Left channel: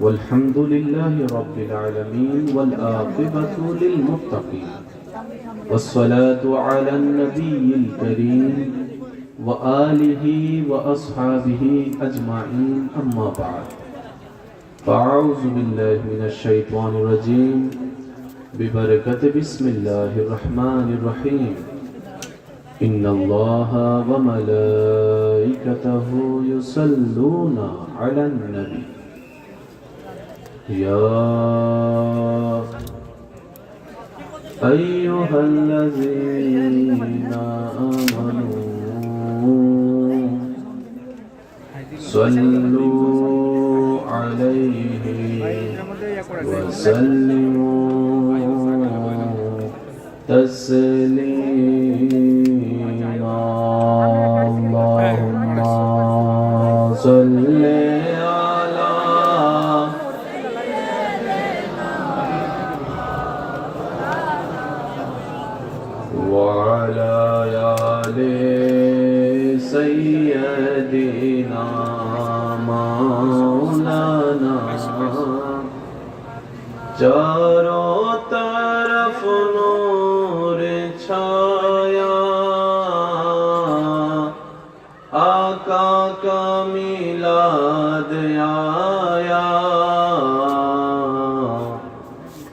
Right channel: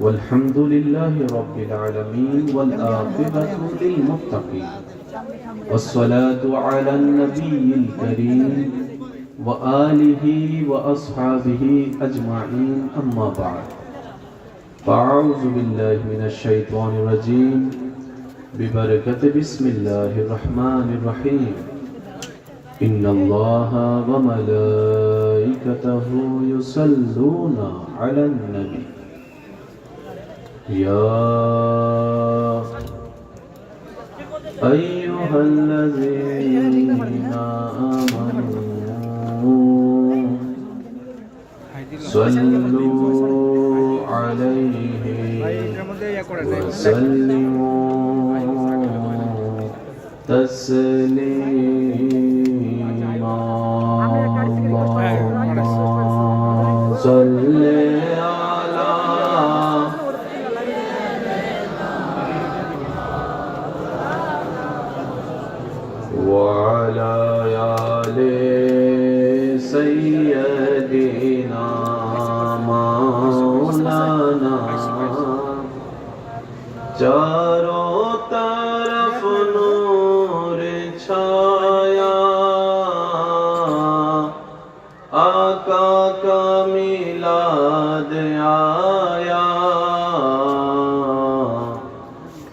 والحمد لله رب العالمين والعاقبة للمتقين والصلاة على النبي الكريم وآله وأصحابه أجمعين أما بعد فأعوذ بالله من الشيطان الرجيم ببركة بسم الله الرحمن الرحيم إن الله وملائكته يصلون على النبي يا أيها الذين آمنوا صلوا عليه وسلموا تسليما اللهم صل على وعلى آل سيدنا مولانا चारों तरफ नूर छाया आका का मिलाद आया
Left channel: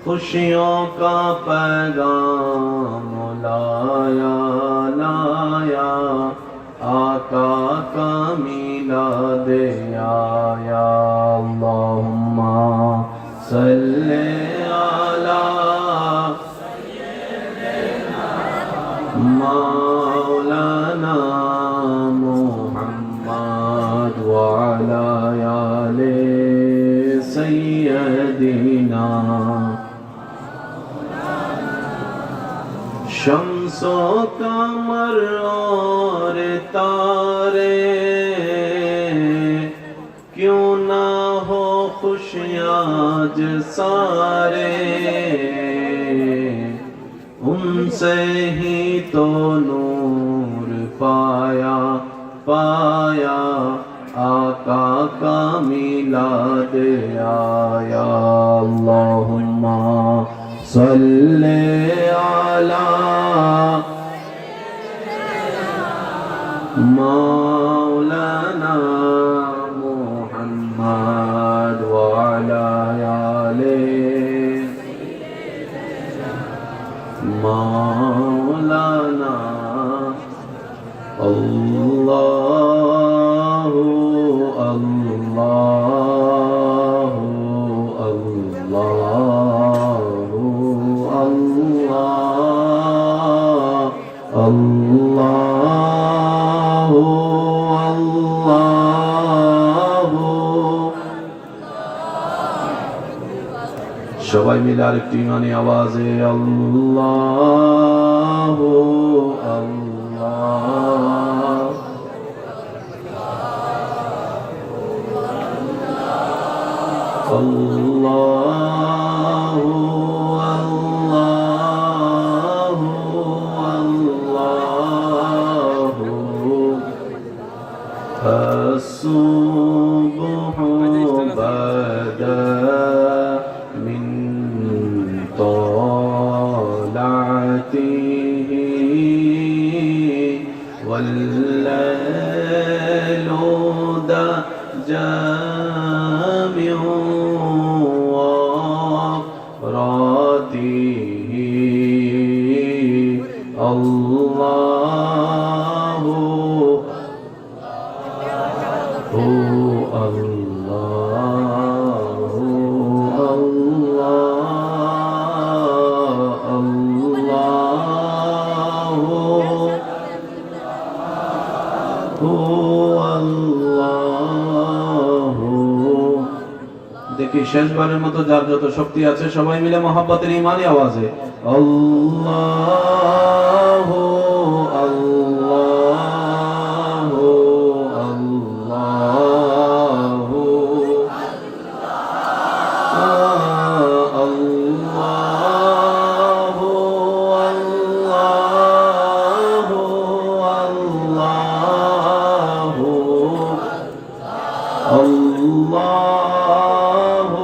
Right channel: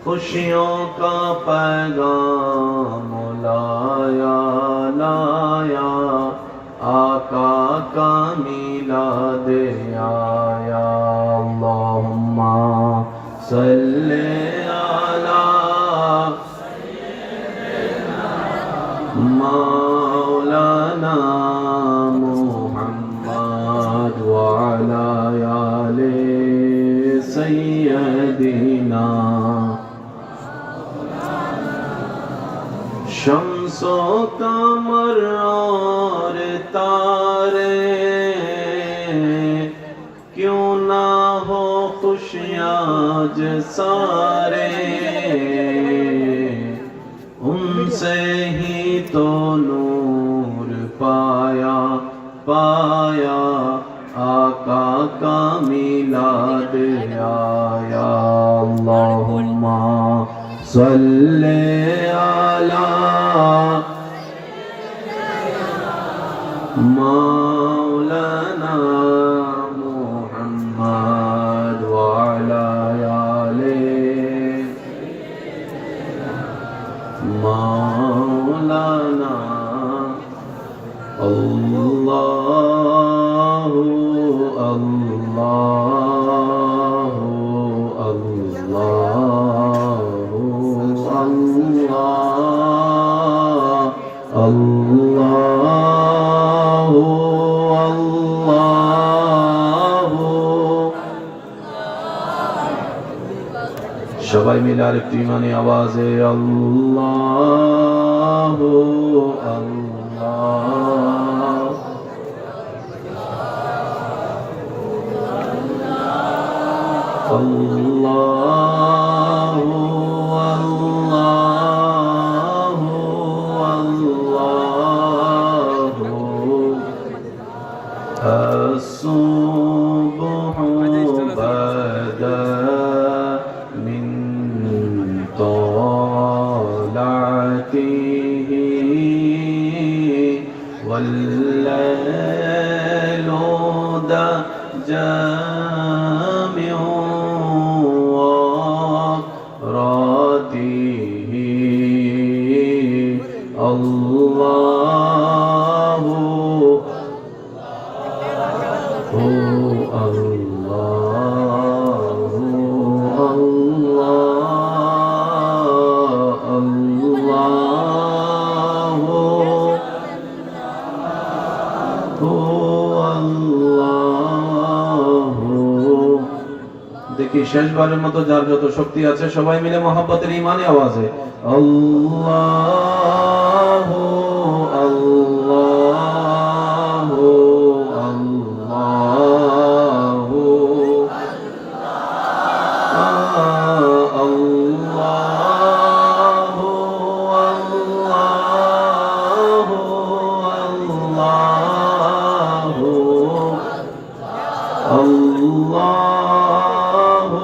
खुशियों का पैगाम लाया लाया आका का मिलाद आया अल्लाहुम्मा सल्ले अला मौलाना मुहम्मद व अला आले सय्यदिना शम्सो कमर और तारे क्यों ना हो खुशियाँ सारे उनसे ही तो नूर पाया पाया आका का मिलाद आया अल्लाहुम्मा सल्ले अला मौलाना मुहम्मद व अला आले मौलाना अल्लाहु अल्लाहु अल्लाहु अल्लाह अल्लाहु अल्लाहु সবাই মিলে আরেকটি ইমানি আওয়াজে আল্লাহু আল্লাহ আল্লাহু আল্লাহু আল্লাহু আসুবহু বাদা طلعته والليل جامع وراته الله দেখি শেষবারের মতো যার যত শক্তি আছে সবাই মিলে মহব্বতের ইমানি আওয়াজে আল্লাহু আল্লাহু আল্লাহু আল্লাহু আল্লাহু আল্লাহু আল্লাহু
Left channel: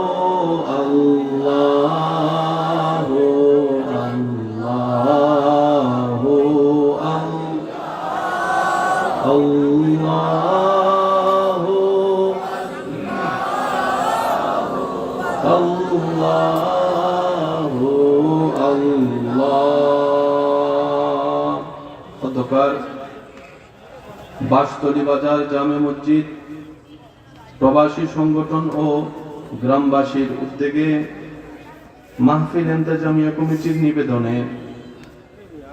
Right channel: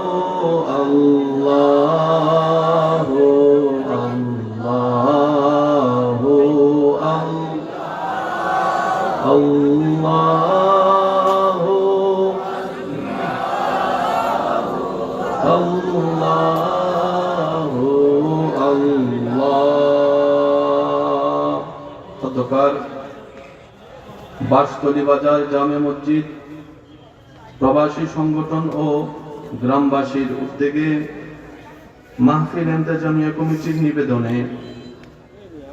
আল্লাহু আল্লাহ। অতঃপর বাসতলী বাজার জামে মসজিদ প্রবাসী সংগঠন ও গ্রামবাসীর উদ্যোগে মাহফিল ইন্তেজামিয়া কমিটির নিবেদনে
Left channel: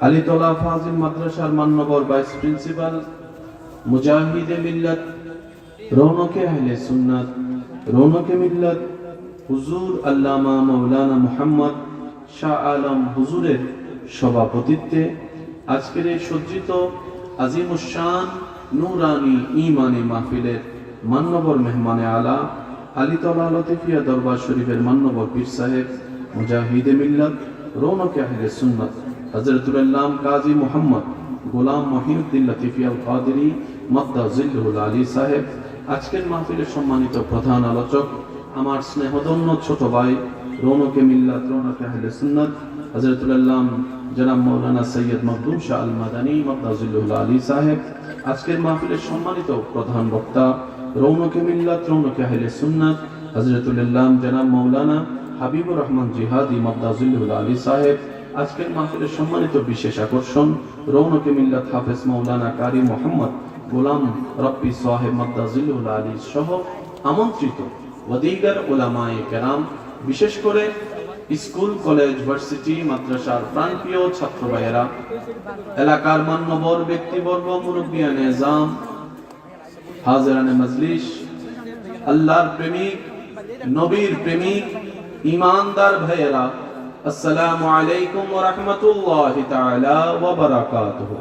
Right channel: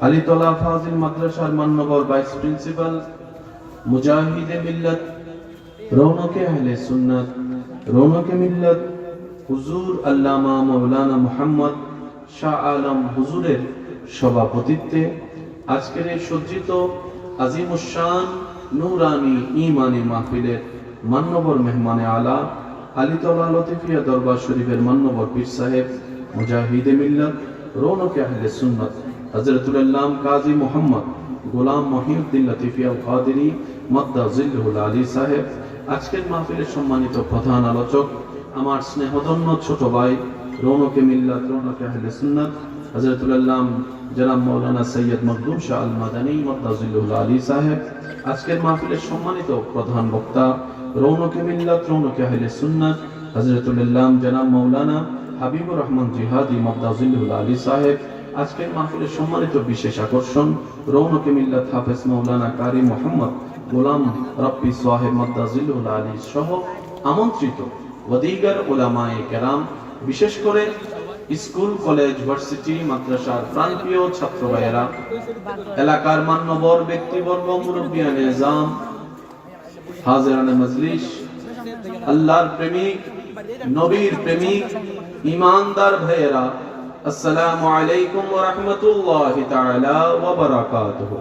আলীতলা ফাজিল মাদ্রাসার মান্যবর ভাইস প্রিন্সিপাল মুজাহিদে মিল্লাত রৌনকে আহলে সুন্নাত রৌনকে মিল্লাত হুজুর আল্লামা মাওলানা মুহাম্মদ শাহ আলম হুজুরের সভাপতিত্বে আজকের এই সজ্জিত আজিমুশান নূরানি ঈমানি মাহফিলের মান্যবর মেহমানে আলা আলীতলা লতিফিয়া দরবার শরীফের মান্যবর পীর সাহেব মুজাহিদে মিল্লাত রৌনকে আহলে সুন্নাত হযরতুল আল্লাম কাজী মুহাম্মদ গোলাম মহিউদ্দিন লতিফিয়া কাদেরী মাদ্দা জিল্লুল আলী সাহেব, আজকের মাহফিলের সম্মানিত প্রধান আলোচক আমার স্নেহধন্য ছোট ভাই রৌনকে মিল্লাত রৌনকে আহলে সুন্নাত হযরতুল আল্লাম জনাব মাওলানা সৈয়দ মখদুম শাহ আল মাদানী মাদ্দা জিল্লুল আলী সাহেব, আজকের মাহফিলের সম্মানিত প্রধান বক্তা রৌনকে মিল্লাত রৌনকে আহলে সুন্নাত হযরতুল আল্লাম জনাব মাওলানা হাবিবুর রহমান জিহাদি মাদ্দা জিল্লুল আলী সাহেব, আজকের মাহফিলের সম্মানিত বিশেষ আকর্ষণ রৌনকে মিল্লাত হাফেজ মাওলানা কারি মোহাম্মদ গোলাম রব্বি সাহেব মাদ্দা জিল্লুল আলী সহ আমন্ত্রিত ওয়াদিগার উলামায়ে কেরাম, বিশেষ করে স্কুল কলেজ ভার্সিটি মাদ্রাসার প্রাণপ্রিয় ছাত্র ভাইয়েরা, এলাকার মান্যবর ব্যক্তিবর্গ, মুরব্বিয়ানে নিজাম, হাজিরানে মজলিস, আল্লাহর প্রেমিক, নবীর প্রেমিক, ঈমানদার ভাইয়েরা, আসসালামু আলাইকুম ওয়া রাহমাতুল্লাহি তাআলা ওয়া বারাকাতুহু।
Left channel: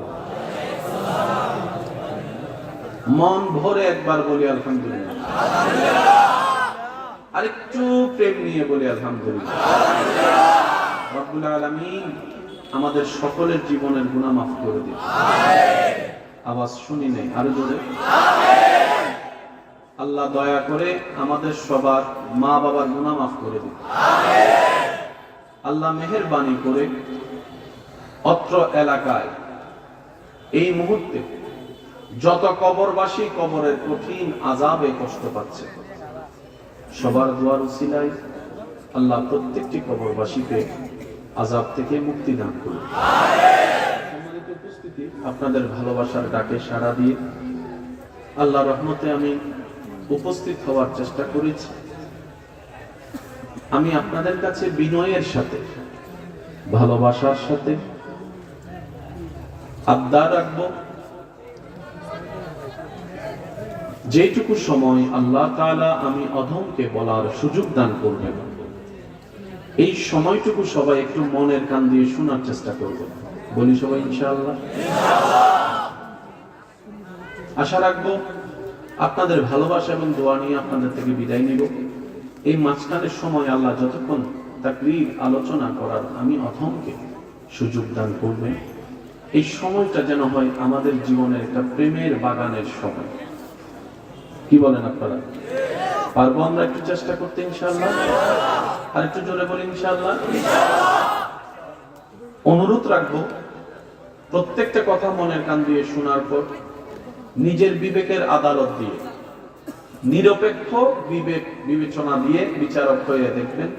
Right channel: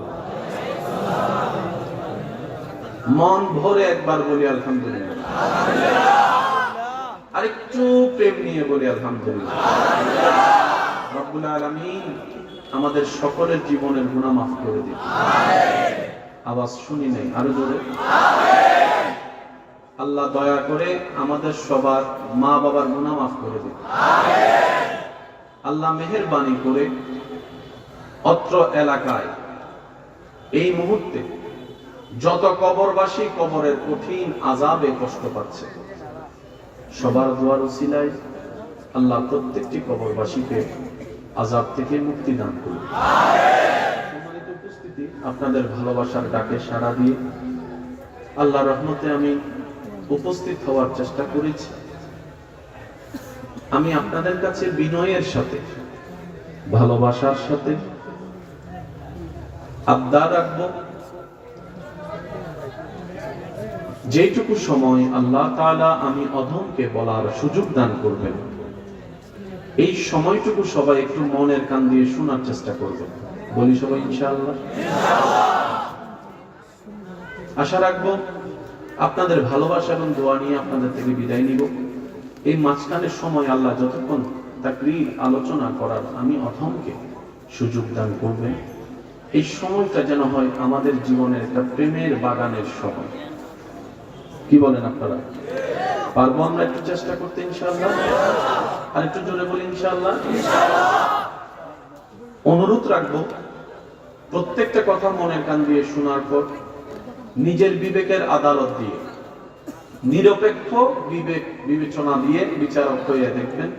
মন ভরে একবার বলি আলহামদুলিল্লাহ, আরেকটু প্রেম নিয়ে বলি আলহামদুলিল্লাহ। রব্বুল আলামিন আমাদের সকলের জীবনের গুনাহ মাফ করে দিন। আওয়াজ শুনি নাই, আরো জোরে। আল্লাহ দয়া করে আমাদের সবার মা বাবার গুনাহ মাফ করে দিন। আল্লাহ মেহেরবানি করে অত্র এলাকায় এই মুহূর্তে যত কবরবাসী কবরের কঠিন আযাবে কষ্ট পাচ্ছে, সবার দোয়ার উসিলায় আল্লাহ প্রত্যেকটি কবরবাসীকে আযাব থেকে মুক্তি দান করুন। সম্মানিত উপস্থিতি, আপনাদের ভালোবাসার ডাকে সাড়া দিয়ে আল্লাহর রহমতে আমি উপস্থিত হওয়ার চেষ্টা করেছি। আমি আপনাদের কাছে বিনয়ের সাথে, ভালোবাসার সাথে আবদার রাখব, যেটুকু সময় আল্লাহ তাআলা আমি অধমকে বলার সুযোগ দান করবেন, এই সময়টুকু সবাই একটু মনের কান দিয়ে শোনার চেষ্টা করবেন। বলি সবাই ইনশাআল্লাহ। আশা রাখবো আপনাদের ভালোবাসা এবং দোয়া নিয়ে আপনাদের থেকে বিদায় নিব। এই মাঝখানের সময় আল্লাহ যতক্ষণ তাকরীর আলোচনা করার আমি অধমকে সুযোগ দান করবেন, এই সময়টা যেন হয় আমাদের জীবনের একটা প্রেমের বাগানের সময়। কি বলেন আপনারা? পারবো আমরা একটু চেষ্টা করতে ইনশাআল্লাহ? আর একটু জোরে বলি ইনশাআল্লাহ। অনুরোধ রাখবো প্রত্যেকটা কথা মনের কান দিয়ে শোনার পর নিজের বিবেকের আদালত দিয়ে, নিরপেক্ষ বিবেক বিবেচনা দিয়ে বিচারক হয়ে দেখবেন।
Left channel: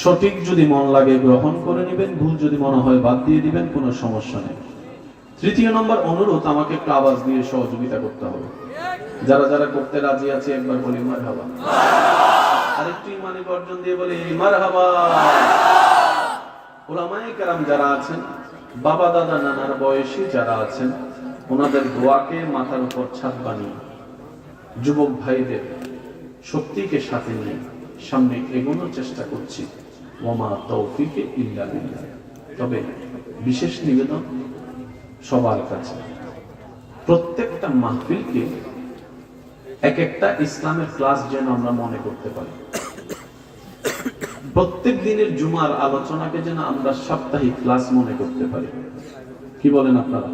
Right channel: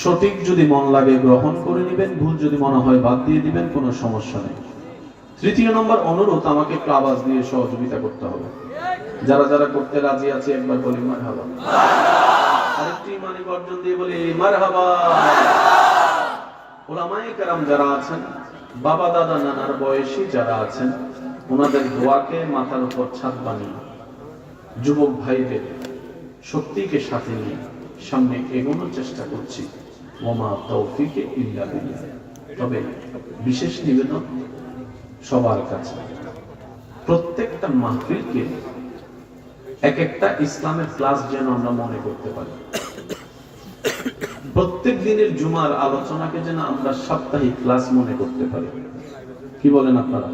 সঠিক যদি মন লাগে গ্রহণ করে নেবেন, ভুল যদি মনে হয় বাদ দিয়ে দিবেন, কোনো সমস্যা নেই। তৃতীয় নম্বর অনুরোধ, আমাকে একটু আওয়াজ দিয়ে সহযোগিতা করতে হবে। যারা যারা করতে রাজি আছে একবার বলি মারহাবা। আরেকটু ইমানি গর্জন দিয়ে বলি মারহাবা। উলামায়ে কেরাম যারা আছেন, বাবা দাদা নানার বয়সী যারা আছেন, ওনাদের দোয়াকে মাথার উপর ছাদ বানিয়ে যুবক ভাইদের শক্তিকে সাথে নিয়ে সামনে এগোনোর চেষ্টা করছি। ওয়ামা তাওফিকে ইল্লা বিল্লাহ। তবে বিশেষ নিবেদন সবার কাছে, প্রত্যেকটা মাহফিলকে এক একটা ইসলামের ক্লাস যেন আমরা মনে করতে পারি। প্রত্যেক দিনের জুমার আলোচনাকে যেন আমরা সাপ্তাহিক ক্লাস মনে করতে পারি। কি বলেন আপনারা?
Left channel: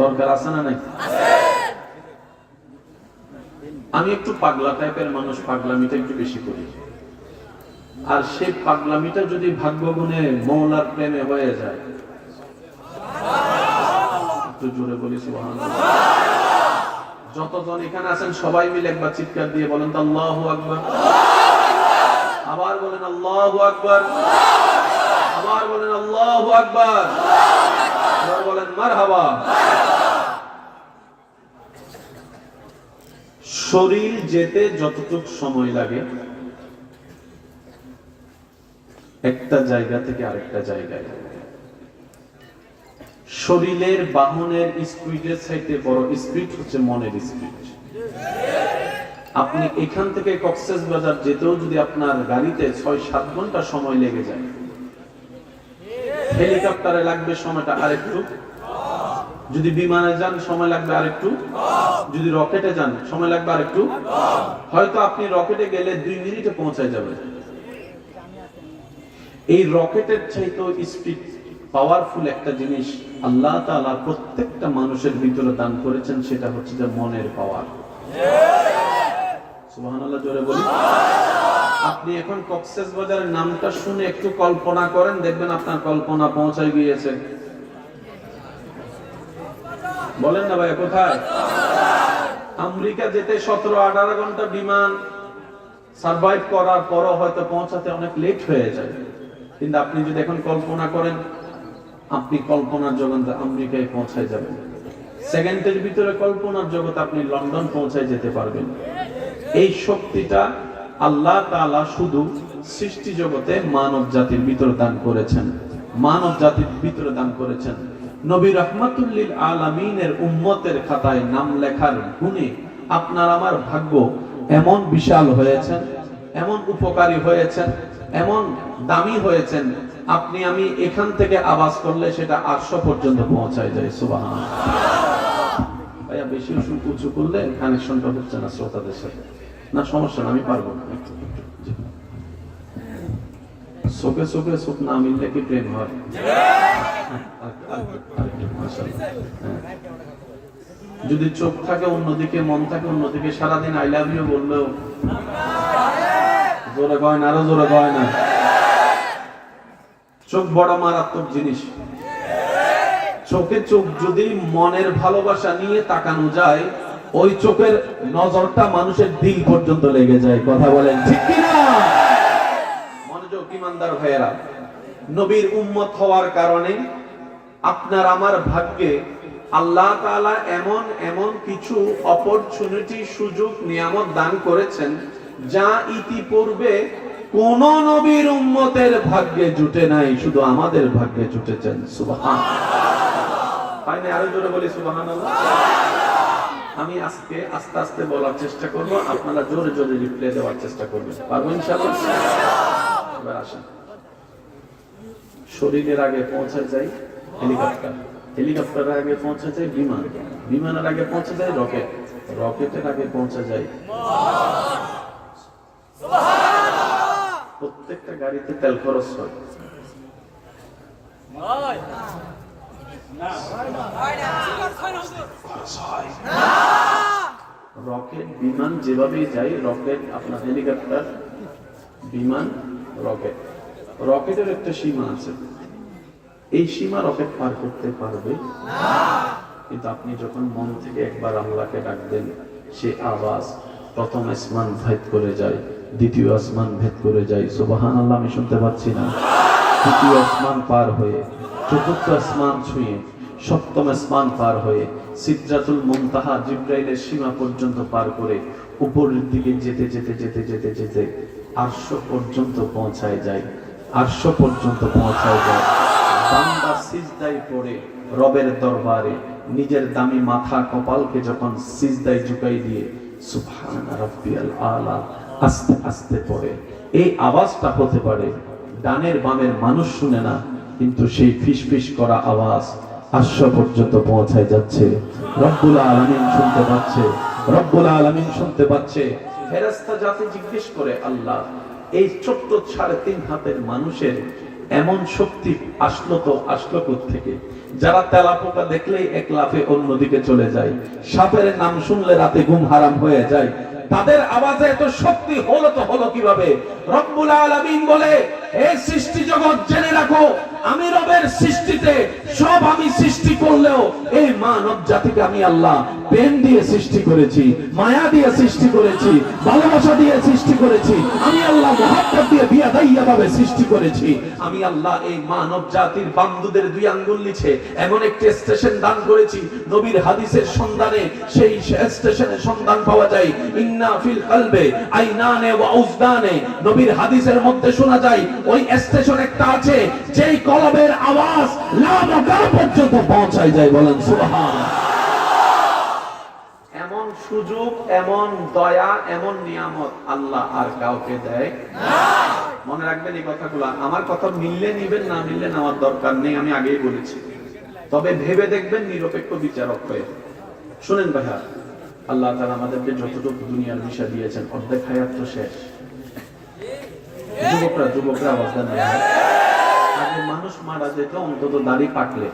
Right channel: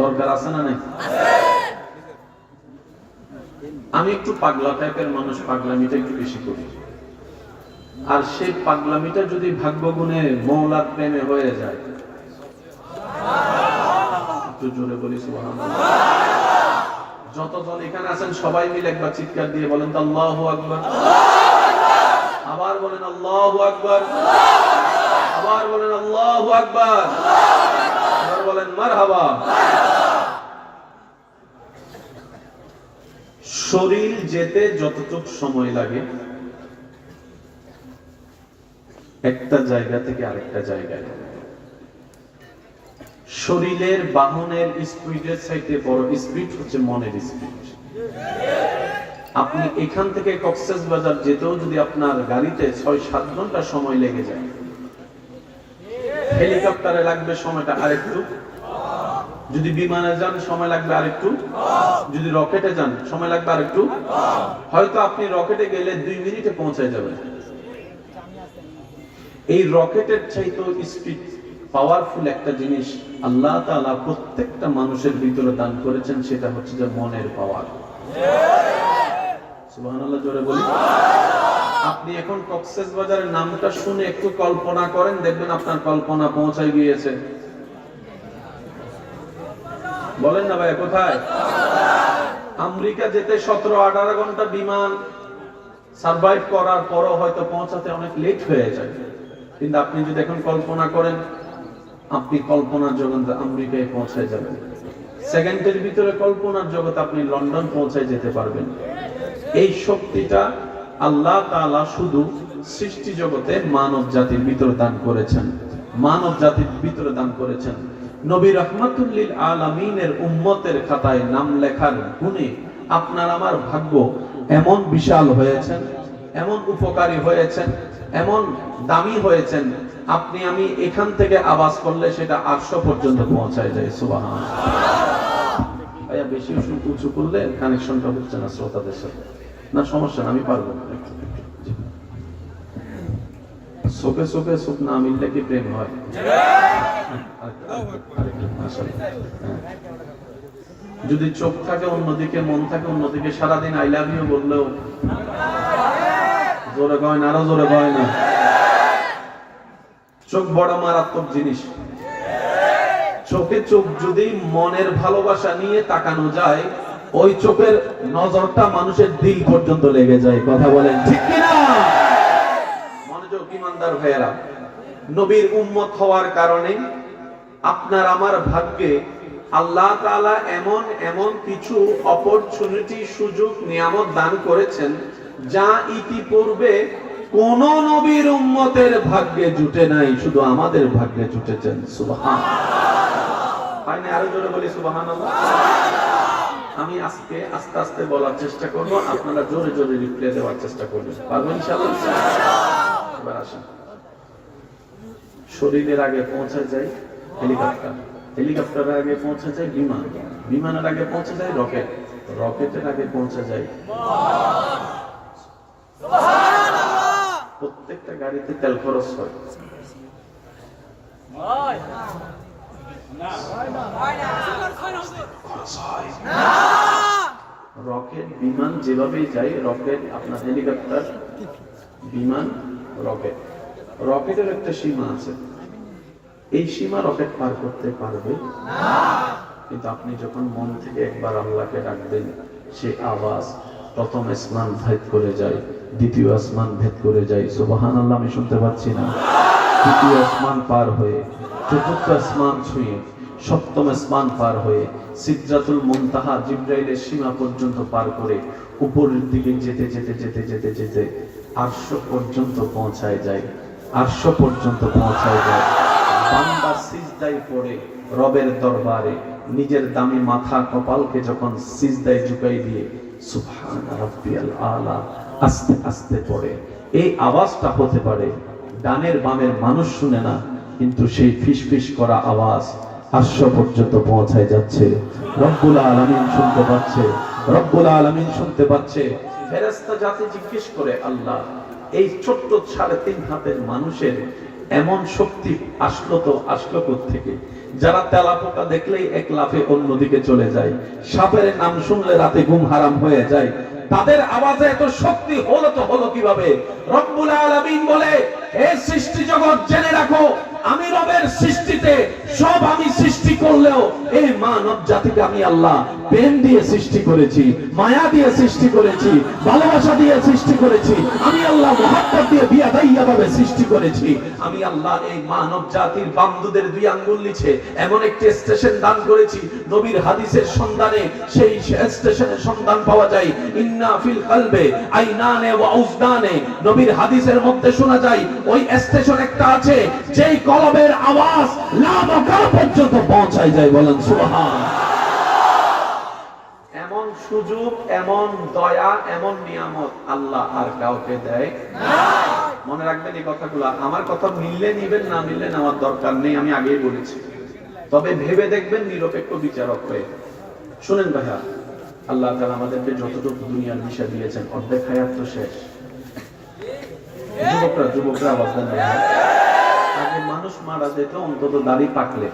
দরকার আছে না নাই? আমি একটু পাগলা টাইপের মানুষ, পাগলামিটা একটু বেশি করি। আর সেই পাগলামিটা যদি ভাগ্য গুণে মওলার প্রেমে হয়ে যায়, একটু জোরে বলি সুবহানাল্লাহ। যতজন এখানে আছেন সবাই মিলে একবার চিৎকার দিয়ে বলেন তো আল্লাহু আকবার। আবার বলেন আল্লাহু আকবার, আবার বলেন আল্লাহু আকবার, আবার বলেন মারহাবা। শরীর যেতে যতটুকু সময় লাগে একটা জায়গা থেকে আরেকটা জায়গায়, শরীরের বাহনের স্পিডের চাইতে বড় স্পিড হচ্ছে মনের স্পিড। আপনি এখান থেকে কক্সবাজার যেতেও যদি আপনার গাড়িতে 6-7 ঘন্টা সময় লেগে যায়, হেলিকপ্টারে লাগবে সময়টা আরেকটু, যদি বিমানে যান সময় লাগবে আরেকটু, যদি রকেটে যান সময় লাগবে আরেকটু। হয়তো আপনি রকেটে গেলে 2 মিনিটে পৌঁছায় যাবেন। এই রকেটের চাইতেও স্পিড পাওয়ারফুল একটা জিনিস আল্লাহ তাআলা প্রত্যেকটা মানুষের ভিতরে দান করেছেন, সেটা হচ্ছে যে মনের পাওয়ার। সুবহানাল্লাহ, জোরে বলি। আপনি এখন কক্সবাজারের নামটা শুনে একটু কল্পনা করেন, দেখবেন আপনার কল্পনা পৌঁছায় গিয়েছে। বলেন না ভাই, কোথায়? আমেরিকা যেতে 17-18 ঘন্টা বিমান সার্ভাইভ করার পরও হয়তো পৌঁছাতে অনেক লেট হয়ে যায়। কিন্তু আপনি যদি এখন কল্পনা করেন, আপনি কল্পনার জগতে আমেরিকায় পৌঁছায় যাবেন। সেকেন্ডের ভিতরে কল্পনার জগতে আপনি লন্ডন পৌঁছায় যেতে পারবেন। এই শক্তিটা আল্লাহ তাআলা শুধু সৃষ্টি জগতে মানব জাতির ভিতরে দান করেছেন, মানব জাতির ভিতরে দান করেছেন। নবী রাহমাতুল লিল আলামিনের উম্মতের খাতায় নাম লেখার গুণে আপনার আমার ভাগ্য এমন বিশাল হয়েছেন, এমন উপকারী হয়েছেন, এমন দামি হয়েছেন, আপনি আমি এখান থেকে আওয়াজ করলে সেটা 800 পর্যন্ত পৌঁছায় যায়। সুবহানাল্লাহ। ভাইয়া বেশি উঁচু করলে কানেকশনটা হচ্ছে না শ্রোতাদের সাথে। না সমস্যা না, আমি পারবো। চোখে চোখে চোখ না মিললে কি প্রেম হয়? যদি চোখ থাকে অন্যদিকে, মন থাকে অন্যদিকে, সারাদিন আই লাভ ইউ বললেও জোরে কয় না, আরো জোরে কয় না। চোখ বড় মারাত্মক জিনিস। চোখে চোখ যদি মনের ভালোবাসা নিয়ে তাকানো যায়, ওই চোখের নজরটা মানুষের দিল পর্যন্ত লেগে যায়। কথা বলেন ঠিক কিনা? মনোযোগ ইমানদার ভাইয়েরা, নবীর উম্মত হওয়ার কারণে আপনার আমার ভাগ্যে আল্লাহ তাআলা এমন এমন কিছু অপরচুনিটি, সুযোগ, নিয়ামত দান করেছেন যা ইতিপূর্বে কোন নবীর উম্মতের ভাগ্যে জুটে নাই, শুধু আমাদের ভাগ্যে জুটেছেন। সুবহানাল্লাহ। পাইনি আরো জোরে বলি সুবহানাল্লাহ। আমি আজকে আস্তে আস্তে বলার চেষ্টা করব, আপনারা জোরে জোরে রিপ্লাই দেওয়ার চেষ্টা করবেন। পারবো ইনশাআল্লাহ? এবার আসেন, শরীরের আগে পৌঁছে যায় হেলিকপ্টার, হেলিকপ্টারের আগে পৌঁছে যায় বিমান, বিমানের আগে পৌঁছে যায় রকেট, রকেটের আগে পৌঁছে যায় প্রত্যেকটা গাড়িতে তেল খরচ হয়। রকেট বিমান যেভাবে যায়, রকেট আপনার হেলিকপ্টার, বিমান, রকেট, রকেটের একটা সীমা আছে। এই সীমা রকেট পার করতে পারবে না। কিন্তু আপনি যখন মন থেকে একবার আল্লাহকে ডাকবেন, সে আওয়াজ প্রথম আসমান ভেদ করে যায়, দ্বিতীয় আসমান ভেদ করে যায়। সুবহানাল্লাহ, আমি শুনতে পাচ্ছি না। তৃতীয় আসমান পার হয়ে, চতুর্থ আসমান ছুঁয়ে, সপ্তম আসমান পার হয়ে, সিদরাতুল মুনতাহা জিবরাইলের সীমা পর্যন্ত পার করে উপরের দিকে যেতে যেতে যেতে যেতে যেতে আরশ পর্যন্ত পৌঁছায় যায়, আরশ পর্যন্ত পৌঁছায় যায়। বান্দা সিজদায় পড়ে রবের দরবারে নিজের দামি মাথা কপালকে যখন সিজদায় ঝুঁকাই দিয়ে সুবহানা রাব্বিয়াল আলা আস্তে আস্তে পড়ে, এই আওয়াজটা হতে পারে ডানের বামের মানুষ শুনে না, কিন্তু সেই ফিসফিস করা আওয়াজ আরশ পর্যন্ত পৌঁছায় যাচ্ছে। রব্বুল আলামিন শুনতে পাচ্ছে, রব্বুল আলামিন শুনতে পাচ্ছে। ফেরেশতা জাতি জিজ্ঞেস করে, আল্লাহ, এই ছোট্ট 3.5 হাতের মানুষের এমন শক্তি আসলো কোত্থেকে? যারা তেলাপোকা দেখলেই এক লাফে অন্যদিকে চলে যায়, সাপের নাম শুনলে রাতে ঘুম হারাম হয়ে যায়, তাদের আওয়াজে এত শক্তি হলো কিভাবে? রব্বুল আলামিন বলে, এই সৃষ্টি জগৎ জেনে রাখো, আমি রবের সৃষ্টিতে সব আমি সৃষ্টি করলেও এই মানব জাতিকে আমি আল্লাহ প্রেম দিয়ে সৃষ্টি করেছি, মায়া দিয়ে সৃষ্টি করেছি, ভালোবাসা দিয়ে সৃষ্টি করেছি, আমি আল্লাহ মহব্বত দিয়ে বিয়াদাইয়া ভাবে সৃষ্টি করেছি। আমি আল্লাহ এই মানব জাতির বান্দুদের দুই আঙ্গুল নিচে এমন একটি স্টেশন দান করেছি, নবীর হাদিসের সন্ধানে সেই স্টেশনের সন্ধান পাওয়া যায়। ইন্না ফিল কলবে আইনানে ওয়া উজদানে, নবীর হাদিসের মধ্যে শোনা যায় ওই স্টেশন একটা আছে যেই কলবের আওয়াজ লামাকান পর্যন্ত পৌঁছায় যায়। বলেন সুবহানাল্লাহ। এমন সুযোগ, এমন দয়া, এমন নিয়ামত আল্লাহ আর কাউকে দেয় না। মনে রাখবেন এই কথাগুলো। আমার কথা মিললে নিবেন, না মিললে নেওয়ার দরকার নেই, আমি আগেই বলেছি। তবে ভেবে দেখবেন নিরপেক্ষ বিচারক হয়ে। শুনেন ভাইয়া, আল্লাহ তাআলা আমাদেরকে যতটুকু দুনিয়ার বিষয় দিয়েছেন অর্ধেক হায়াত তো শেষ। যুবকরা আওয়াজ দেন। আগে মানুষ মারা যেত অন্তত দাড়ি পাকলে,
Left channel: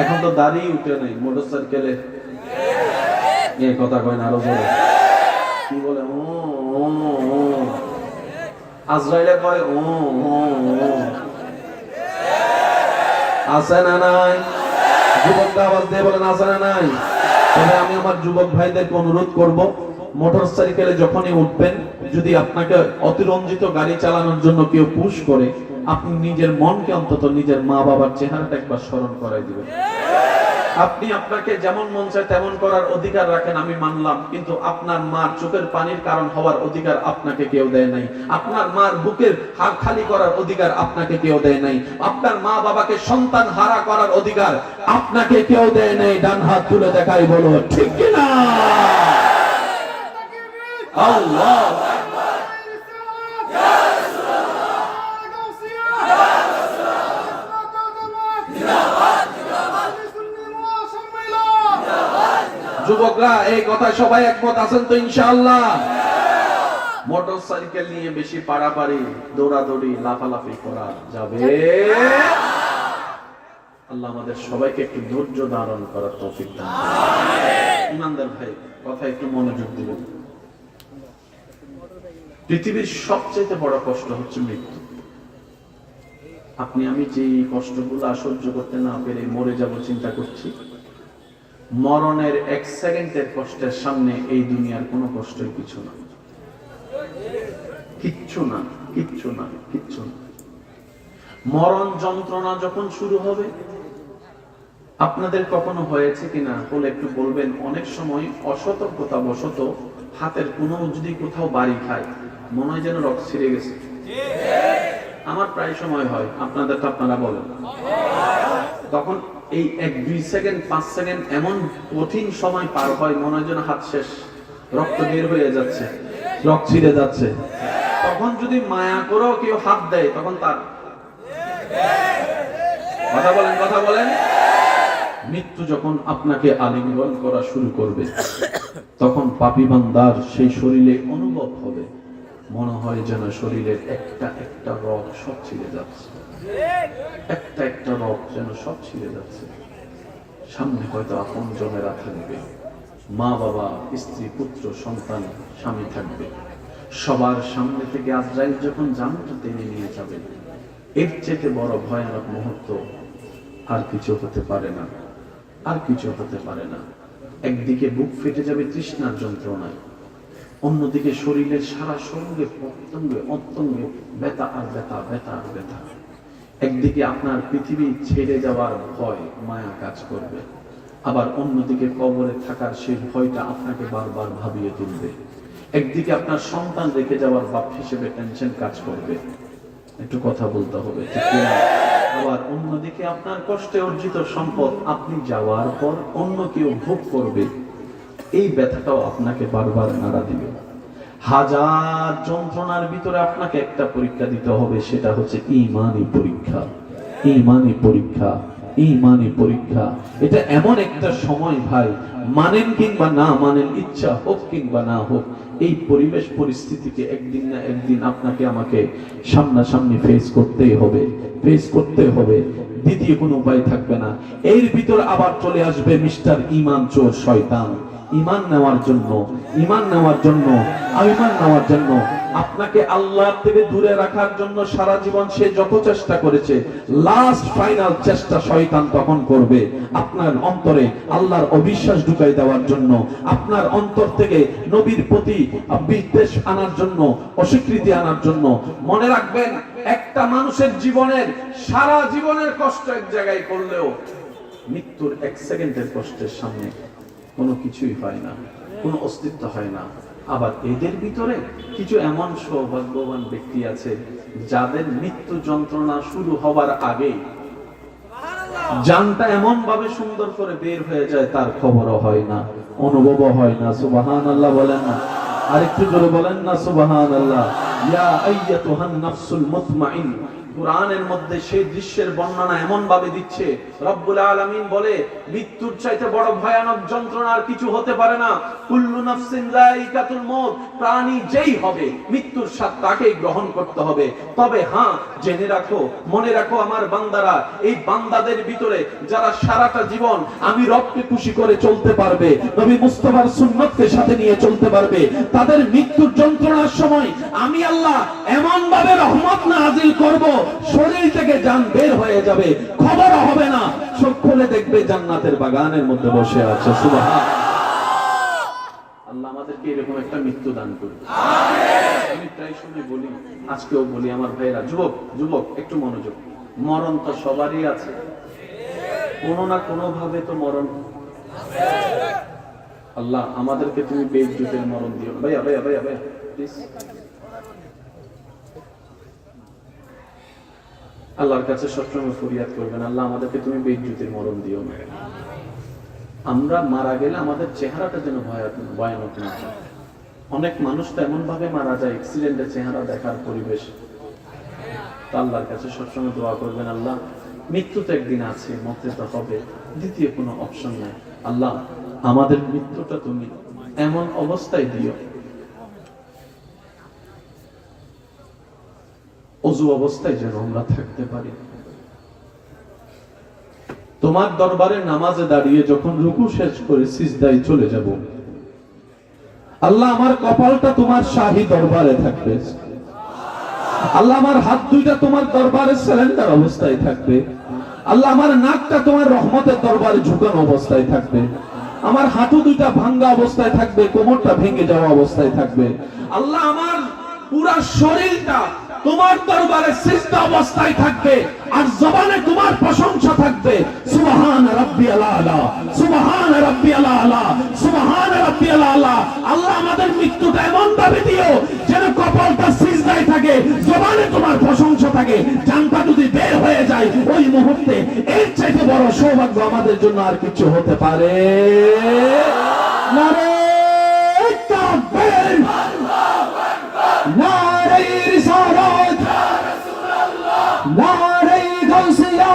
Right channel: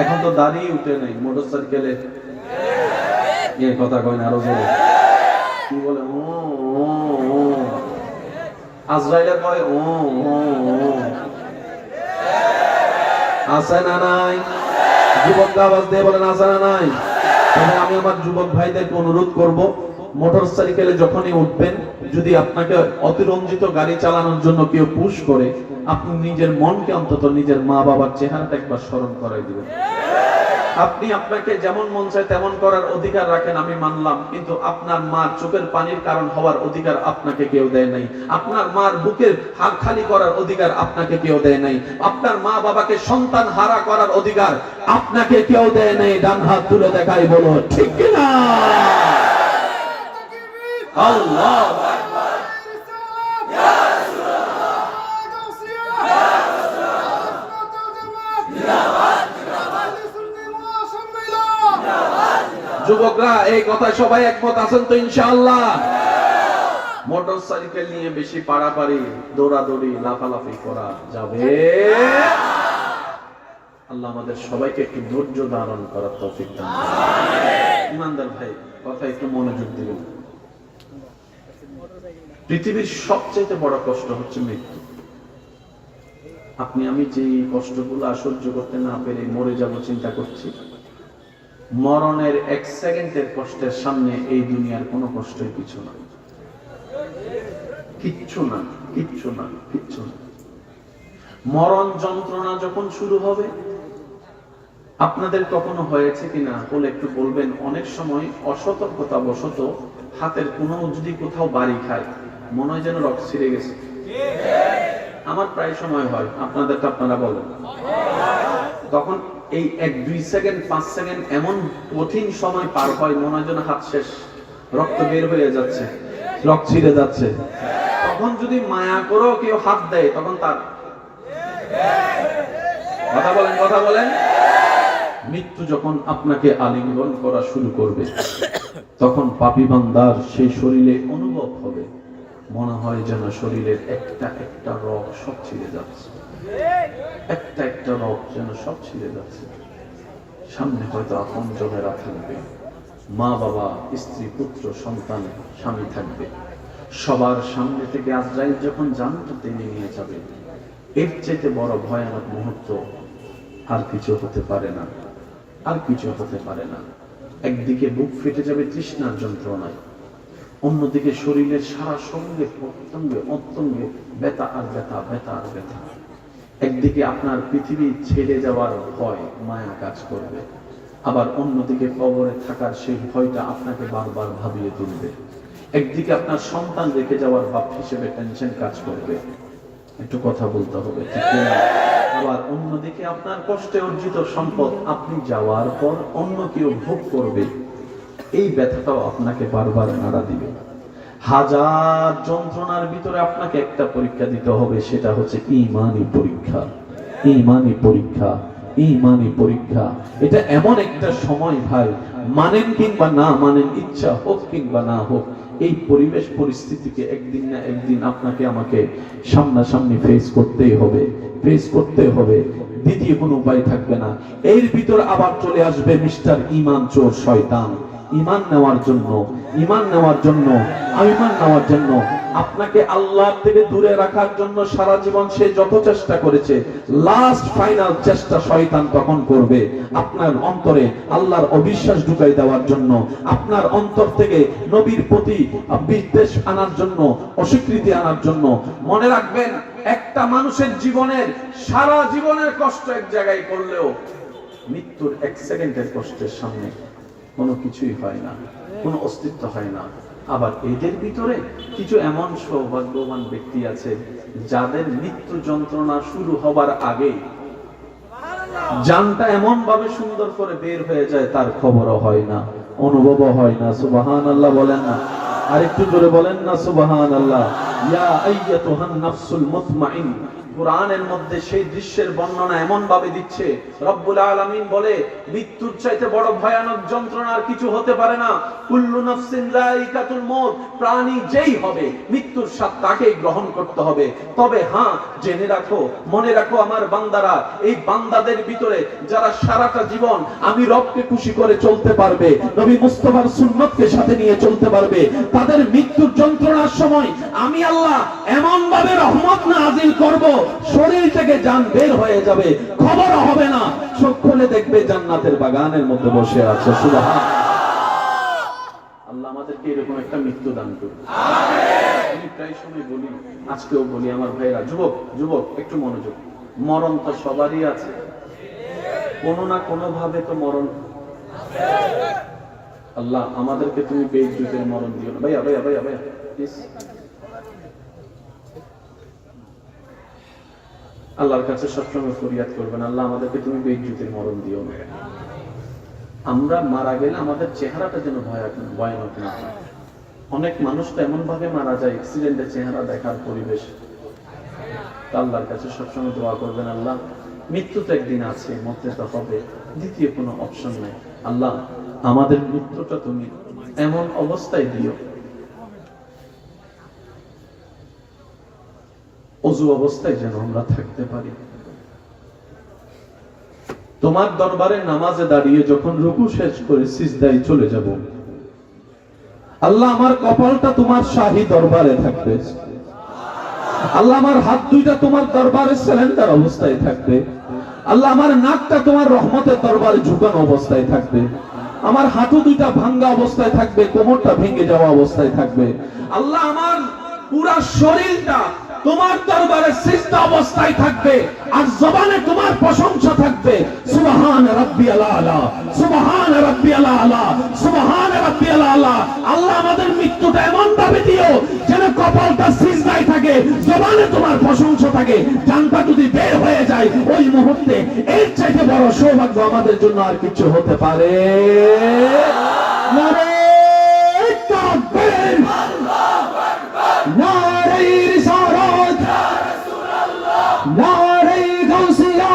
এখন তো দাড়ি উঠে নাই। মোটরসাইকেলে এই কথা কয় না, আরো জোরে কি বলে, ও আজরাইলে কয় ও আছে না নাই? যুবকরা আওয়াজ দিয়ে বলেন আছে না নাই? তবে আমি আমার যুবক ভাইদেরকে অনুরোধ করব, মোটর সাইকেলে যখনই উঠবেন, যদি আপনাকে অতিরঞ্জিত গাড়ি চালানোর জন্য কেউ পুশ করে, আপনি নিজের মনকে অন্তত নিজের মা বাবার চেহারাটা একবার স্মরণ করাই দিবেন। আপনি আপনাকে যেমন মন চায় তেমন করার অধিকার রাখেন, আমি মানলাম, কিন্তু আপনার মার চোখের পানির কারণ হওয়ার অধিকার আপনাকে কেউ দেয় নাই। আপনার মার বুকের হাড় খালি করার অধিকার আপনাকে কেউ দেয় নাই। আপনার মা বাবাকে সন্তান হারা করার অধিকার আপনাকে কেউ দেয় নাই। ডান হাত তুলে দেখাই বলো ঠিক কিনা? আল্লাহ যুবকরা এই কথায় সবাই একমত আছেন তো ইনশাআল্লাহ? মোটর সাইকেল নিয়ে বেশি পারাপারি, দৌড়াদৌড়ি, লাফালাফি করা যাবে? আল্লাহ আমাদের সবাইকে একটু ধৈর্য ধারণ করার তৌফিক দান করুন। ইমানদার ভাই, কথা একটু মনোযোগ দিবেন। পৃথিবীর সবচেয়ে বড় কষ্ট হচ্ছে মৃত্যু। আপনি আমি যে কষ্টগুলো সহ্য করতে না পেরে মরে যাব চিন্তা করছি, মরণের এক সেকেন্ডের কষ্টের সামনে এই দুনিয়ার কোনো কষ্টই কিছু না, কিচ্ছু না, কিচ্ছু না, কিচ্ছু না। মরণ যন্ত্রণা যখন শুরু হবে, আপনাদের কখনো হয়েছে কিনা বলে একটু বলবেন। অনেক সময় অসতর্কতা বশত হাতের কোনো যদি কোথাও বাড়ি খায়, মনে হয় যেন রক্ত ছিঁড়ে গেছে। আমার প্রায় সময় হয়, আপনাদের তো আপনারা বলেন। তখন এই 1-2 সেকেন্ড 5 সেকেন্ড এমন কঠিন সময় পার হয়, মনে হয় যেন হাত শেষ, রক্ত বের হয়ে যাচ্ছে, রক্ত ছিঁড়ে যাচ্ছে। তখন যদি মায়া করেও কেউ হাত দেয়, তখন তার কথা বলেন। মৃত্যু যখন আপনাকে আলিঙ্গন করা শুরু করবে, তখন পাপী বান্দার সেই শরীরে অনুভব হবে, মনে হয় যেন শরীরের একটা একটা রগ সব ছিঁড়ে যাচ্ছে, একটা একটা রগ যেন সব ছিঁড়ে যাচ্ছে। সামনে হয়তো আপন জনেরা থাকবে, মা বাবা, স্ত্রী, পুত্র, সন্তান, স্বামী থাকবে। সবার সামনে থেকে আজরাইল যখন জানটা টেনে নিয়ে যাবে, এর চেয়ে বড় ভয়ানক মুহূর্ত আর কিছু হতে পারে না, আর কিছু হতে পারে না। একদিকে বুক ফেটে যাবে তৃষ্ণার যন্ত্রণায়, অন্যদিকে শরীরের সারা সঙ্গে প্রত্যঙ্গে অত্যঙ্গে ব্যথা আর ব্যথা, ব্যথা আর ব্যথা। একদিকে আপনার পৃথিবী ছেড়ে যাওয়ার ভয়, মায়া কাজ করবে, আবার অন্যদিকে কবরে থাকার সেই ভয়টা আপনাকে বারবার ভাবিয়ে তুলবে। একদিকে আপনার সন্তান রেখে যাওয়ার বাপ হিসেবে টেনশন কাজ করবে, একটু কথা বলতে হবে, ঠিক না? আবার অন্যদিকে আপনার কষ্টে অর্জিত সম্পদ আপনি যাওয়ার পর অন্য কেউ ভোগ করবে, এই ব্যথাটাও আপনাকে বারবার নাড়া দিবে। হাজার যন্ত্রণার ভিতরে আপনাকে একটা পরীক্ষা দিতে হবে, সেটা হচ্ছে ঈমানি পরীক্ষা। ঈমানি পরীক্ষা, ঈমানি পরীক্ষা। এটা এমন একটা সময় ভাই, মানেন কিংবা না মানেন, ইচ্ছা হোক কিংবা না হোক, এই পরিবেশ পরিস্থিতিকে একদিন না একদিন আপনাকে আমাকে সামনাসামনি ফেস করতেই হবে, ফেস করতে হবে। দ্বিতীয় কোনো উপায় থাকবে না। এর ভিতর আবার চলে আসবে মিস্টার ঈমান চোর শয়তান। ঈমান নেওয়ার জন্য, ঈমান নেওয়ার জন্য, ঈমান নেওয়ার জন্য আপনাকে আল্লাহর থেকে দূরে রাখার জন্য সারা জীবন সে যত চেষ্টা করেছে, লাস্ট ফাইনাল চেষ্টা শয়তান তখন করবে আপনার অন্তরে আল্লাহর অবিশ্বাস ঢুকাই দেওয়ার জন্য, আপনার অন্তর থেকে নবীর প্রতি বিদ্বেষ আনার জন্য, অস্বীকৃতি আনার জন্য। মনে রাখবেন, একটা মানুষের জীবনের সারা জীবনের কষ্ট এক জায়গায় করলেও মৃত্যুর এক সেকেন্ডের কষ্টের সামনে কোনো কিছুই হয় না, কোনো অস্তিত্ব হয় না। আবার এদের ভিতরে কিছু এমন সৌভাগ্যবান ব্যক্তি আছে যাদের মৃত্যু যন্ত্রণা শুরু হবার আগেই জানটা এমন ভাবে সুন্দর করে বের হয়ে যায়, তার খবরও হয় না, অনুভবও হয় না। সুবহানাল্লাহ বলেন না? আরেকটু জোরে বলেন না সুবহানাল্লাহ। ইয়া আইয়াতুহান নাফসুল মুতমাইন্না। কুরআনের মধ্যে সেই দৃশ্যের বর্ণনা এমন ভাবে দিচ্ছে, রব্বুল আলামিন বলে, মৃত্যুর চাইতে বড় ভয়ানক যন্ত্রণা আর কিছু হতে পারে না। কুল্লু নাফসিন যায়িকাতুল মউত, প্রাণী যেই হবে মৃত্যুর স্বাদ তাকেই গ্রহণ করতে হবে। তবে হ্যাঁ, জেনে রাখো, মনে রাখো আমার বান্দারা, এই বান্দাদের ভিতরে যারা সারাটা জীবন আমি রবকে খুশি করে চলতে পারবে, নবী মুস্তাফার সুন্নতকে সাথে নিয়ে চলতে পারবে, তাদের মৃত্যুর যন্ত্রণার সময় আমি আল্লাহ এমন ভাবে রহমত নাযিল করব, শরীর থেকে জান বের হয়ে যাবে, খবর হবে না, চোখ খুলে দেখবে জান্নাতের বাগানের মধ্যে বসে আছে। সুবহানাল্লাহ। আল্লাহ আমাদেরকে এরকম একটা মৃত্যু দান করুন। আমি প্রায় সময় বলি, আজকেও বলি, আমার ভাইরা, যুবক একটু মনোযোগ। মরণ তো সবারই আছে, কোনো না কোনো ভাবে তো মরণ। আল্লাহ আমাদেরকে তুমি বেইজ্জতের মরণ দিও না। ভাইয়া প্লিজ। আল্লাহর কাছে সবসময় ফরিয়াদ করবেন, আল্লাহ আমাদেরকে তুমি বেইজ্জতের মরণ দিও না। আমরা মারা গেলে আমাদের চেহারাটা যেন ভয়ানক না হয়। অনেক মানুষ তো এমন ভাবে মারা যায়, অ্যাক্সিডেন্টে চেহারা দেখার পরিবেশ। আল্লাহর কাছে সবসময় দোয়া করবেন, আল্লাহ মৃত্যু তো একদিন আছে, মরতে তো হবে, দ্বিতীয় কোনো অপশন নাই। আল্লাহ আমাদের মৃত্যুটা তুমি এমন অবস্থায় দিও, অজু অবস্থায় যেন আমরা থাকতে পারি। তোমার দরবারে নামাজে দাঁড়িয়ে যখন রুকু শেষ করে সিজদায় চলে যাব, আল্লাহ আমার কপালটা তোমার শাহী দরবারে থাকবে। আল্লাহ আমার হাত দুইটা তোমার দরবারে সারেন্ডার অবস্থায় থাকবে। আল্লাহ আমার নাকটা তোমার রহমতের দরবারে ঝুঁকানো অবস্থায় থাকবে। আমার হাঁটু দুইটা ভাঙ্গা অবস্থায় থাকবে, কোমরটা ভেঙে যাওয়া অবস্থায় থাকবে। আল্লাহ আমার পুরা শরীরটা তোমার দরবারে সিজদা অবস্থায় থাকবে, আর জবানে তোমার প্রশংসা থাকবে। সুবহান রাব্বিয়াল আলা, সুবহান রাব্বিয়াল আলা, সুবহান রাব্বিয়াল আলা। আল্লাহ আমাদের মৃত্যুটা এমন ভাবে দিও যেন কপালটা সিজদায় থাকে, জবানে তোমার প্রশংসা থাকে। জানটা যদি বের হয়ে যায় ওই মুহূর্তে, এর চাইতে বড় সৌভাগ্য আমাদের জন্য আর কিছু হতে পারে নারে তাকবীর, নারে রিসালাত, নারে গাউসিয়া,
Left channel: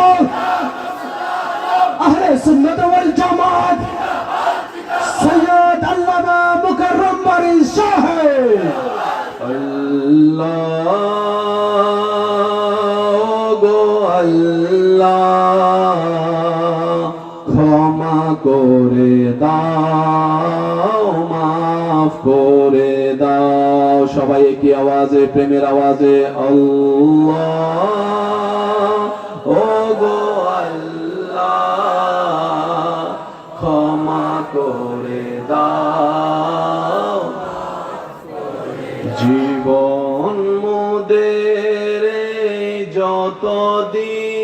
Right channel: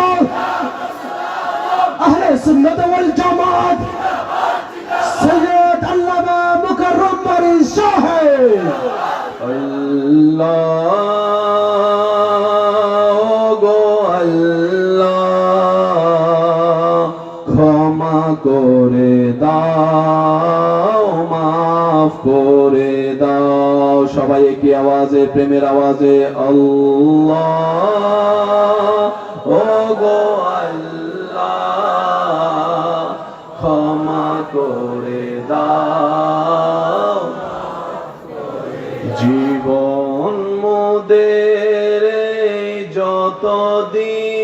আহলে সুন্নাত ওয়াল জামাত, সৈয়দ আল্লামা মুকাররম বারী সাহেব। আল্লাহ গো আল্লাহ, ক্ষমা করে দাও, মাফ করে দাও। সবাই কি আওয়াজে, প্রেমের আওয়াজে আল্লাহ ও গো আল্লাহ, ক্ষমা করে দাও। জীবন মোদের যতদিন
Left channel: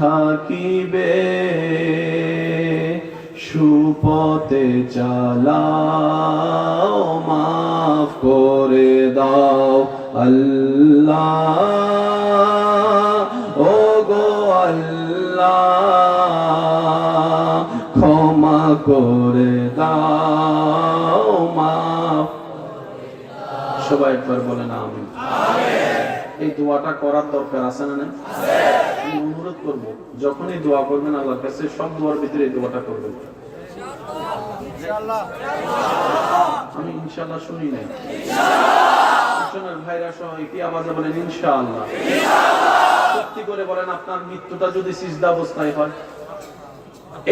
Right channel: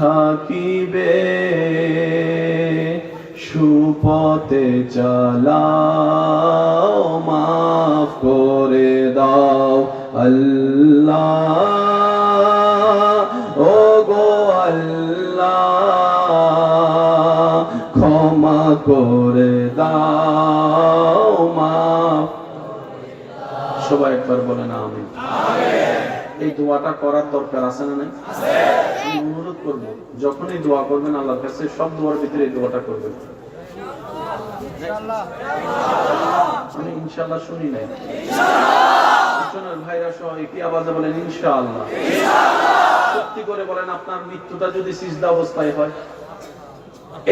থাকিবে, সুপথে চালাও, মাফ করে দাও। আল্লাহ ও গো আল্লাহ, ক্ষমা করে দাও, মাফ। সবাই একবার বলেন আমিন। এই দোয়াটা করার দরকার আছে না নাই? আমি অনুরোধ করব, যখনই দোয়া করবেন আল্লাহর কাছে, সব দোয়ার ভিতরে এই দোয়াটা করবেন। আমি ইনশাআল্লাহ শুনি নাই, শোনার ভাইরা সবাই কি আওয়াজে বলেন ইনশাআল্লাহ। সত্যি করে বলেন, আপনার মৃত্যুটা যদি সিজদা অবস্থায় হয়,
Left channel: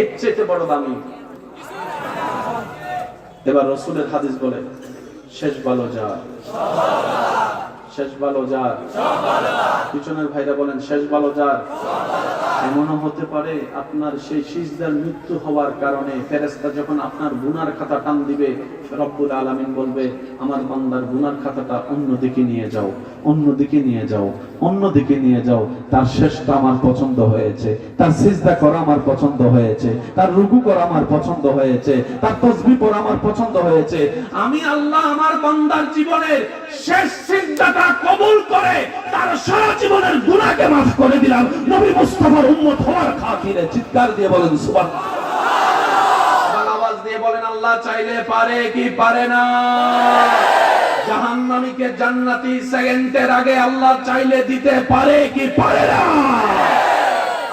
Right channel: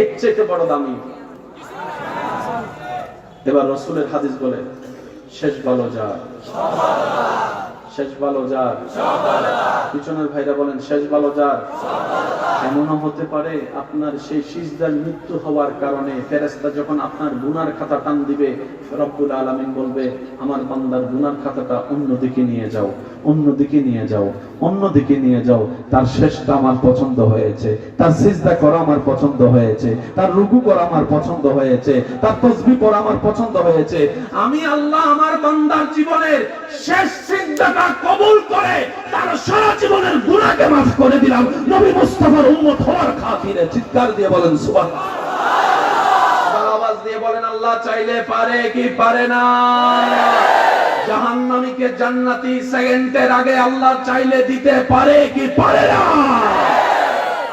এর চেয়ে বড় দামি। এবার রাসূলের হাদিস বলে, শেষ ভালো যার, শেষ ভালো যার। পিছনের ভাইরা বলেন শেষ ভালো যার। এমনও হতে পারে আপনার সেই সিজদার মৃত্যু হওয়ার কারণে ফেরেশতা যখন আপনার গুনার খাতা টান দিবে, রব্বুল আলামিন বলবে আমার বান্দার গুনার খাতাটা অন্যদিকে নিয়ে যাও, অন্যদিকে নিয়ে যাও, অন্যদিকে নিয়ে যাও। তার শেষটা আমার পছন্দ হয়েছে, তার সিজদা করা আমার পছন্দ হয়েছে, তার রুকু করা আমার পছন্দ হয়েছে, তার তাসবিহ পড়া আমার পছন্দ হয়েছে। আমি আল্লাহ আমার বান্দার জীবনের শেষ সিজদাটা কবুল করে তার সারা জীবনের গুনাহকে মাফ করে দিলাম নবী মুস্তাফার উম্মত হওয়ার খাতিরে। চিৎকার দিয়ে বলেন সুবহানাল্লাহ। এবার আওয়াজ দিয়ে বলেন আল্লাহ চাইলে পারে কি পারে না? জাহান্নামীকে জান্নাতি সেকেন্ডের আগে আল্লাহ চাইলে দিতে পারে কি পারে না?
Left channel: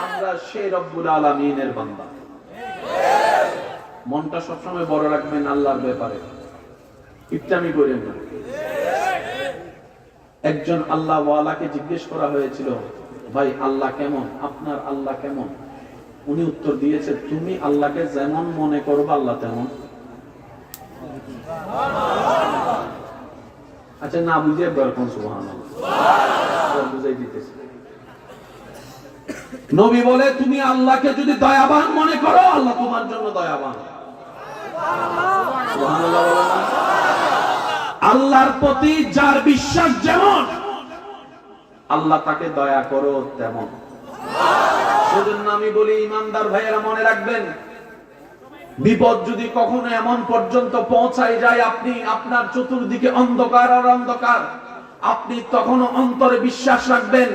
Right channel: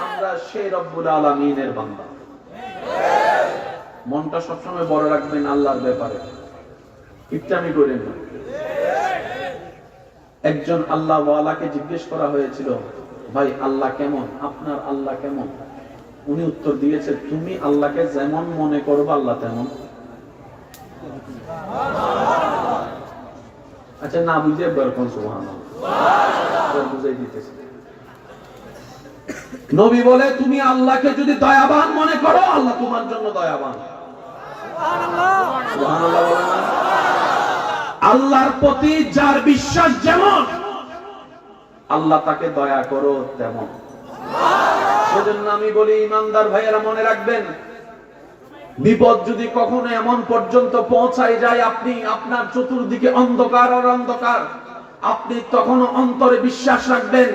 আমরা সেই রব্বুল আলামিনের বান্দা। মনটা সবসময় বড় রাখবেন আল্লাহর ব্যাপারে, ইচ্ছামি করেন না। একজন আল্লাহ ওয়ালাকে জিজ্ঞেস করা হয়েছিল, ভাই আল্লাহ কেমন, আপনার আল্লাহ কেমন? উনি উত্তর দিয়েছে, তুমি আল্লাহকে যেমন মনে করবে আল্লাহ তেমন। আচ্ছা না বুঝে বরকন সুবহানাল্লাহ বুঝাই দিতেছে। নবী বলে তুমি আল্লাহকে যদি দয়াবান মনে করো আল্লাহ তোমার জন্য দয়াবান। সুবহানাল্লাহ বলেন না? আল্লাহর প্রতি যার বিশ্বাস যেমন আল্লাহ তাকে দয়া করো তেমন। সেজন্য আমি বলি ইমানদার ভাইয়েরা মনে রাখবেন, বিপদ যদি কখনো এমন পর্যন্ত পৌঁছায় যায় আপনি আপনার চতুর্দিকে অন্ধকার আর অন্ধকার, আপনি তখনও অন্তরে বিশ্বাস রাখবেন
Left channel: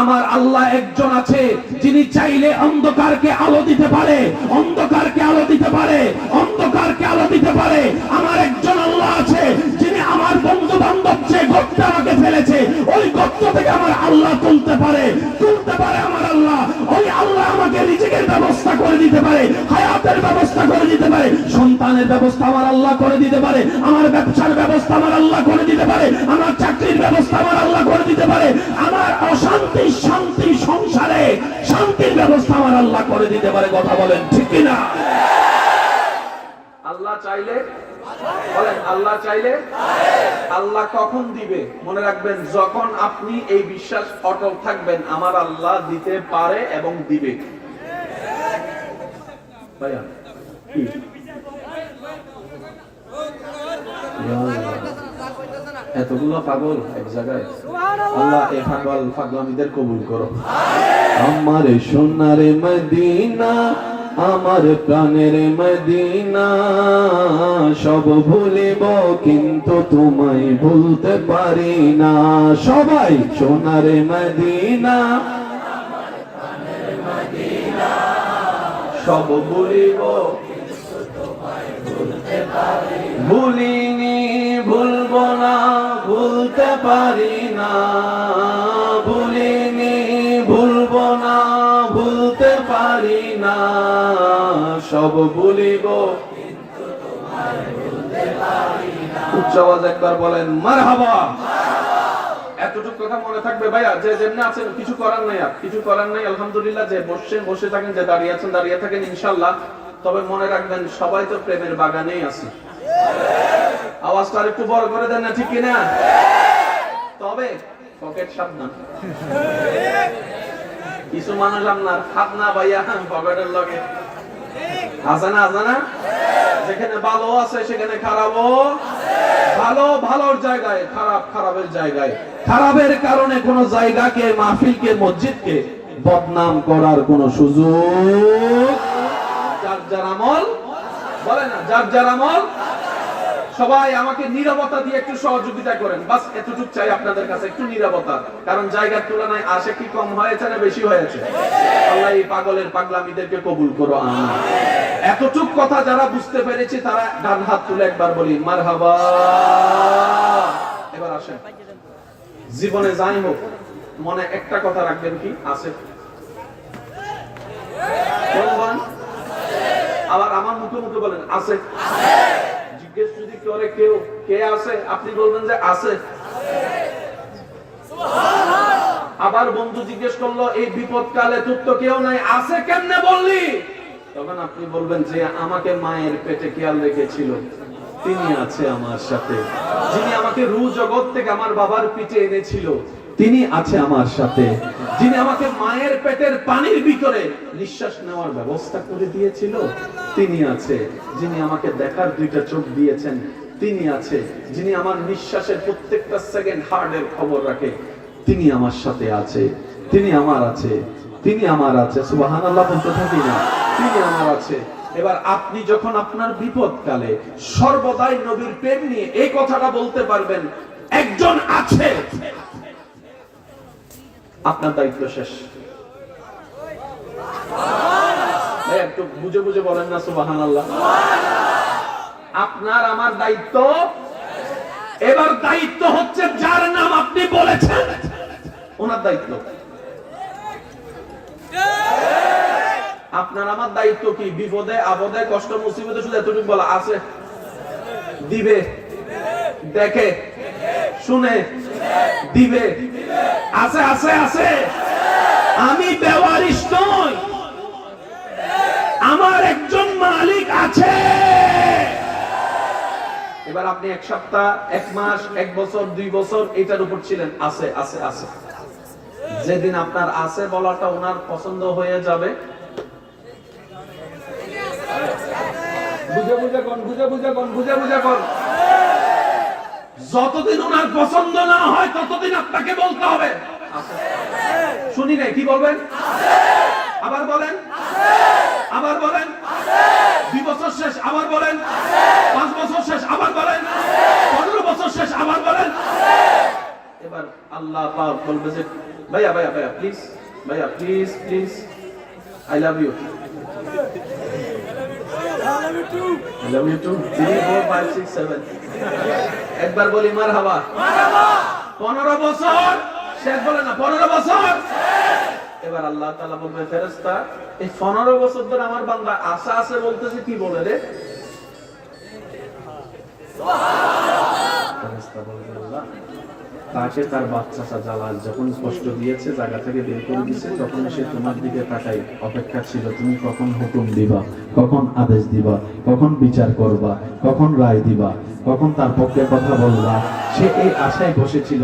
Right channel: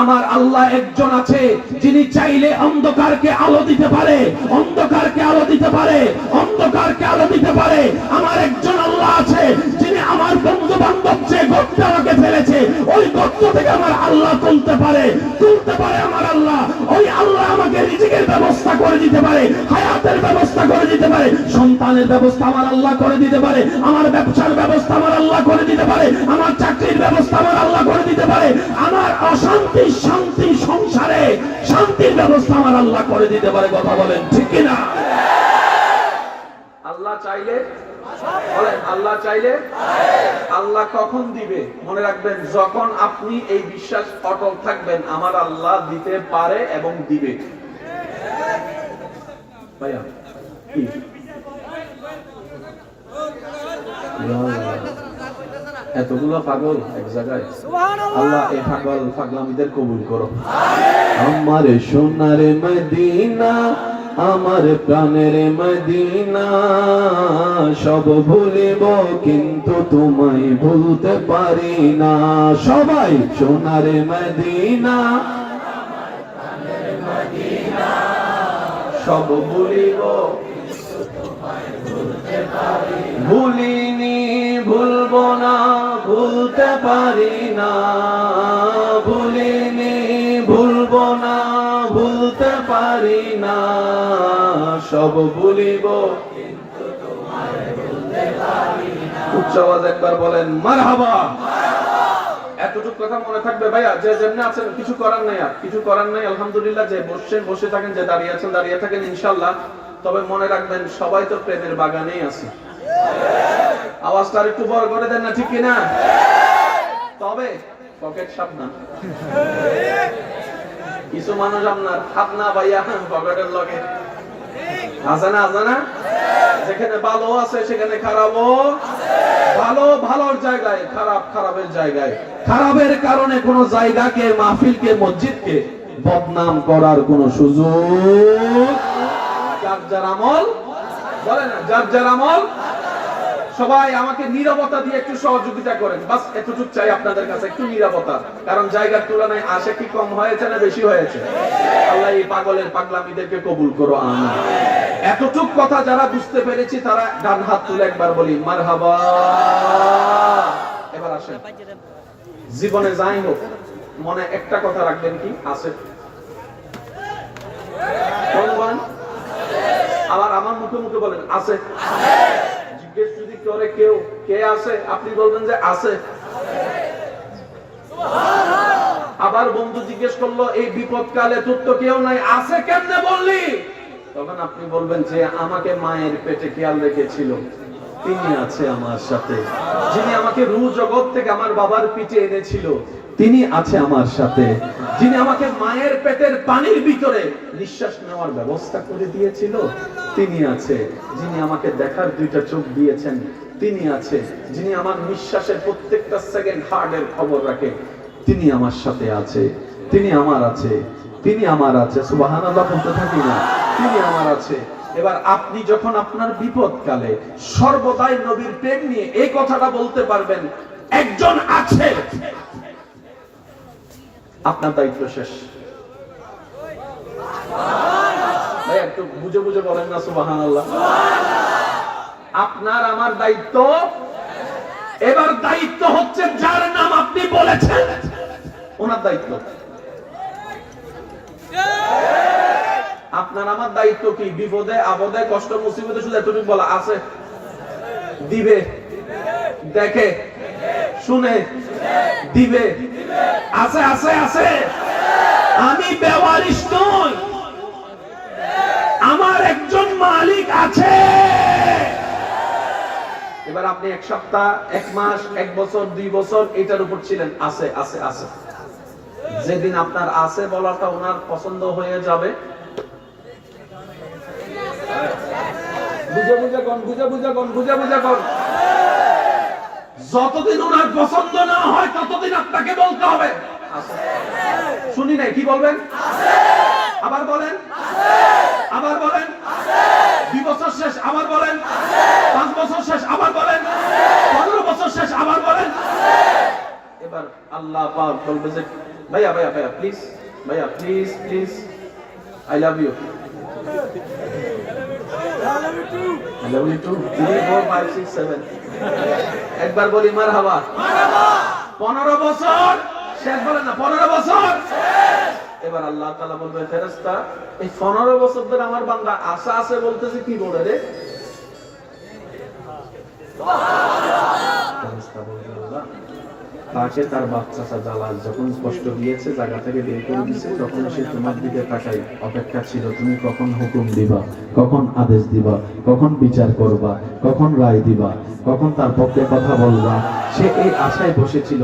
আমার আল্লাহ একজন আছে যিনি চাইলে অন্ধকারকে আলো দিতে পারে, অন্ধকারকে আলো দিতে পারে, অন্ধকারকে আলো দিতে পারে। আমার একজন আল্লাহ আছে যিনি আমার বন্ধু বান্ধব যে গর্তে আমাকে ফেলেছে ওই গর্ত থেকে আমার আল্লাহ তুলতে পারে, তুলতে পারে আমার আল্লাহ। ওই আল্লাহ আমাকে রিজিকের ব্যবস্থা করে দিতে পারে, হায়াতের ব্যবস্থা করে দিতে পারে, সন্তানের ব্যবস্থা আমার আল্লাহ করে দিতে পারে, আমার ব্যবসার ব্যবস্থা আমার আল্লাহ করে দিতে পারে, আমার চাকরির ব্যবস্থা আমার আল্লাহ করে দিতে পারে, আমার অশান্তি শান্তি সংসারে শান্তির ব্যবস্থা আমার আল্লাহ করে দিতে পারে। কথা বলেন ঠিক কিনা? আল্লাহ চাইলে বলেন, আল্লাহ চাইলে আল্লাহ কখন দিবে? মনে রাখবেন যখন আপনি এই বিশ্বাস অটল থাকবেন আমার আল্লাহ দিতে পারে এবং দিবে। ভাইয়া কি এতগুলো পাগল এক জায়গায়, আল্লাহ এই পাগল পাগলামীদের কবুল করো। আমার সোনার মদিনা, আমার প্রাণের মদিনা, সব ভুলিব কিন্তু তোমায় ভুলতে পারি না। সবাই সোনার মদিনা, সব ভুলিব ভুলিনি ভুলবো না, ভুলতে পারি না, ভুলিনি ভুলবো না, ভুলতে পারি না, সব ভুলিব। উচ্চ আওয়াজ একবার বলেন মারহাবা। এতটুকু কথা মনে থাকবে ভাইয়া, যে যেমনি আছেন কিছু করার নাই, আর কিছু করার নাই আলহামদুলিল্লাহ। যে বসে বসে থাকেন, যে দাঁড়িয়ে আছেন দাঁড়িয়ে থাকেন ইনশাআল্লাহ। তবে মনে রাখবেন সবাই তো প্রেমের বাগানেই আছে। আওয়াজটা একটু বড় করে দেন না, ঠিক কিনা? তবে পকেট সাবধান। কিছু মানুষ আপনার হাত না ভাইয়া পকেটের লগে হাসানা হাসানা, যেখানে ভালো আছে সেখানে খারাপও, ভালো ভালোর জায়গায়, খারাপ খারাপের জায়গায়। খারাপের কারণে কোন জায়গাকে, মাহফিলকে, মসজিদকে বদনাম করার কোন সুযোগ। যার যার আমল বলে না, যার যার আমল। সবাই আমাকে নীরবতা দিয়ে একটু সহযোগিতা করেন, বাস এতটুকু চাই আপনাদের কাছে, একটু নীরবতা। কারণ জায়গার তুলনায় আসে কি কম হয়েছে না বেশি হয়েছে? আল্লাহ এই পাগলের পাগলামীদেরকে কবুল করো আমিন। এতটুক কথা যারা বুঝতে পেরেছি তারা ডান হাত তুলে একবার বলি মারহাবা। এবার আসেন, জীবনে যাই হোক মনে একটা কথা রাখবেন, কি আছে? বলবেন আবার আমার মুখে মুখে বলেন আছে। জিজ্ঞেস যদি করে কেউ কে আছে, আপনি বলবেন যে আছে। আবার বন্ধু জিজ্ঞেস করলো এই বিপদ কালে তোর তো কেউ নাই, আছে কেমনে বললি? তখন আপনি বলবেন যে আমাকে মায়ের পেটে খেয়াল রেখেছিল, তিনি আছে আমার সাথে। যিনি আমাকে রূহ জগৎ থেকে আমার বাবার পিঠে এনেছিল তিনি আছে আমার সাথে। যিনি আমাকে মায়ের পেটের পানির ভিতরে নিঃশ্বাস নেওয়ার ব্যবস্থা করে দিয়েছিল তিনি আছে। যিনি আমাকে দেখার দুইটা চোখ দিয়েছেন তিনি আছে। যিনি আমার নিঃশ্বাসের প্রত্যেকটা সেকেন্ড হার্টের খবর রাখে তিনি আমার সাথে আছে। তিনি আমার আছে, তিনি আমার আছে। সুবহানাল্লাহ বলতে থাকি না, তিনি আমার আছে। এবার আপনি যখন আপনার বিপদকালে সর্বদাই নবীর প্রেম নিয়ে এই কথাটা বলতে পারবেন একজন আছে, আপনার দায়িত্ব শেষ। ভাই একটু বুঝে বুঝে বলেন না সুবহানাল্লাহ। আপনার আমার দায়িত্ব। এবার দায়িত্ব হচ্ছে যার নাম আপনি বলেছেন ওনার দায়িত্ব। আপনার আমার দায়িত্ব কি? বিপদে আপদে কষ্ট মুসিবতে শুধু এতটুকু বলা আছে, দিবে, দেখে, শুনে, দিবে, আছে আছে আছে। আমি বেওয়ারিশ নই, আমার একজন মালিক আছে। এবার আপনি এক সপ্তাহ, এক মাস, এক বছর, 2 বছর এটার উপর ছিলেন, আছে আছে আছে। যেদিন আপনার আছে বলাটা ওনার পছন্দ হয়ে যাবে, বুঝে বুঝে কোন, বুঝে বুঝে কোন, বুঝে বুঝে কোন, যতদিন ওনার পছন্দ না হয় ততদিন আপনাকে বলতে হবে আছে। শুনি নাই, কি বলবেন? আবার বলেন, আবার বলেন। 2 বছর শেষ, আবার বলেন। 5 বছর শেষ, আবার বলেন। 15 বছর শেষ, আবার বলেন। এবার আল্লাহ পাক বলবে যে ভাইয়া ভাইয়া ভাইয়া প্লিজ, ভাইয়া please please, I love you, I love you too. 3, 4, 5, 6, 7 একবার বলি মারহাবা। 15 বছর শেষ, বলে না 15 বছর। এবার আল্লাহ তাআলা বলবে ফেরেশতা এই 15 বছর ধরে আমার বান্দা আশা আছে বলতেছে, কি বলে রে? ফেরেশতা বলবে আল্লাহ তাকে তার বাচ্চা জালাল যখন কষ্ট দিয়েছে, জায়গা থেকে বের করে দিয়েছে, তখন সে তোমার দিকে তাকাই অপেক্ষা ছিল তুমি কখন হুকুম দিবা, কখন আদেশ দিবা, কখন বিচার করবা, কখন রায় দিবা, কখন তার পক্ষে কথা বলবা। সে এই আশায় বসেছিল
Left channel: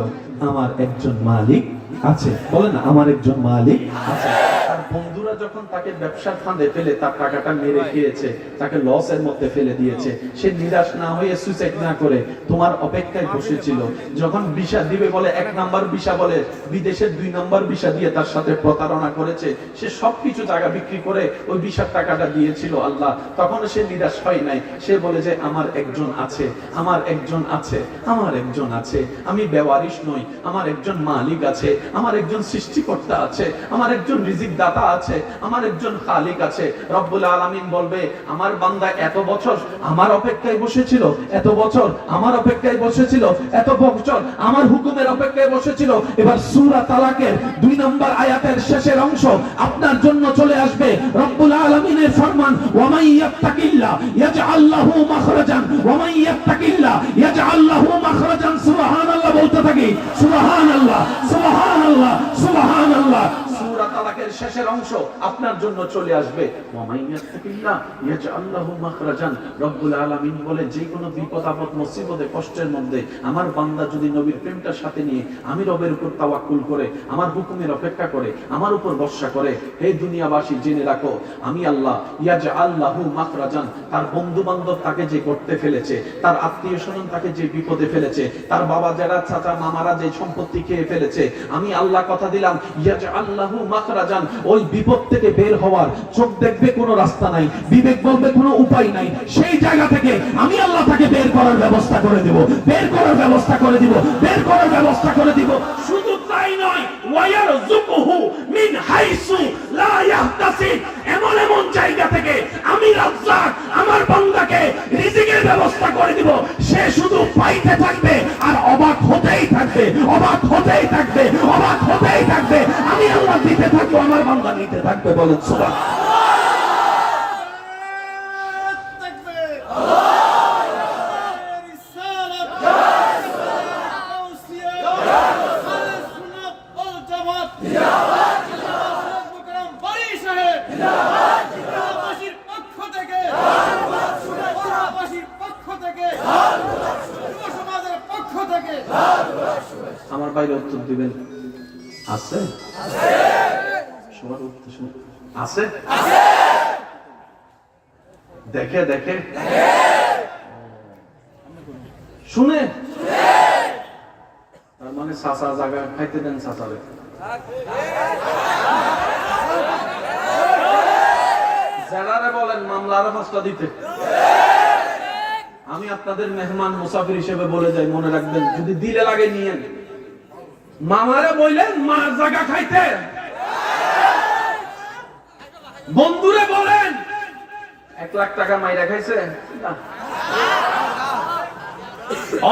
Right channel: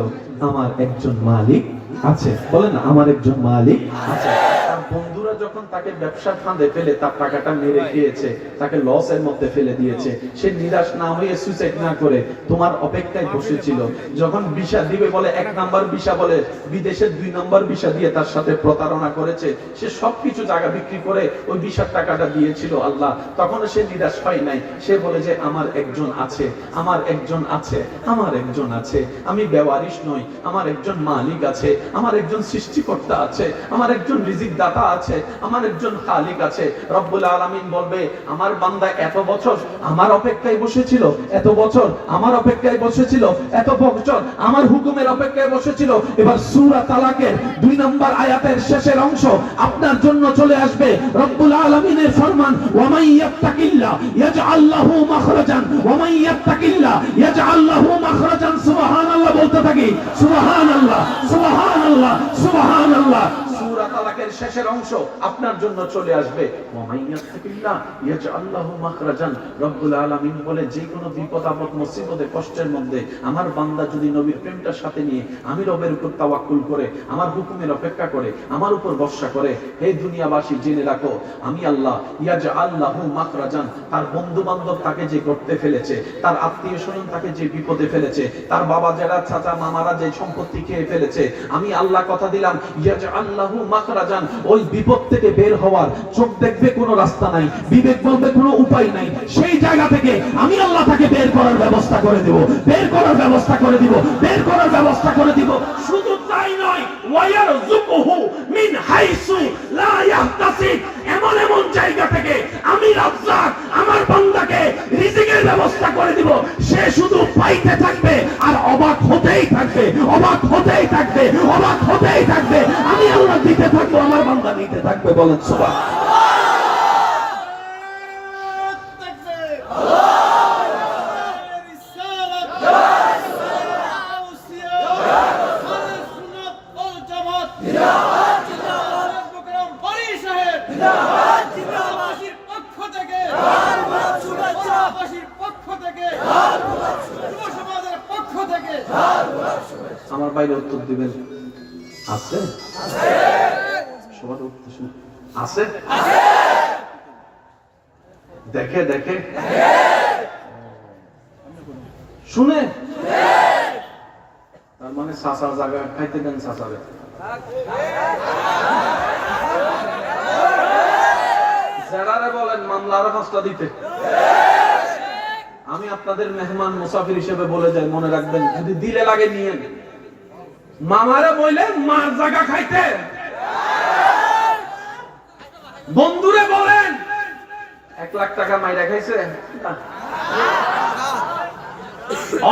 আমার একজন মালিক আছে। বলেন আমার একজন মালিক আছে। তার বন্ধুরা যখন তাকে ব্যবসার ফাঁদে ফেলে তার টাকাটা মেরে খেয়েছে, তাকে লসের মধ্যে ফেলে দিয়েছে, সে নিরাশ না হয়ে সুইসাইড না করে তোমার অপেক্ষায় বসেছিল। যখন ভিসা দিবে বলে 1 নাম্বার ভিসা বলে বিদেশের 2 নাম্বার ভিসা দিয়ে তার সাথে প্রতারণা করেছে, সে সবকিছু জায়গা বিক্রি করে ওই ভিসার টাকাটা দিয়েছিল আল্লাহ। তখন সে নিরাশ হয় নাই, সে বলে যে আমার একজন আছে, আমার একজন আছে, আমার একজন আছে। আমি বেওয়ারিশ নই, আমার একজন মালিক আছে, আমার একজন সৃষ্টিকর্তা আছে, আমার একজন রিজিক দাতা আছে, আমার একজন খালিক আছে। রব্বুল আলামিন বলবে আমার বান্দা এত বছর আমার অপেক্ষায় বসেছিল, এত বছর আমার অপেক্ষায় বসেছিল, এত বছর আমার হুকুমের অপেক্ষায় বসেছিল। এবার সূরা তালাকের 2 নম্বর আয়াতের শেষের অংশ আপনার জন্য চলে আসবে। রব্বুল আলামিনের ফরমান ওয়া মান ইয়াত্তাকিল্লাহ ইয়াজআল লাহু মাখরাজান ওয়া মান ইয়াত্তাকিল্লাহ ইয়াজআল লাহু মাখরাজান। সুবহানাল্লাহ বলতে থাকি, সুবহানাল্লাহ সুবহানাল্লাহ সুবহানাল্লাহ। সূরা তালাকের শেষের অংশ আপনার জন্য চলে আসবে ওয়া মান ইয়াত্তাকিল্লাহ ইয়াজআল লাহু মাখরাজান। রব্বুল আলামিন বলে যে কোনো বিপদ আপদ মুসিবতে কষ্টের মধ্যে আমার বান্দা যদি নবীর প্রেমটার সাথে নিয়ে আমি রবের উপর তাওয়াক্কুল করে আমার হুকুমের অপেক্ষা করে আমার উপর ভরসা করে, হে দুনিয়াবাসী জেনে রাখো আমি আল্লাহ ইয়াজআল লাহু মাখরাজান। তার বন্ধু বান্ধব তাকে যে করতে ফেলেছে, তার আত্মীয় স্বজন তাকে যে বিপদে ফেলেছে, তার বাবা যারা চাচা মামারা যে সম্পত্তি খেয়ে ফেলেছে, আমি আল্লাহ কথা দিলাম ইয়াজআল লাহু মাখরাজান। ওই বিপদ থেকে বের হওয়ার চোখ দেখবে কোনো রাস্তা নাই, বিবেক বলবে কোনো উপায় নাই, সেই জায়গা থেকে আমি আল্লাহ তাকে বের করার ব্যবস্থা করে দেব, বের করার ব্যবস্থা করে দিব, বের করার ব্যবস্থা করে দিব। শুধু তাই নয় ওয়ায়ারযুকুহু মিন হাইসু লা ইয়াহতাসিব। এমন এমন জায়গা থেকে আমি রাজ্জাক আমার বান্দাকে রিজিকের ব্যবস্থা করে দিব, সে শুধু পাইতে থাকবে আর অবাক হতেই থাকবে, অবাক হতেই থাকবে, অবাক হতেই থাকবে। আমি আল্লাহ দিতে থাকবো, আমার বান্দা নিতে থাকবে। বলেন সুবহানাল্লাহ। আমার বাইরে উত্তর দিবেন আছে? সবার উত্তর আছে? দেখে দেখে শুনে, তার মানে চাচা জায়গায় খাইতে দেন চাচারে। যারা বলেন মামলা আরো 5টা দিতে। আমি আপনাদের মেহমান মুসাফির হিসেবে বলে যাই, মনে রাখবেন, যদি দিলে লাগে নিয়েন। মামারে বললেন মার জায়গা খাইতে, বন্ধুরে বলেন 1 লাখ টাকা মাইরা খাইছে।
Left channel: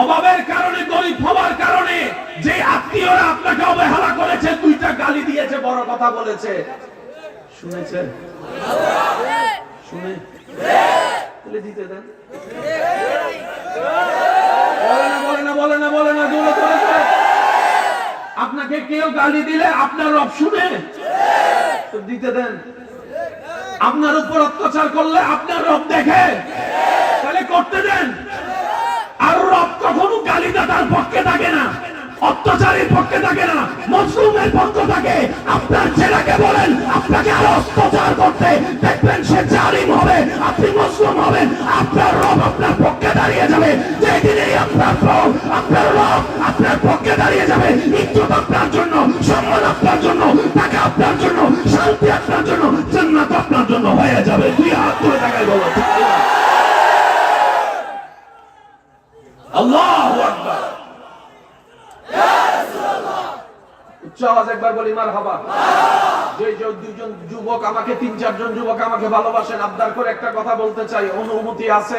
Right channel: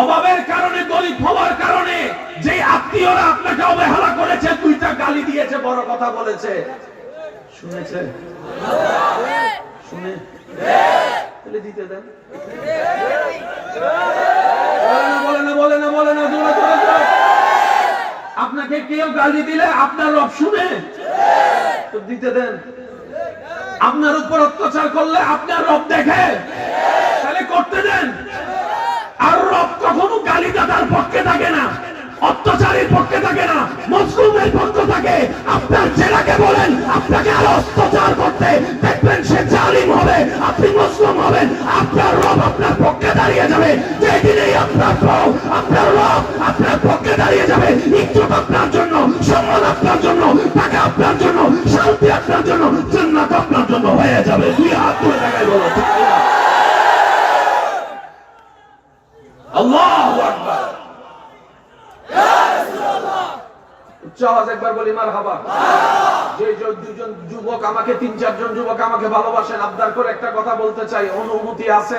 অভাবের কারণে, গরিব হওয়ার কারণে যে আত্মীয়রা আপনাকে অবহেলা করেছে, 2টা গালি দিয়েছে, বড় কথা বলেছে, শুনেছেন? শুনে তাহলে দিতে দেন। বলে না দূরে চলে যায়। আপনাকে কেউ গালি দিলে আপনার রব শুনে, তো দিতে দেন। আপনার উপর অত্যাচার করলে আপনার রব দেখে, তাহলে করতে দেন। আর রব কখনো গালিদাতার পক্ষে থাকে না, অত্যাচারের পক্ষে থাকে না, মজলুমের পক্ষে থাকে। আপনার ছেলেকে বলেন আপনাকে আরো অত্যাচার করতে, দেখবেন সে জালিম হবে, আপনি মুসলিম হবেন, আপনার রব আপনার পক্ষে দাঁড়িয়ে যাবে। যেদিনেই আপনার রব, আপনার রব আপনার পক্ষে দাঁড়িয়ে যাবে, ইজ্জত আপনার জন্য, সম্মান আপনার জন্য, টাকা আপনার জন্য, শান্তি আপনার জন্য, জান্নাত আপনার জন্য হয়ে যাবে। 2 হাত তুলে দেখাই বলো ঠিক না? আল্লাহু আকবার। উচ্চ আওয়াজ একবার বলি মারহাবা। যে 2জন যুবক আমাকে, 3-4জন যুবক আমাকে ভালোবাসেন, আবদার করে একটা কথা বলতে চাই। অনুমতি আছে?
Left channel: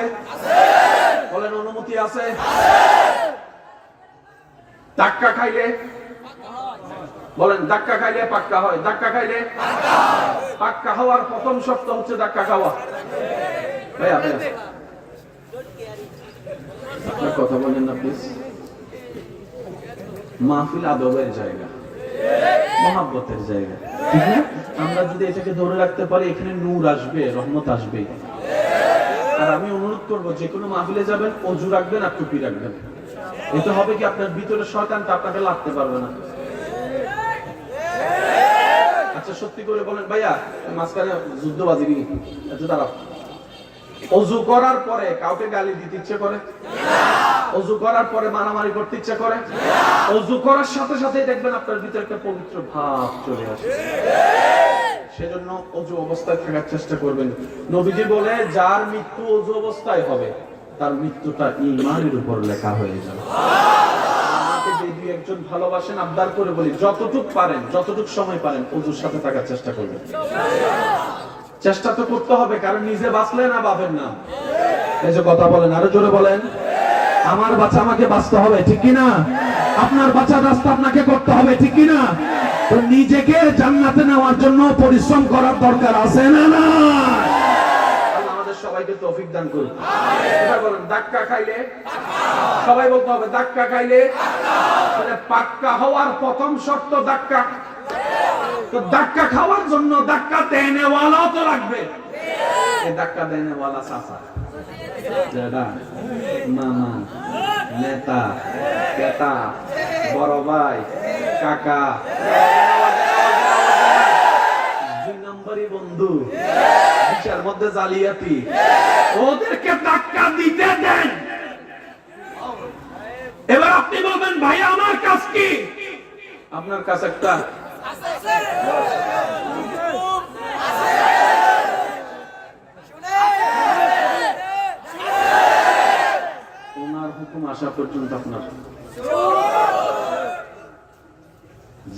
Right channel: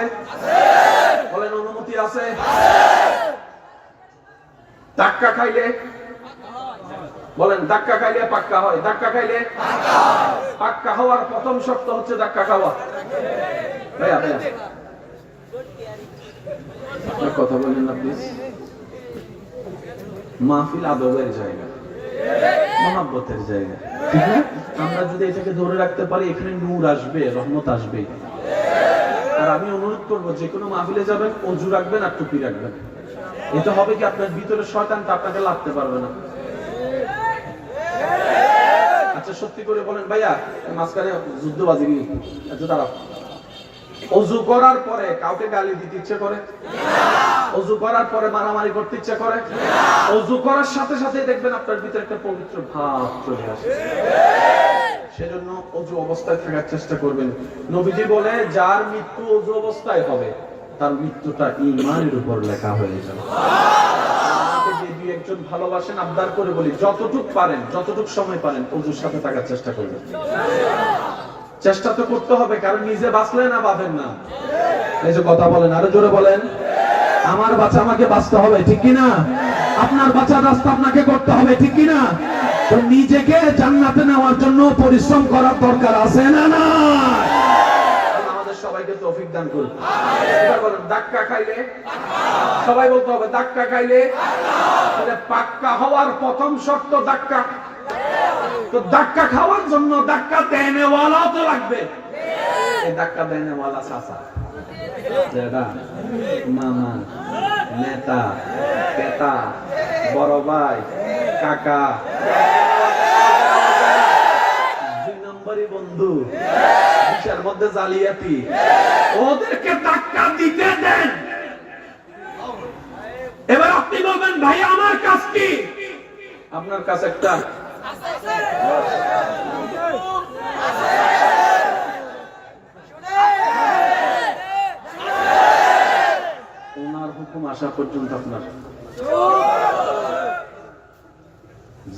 বলেন অনুমতি আছে? ধাক্কা খাইলে, বলেন ধাক্কা খাইলে পাক্কা হয়? ধাক্কা খাইলে পাক্কা হওয়ার প্রথম শর্ত হচ্ছে ধাক্কা খাওয়া। ভাইয়া ভাইয়া কথা বলেন না প্লিজ। মাহফিল আদবের জায়গা, মহাব্বতের জায়গা, ঠিক না? আমরা যদি এটাকে ধরে রাখতে পারি, এখানে নূর আসবে, রহমত আসবে। আর আমি অনুরোধ করবো, যে কোনো মাহফিলে যাবেন অজু রাখবেন আর টুপি রাখবেন। এটা হবে কি, আপনার ভিতরে শয়তানটা আপনাকে লাগতে পারবে না। আচ্ছা সত্যি করে বলেন ভাইয়া, মাঝখানে যুদ্ধবাজি এত দাঁড়াও। অজু করার পরে কাউকে গালি দিতে ইচ্ছে করে? অজু করার পরে মারামারি করতে ইচ্ছে করে? অজু করার সাথে সাথে দেখবেন আপনার ভিতরে একটা পবিত্র ভাব চলে আসে। সেজন্য অজু অবস্থায় থাকার চেষ্টা করবেন। নবীজি বলে, যার মৃত্যু অজু অবস্থায় হবে তার মৃত্যুটা ঈমানের উপর লেখা হয়ে যাবে। আমাকে যে 2-1জন ভালোবাসেন, আবদার করে বলি, যতটুক পারেন, যতটুক সময় পারেন অজুর সাথে থাকার চেষ্টা করবেন। চেষ্টা তো করতে হবে, কারণ নিজে বাঁচলে না পাবেন না। এই যে কথা বলেন, আরো জোরে বলেন। আমার বাচ্চা আমাকে বাঁচতে হবে, ঠিক কিনা? আপনার বাঁচার রাস্তা আপনাকে করতে হবে, ঠিক কিনা? তো নিজেকে জান্নাতে নেওয়ার জন্য পরিশ্রম করার দরকার আছে না? না, আমাদের সবাইকে তৌফিক দান করুন। এবার বলেন ধাক্কা খাইলে, সবাই বলতে হবে ধাক্কা খাইলে। তাহলে পাক্কা হওয়ার প্রথম শর্ত ধাক্কা। তো ধাক্কা খাওয়ার জন্য ধাক্কা দেনেওয়ালাও তো লাগবে। এই ধাক্কা দেনেওয়ালা চাচা, দাদা, মামা, নেতা, পেতা, বড় ভাই, কাকা, 2 নম্বরই বন্ধু, বিষয়ের মধ্যে জালিয়াতি, ওদেরকে ধাক্কা দিতে দেন। এবার আপনি বলবেন ভাই আমার কাজ কি? আপনার কাছে একটা ওনার হুকুম আসা পর্যন্ত আপনার,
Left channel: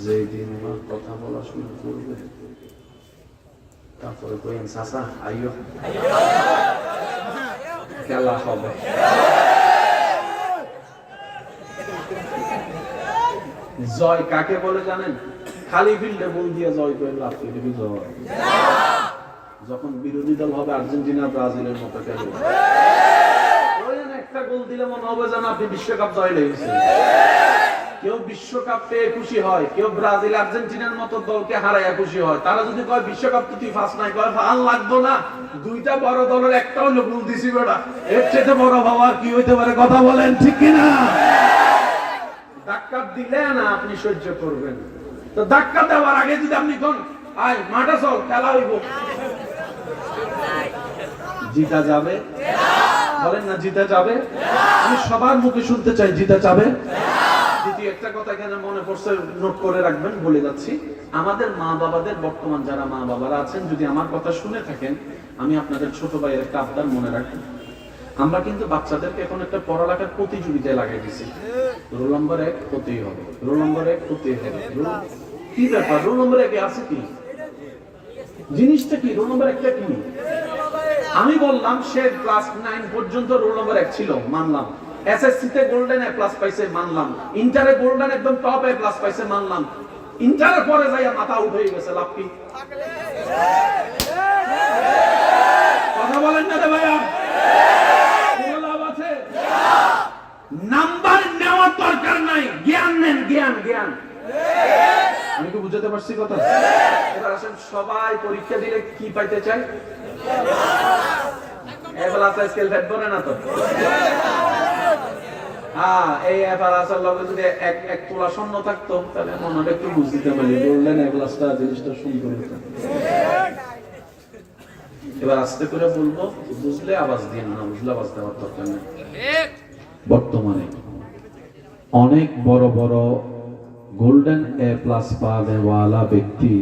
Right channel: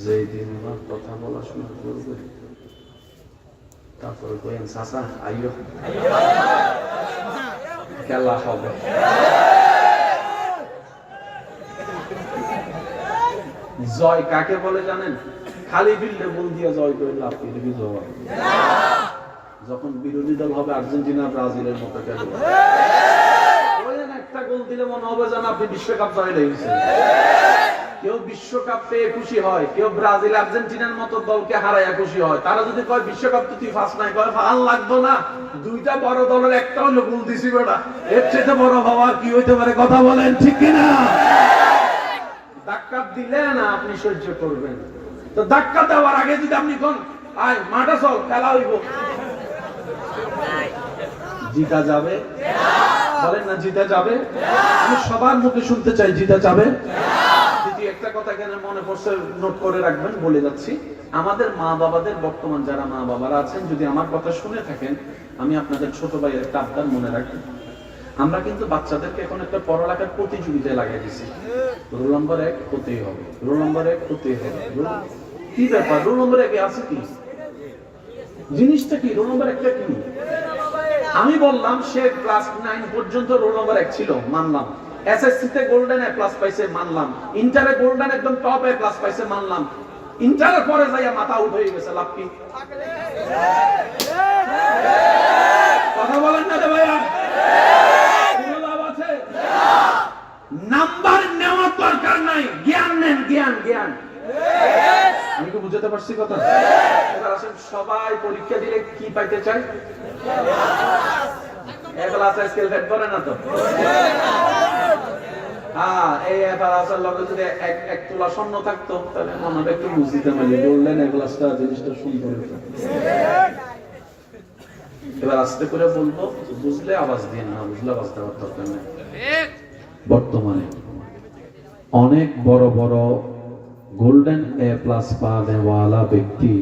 যেদিন ওনার কথা বলা শুরু করবে তারপরে কইেন চাচা আইয়ো, খেলা হবে। জয় কাকে বলে জানেন? খালি ফিল্ডে বল দিয়ে জয় করে লাভ, এটা কি জয়? যখন বিরোধী দল হবে আর্জেন্টিনা ব্রাজিলের মতো খেলবে, একটা গোল দিলে মনে হবে যেন আপনি বিশ্বকাপ জয় হয়েছেন। কেউ বিশ্বকাপ পেয়ে খুশি হয়, কেউ ব্রাজিল আর্জেন্টিনার মতো দলকে হারাইয়া খুশি হয়। তারা যদি কয় বিশ্বকাপ কি তুই ফার্স্ট নাই, কয় ভাল লাগতো না, 2টা বড় দলের একটা হইলো গোল দিছি বেটা, এর চেয়ে বড় ভাবার কি হইতে পারে? কথা বলেন ঠিক কিনা? ধাক্কা দিলে না আপনি সহ্য করবেন। তো ধাক্কা দেওয়ার আগে যদি আপনি কোন আয় মাঠে চল খেলা হইব, জিতা যাবে? বলেন না জিতা যাবে? আমি সবার মুখে শুনতে চাই জিতা যাবে। দ্বিতীয় একটা কথা এখানে মনে পড়ছে, নোট করে রাখবেন, বলে যাচ্ছি। আমাদের মা বাবাদের, বর্তমান যারা মা বাবারা আছেন, যদি আমার কথা শুনে থাকেন, আমি আপনাদের ছোট ভাইয়ের একটা আবদার মনে রাখি। আমরা কিন্তু বাচ্চাদেরকে এখন একটা পড়ালেখার প্রতিযোগিতায় লাগাই দিছি। রোল নাম্বার 1 হতেই হবে, রোল নাম্বার 1 হতেই হবে। কি ব্যাপার, রোল নাম্বার 1 আছে কি? জিনিসটা কি রোল নাম্বার 1টা কি? আমি বললাম সে ক্লাস 9 পর্যন্ত রোল নাম্বার 1 ছিল, মানলাম। এসএসসি তে গোল্ডেন এ প্লাস পাইছে, মানলাম। ইন্টারে গোল্ডেন একদম টপ এ প্লাস পাইছে, মানলাম। ইন্টারের পরে যাইয়া মাথা উঠে গেছে, লাভ কি? কথা বলেন না রে ভাইয়া, কোনো লাভ আছে? নাম্বার নেওয়ার দরকার নাই, জ্ঞান নেন, জ্ঞান জ্ঞান। আমি কি বুঝাতে পারছি কথা? এবার আসেন, সবাই পরীক্ষা দিলে কি পাইতে চায়? এ প্লাস স্কেল ফেট করে না তো? হ্যাঁ, এই এ প্লাসের লগে যদি এক তোলা স্বর্ণ থাকতো তাহলে মনে একটু বুঝতে পারি গোল্ডেন এ প্লাসটা জিনিসটা সুন্দর হতো। এবার আস্তে করে বলবো, বুঝলে আওয়াজ দিন, না বুঝলে আওয়াজ দেওয়ার দরকার নেই। বর্তমানে অনেক বড় বড় গোল্ডেন এ প্লাস পাওয়ালা ব্যক্তি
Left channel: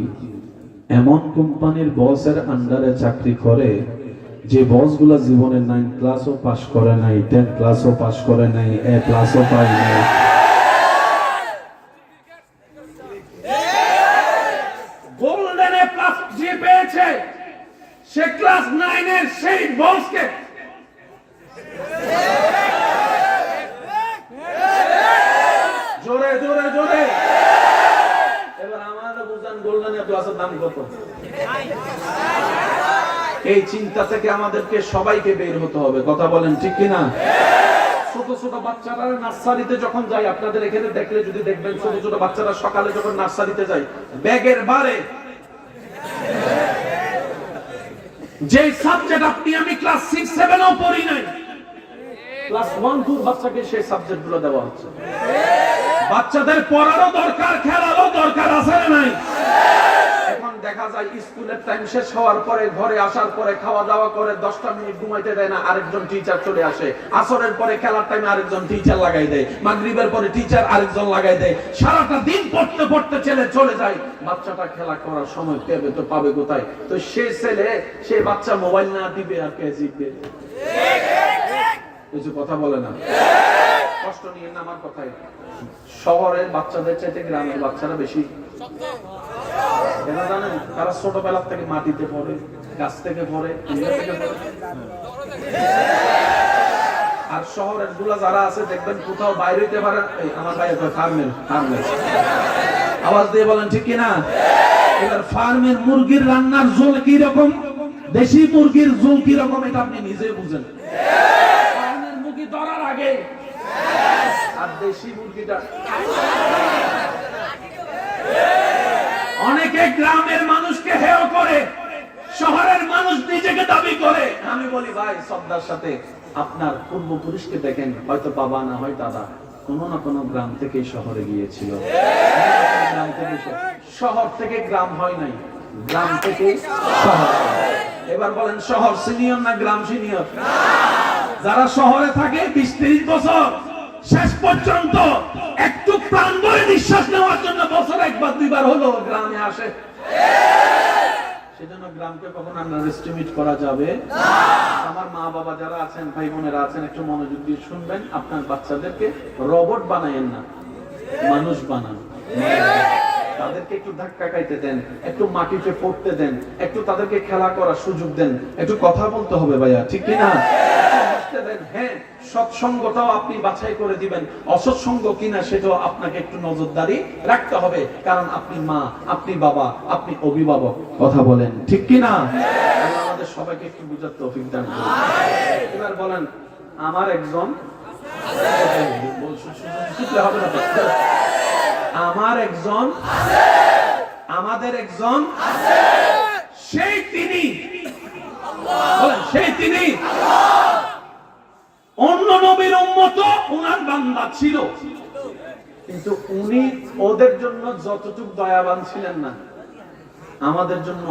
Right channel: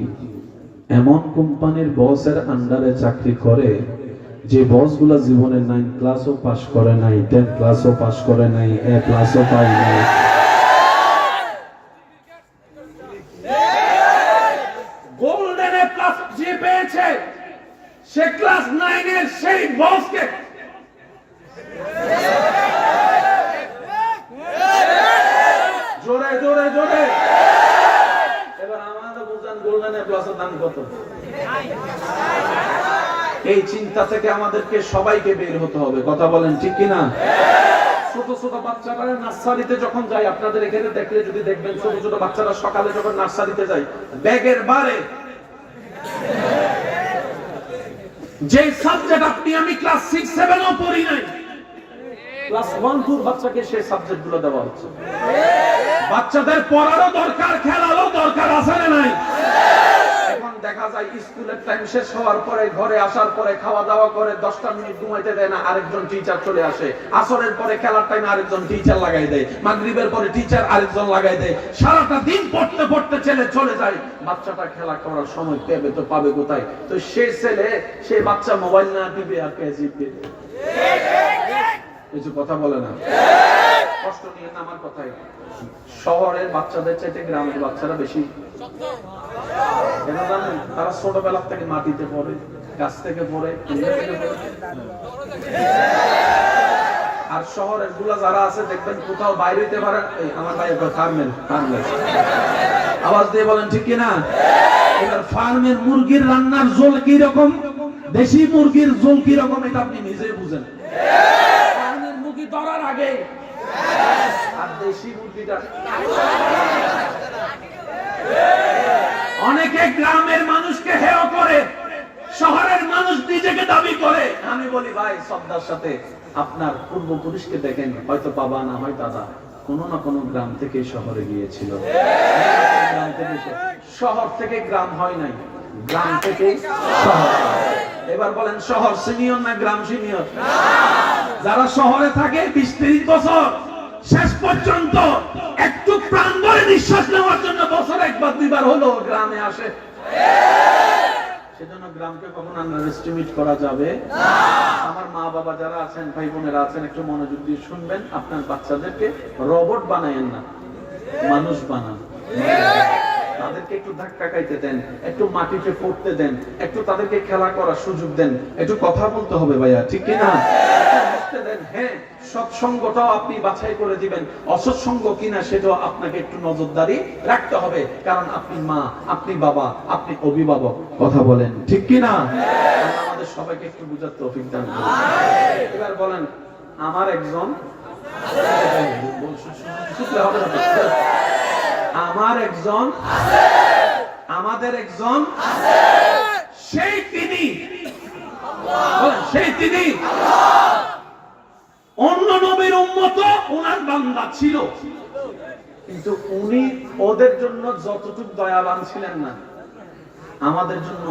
এমন কোম্পানির বসের আন্ডারে চাকরি করে যে বসগুলা জীবনে 9 ক্লাসও পাস করে নাই, 10 ক্লাসও পাস করে নাই, এ প্লাসও পায় নাই। গোল্ডেন এ প্লাস যে পেয়েছে সে ক্লাস 9 এর সেই বসকে জোরে জোরে জোরে। এবার আমাদের বুঝান গোল্ডেন এ প্লাসের দাম কত? এই চিন্তা থেকে আমাদেরকে সবাইকে বের হতে হবে। কথা বলেন ঠিক কিনা? ছোট ছোট বাচ্চারা নার্সারিতে যখন যায়, আপনাদের এখানে দেখলে যদি দেখবেন, ছোট ছোট বাচ্চারা সকালে যখন নার্সারিতে যায়, ব্যাগের বারে যে সাবজেক্ট আপনি আমি ক্লাস 6 7 ও পড়ি নাই, ক্লাস 1 2 বাচ্চাকে সেই সাবজেক্ট গুলো দেওয়া হচ্ছে। বাচ্চাদের পড়ারও দরকার, খেলারও দরকার, আছে না নাই? এখন দেখা যায় স্কুলের টাইম শেষ হওয়ার পরে, ঘরে আসার পরে খাওয়া দাওয়া করে 10টা মিনিট ঘুমাইতে দেয় না, আরেকজন টিচার চলে আসে। আসরের পরে খেলার টাইমে আরেকজন টিচার লাগাই দেয়, মাগরিবের পরে টিচার আরেকজন লাগাই দেয়। সারাটা দিন পড়তে পড়তে ছেলে চলে যায়, বাচ্চাটা খেলা করার সময় পেবে তো পাবে কোথায়? তো সে ছেলে, সে বাচ্চা মোবাইল না দিবে আর কে জিতবে? কিছু কথা বলে না, কষ্ট নিয়ে না আমার কথাই। শহরের বাচ্চাদের চাইতে গ্রামের বাচ্চারা বেশি জানেন, তারা ছোটবেলা থেকে মাটিতে পড়ে, গাছ থেকে পড়ে, থেকে পড়ে। আর শহরের গুলা যারা আছে দেখবেন কোথাও বাইরে হইতে পারেন, আমার ভাই ফার্মের আওয়াজ দিয়ে বলেন ঠিক কিনা? এবার ফার্মের মুরগির রান্নার ঝোল কি রকম, দেশি মুরগির ঝোল কি রকম, এটা আপনি নিজে বুঝেন। ফার্মের মুরগি ধরার আগে আর দেশি মুরগিটা। অনেকে গ্রামের মানুষকে হেয় করে, শহরের মানুষ নিজেকে দাবি করে। আমি বলি ভাই, শ্রদ্ধার সাথে আপনার পূর্বপুরুষকে দেখেন, হয়তো বাবা না হয় দাদা কোনো না কোনো গ্রাম থেকে শহরে গিয়েছিল। শহর থেকে গ্রাম হয় নাই, গ্রাম থেকে শহর। এবার বলেন, শহর সিনিয়র না গ্রাম সিনিয়র? যারা শহরে থাকে 20-30 বছর, শেষ পর্যন্ত একটু প্রাণ ভরে নিঃশ্বাস নেওয়ার জন্য বছর 1 2 বার হলো গ্রামে আসে। সেজন্য গ্রামকে কখনো আন্ডারএস্টিমেট করা যাবে না। আমার মা বাবা যারা আছেন, ভাই বোনেরা আছেন, একটু মনোযোগ দিয়ে শুনবেন। আপনার বাচ্চাদেরকে রোবট বানায়েন না, মানুষ বানান। তাদেরকে একটু ধাক্কা খাইতে দেন, একটু মাটিতে পড়তে দেন, একটু তাদেরকে খেলা করার সুযোগ দেন, একটু কথা বলতে হবে ভাইয়া, ঠিক কিনা? হ্যাঁ, সৎসঙ্গটাও আপনি বাছাই করে দিবেন, অসৎসঙ্গ কিনা সেটাও আপনাকে একটু নজরদারি রাখতে হবে, কারণ আপনি মা, আপনি বাবা, আপনি অভিভাবক। কথা বলেন ঠিক কিনা? আমাদের সবাইকে একটু বুঝার তৌফিক দান করুন। এবার বলেন, আমার একজন, হবে না, আমার একজন, আমাদের একজন, সেই তিনি, বলেন সেই তিনি অন্য নবীর উম্মত, ওনার বান্দা ছিল, কিন্তু উনি ওদের জন্য যতটুকু দয়াবান ছিলেন না, আমাদের জন্য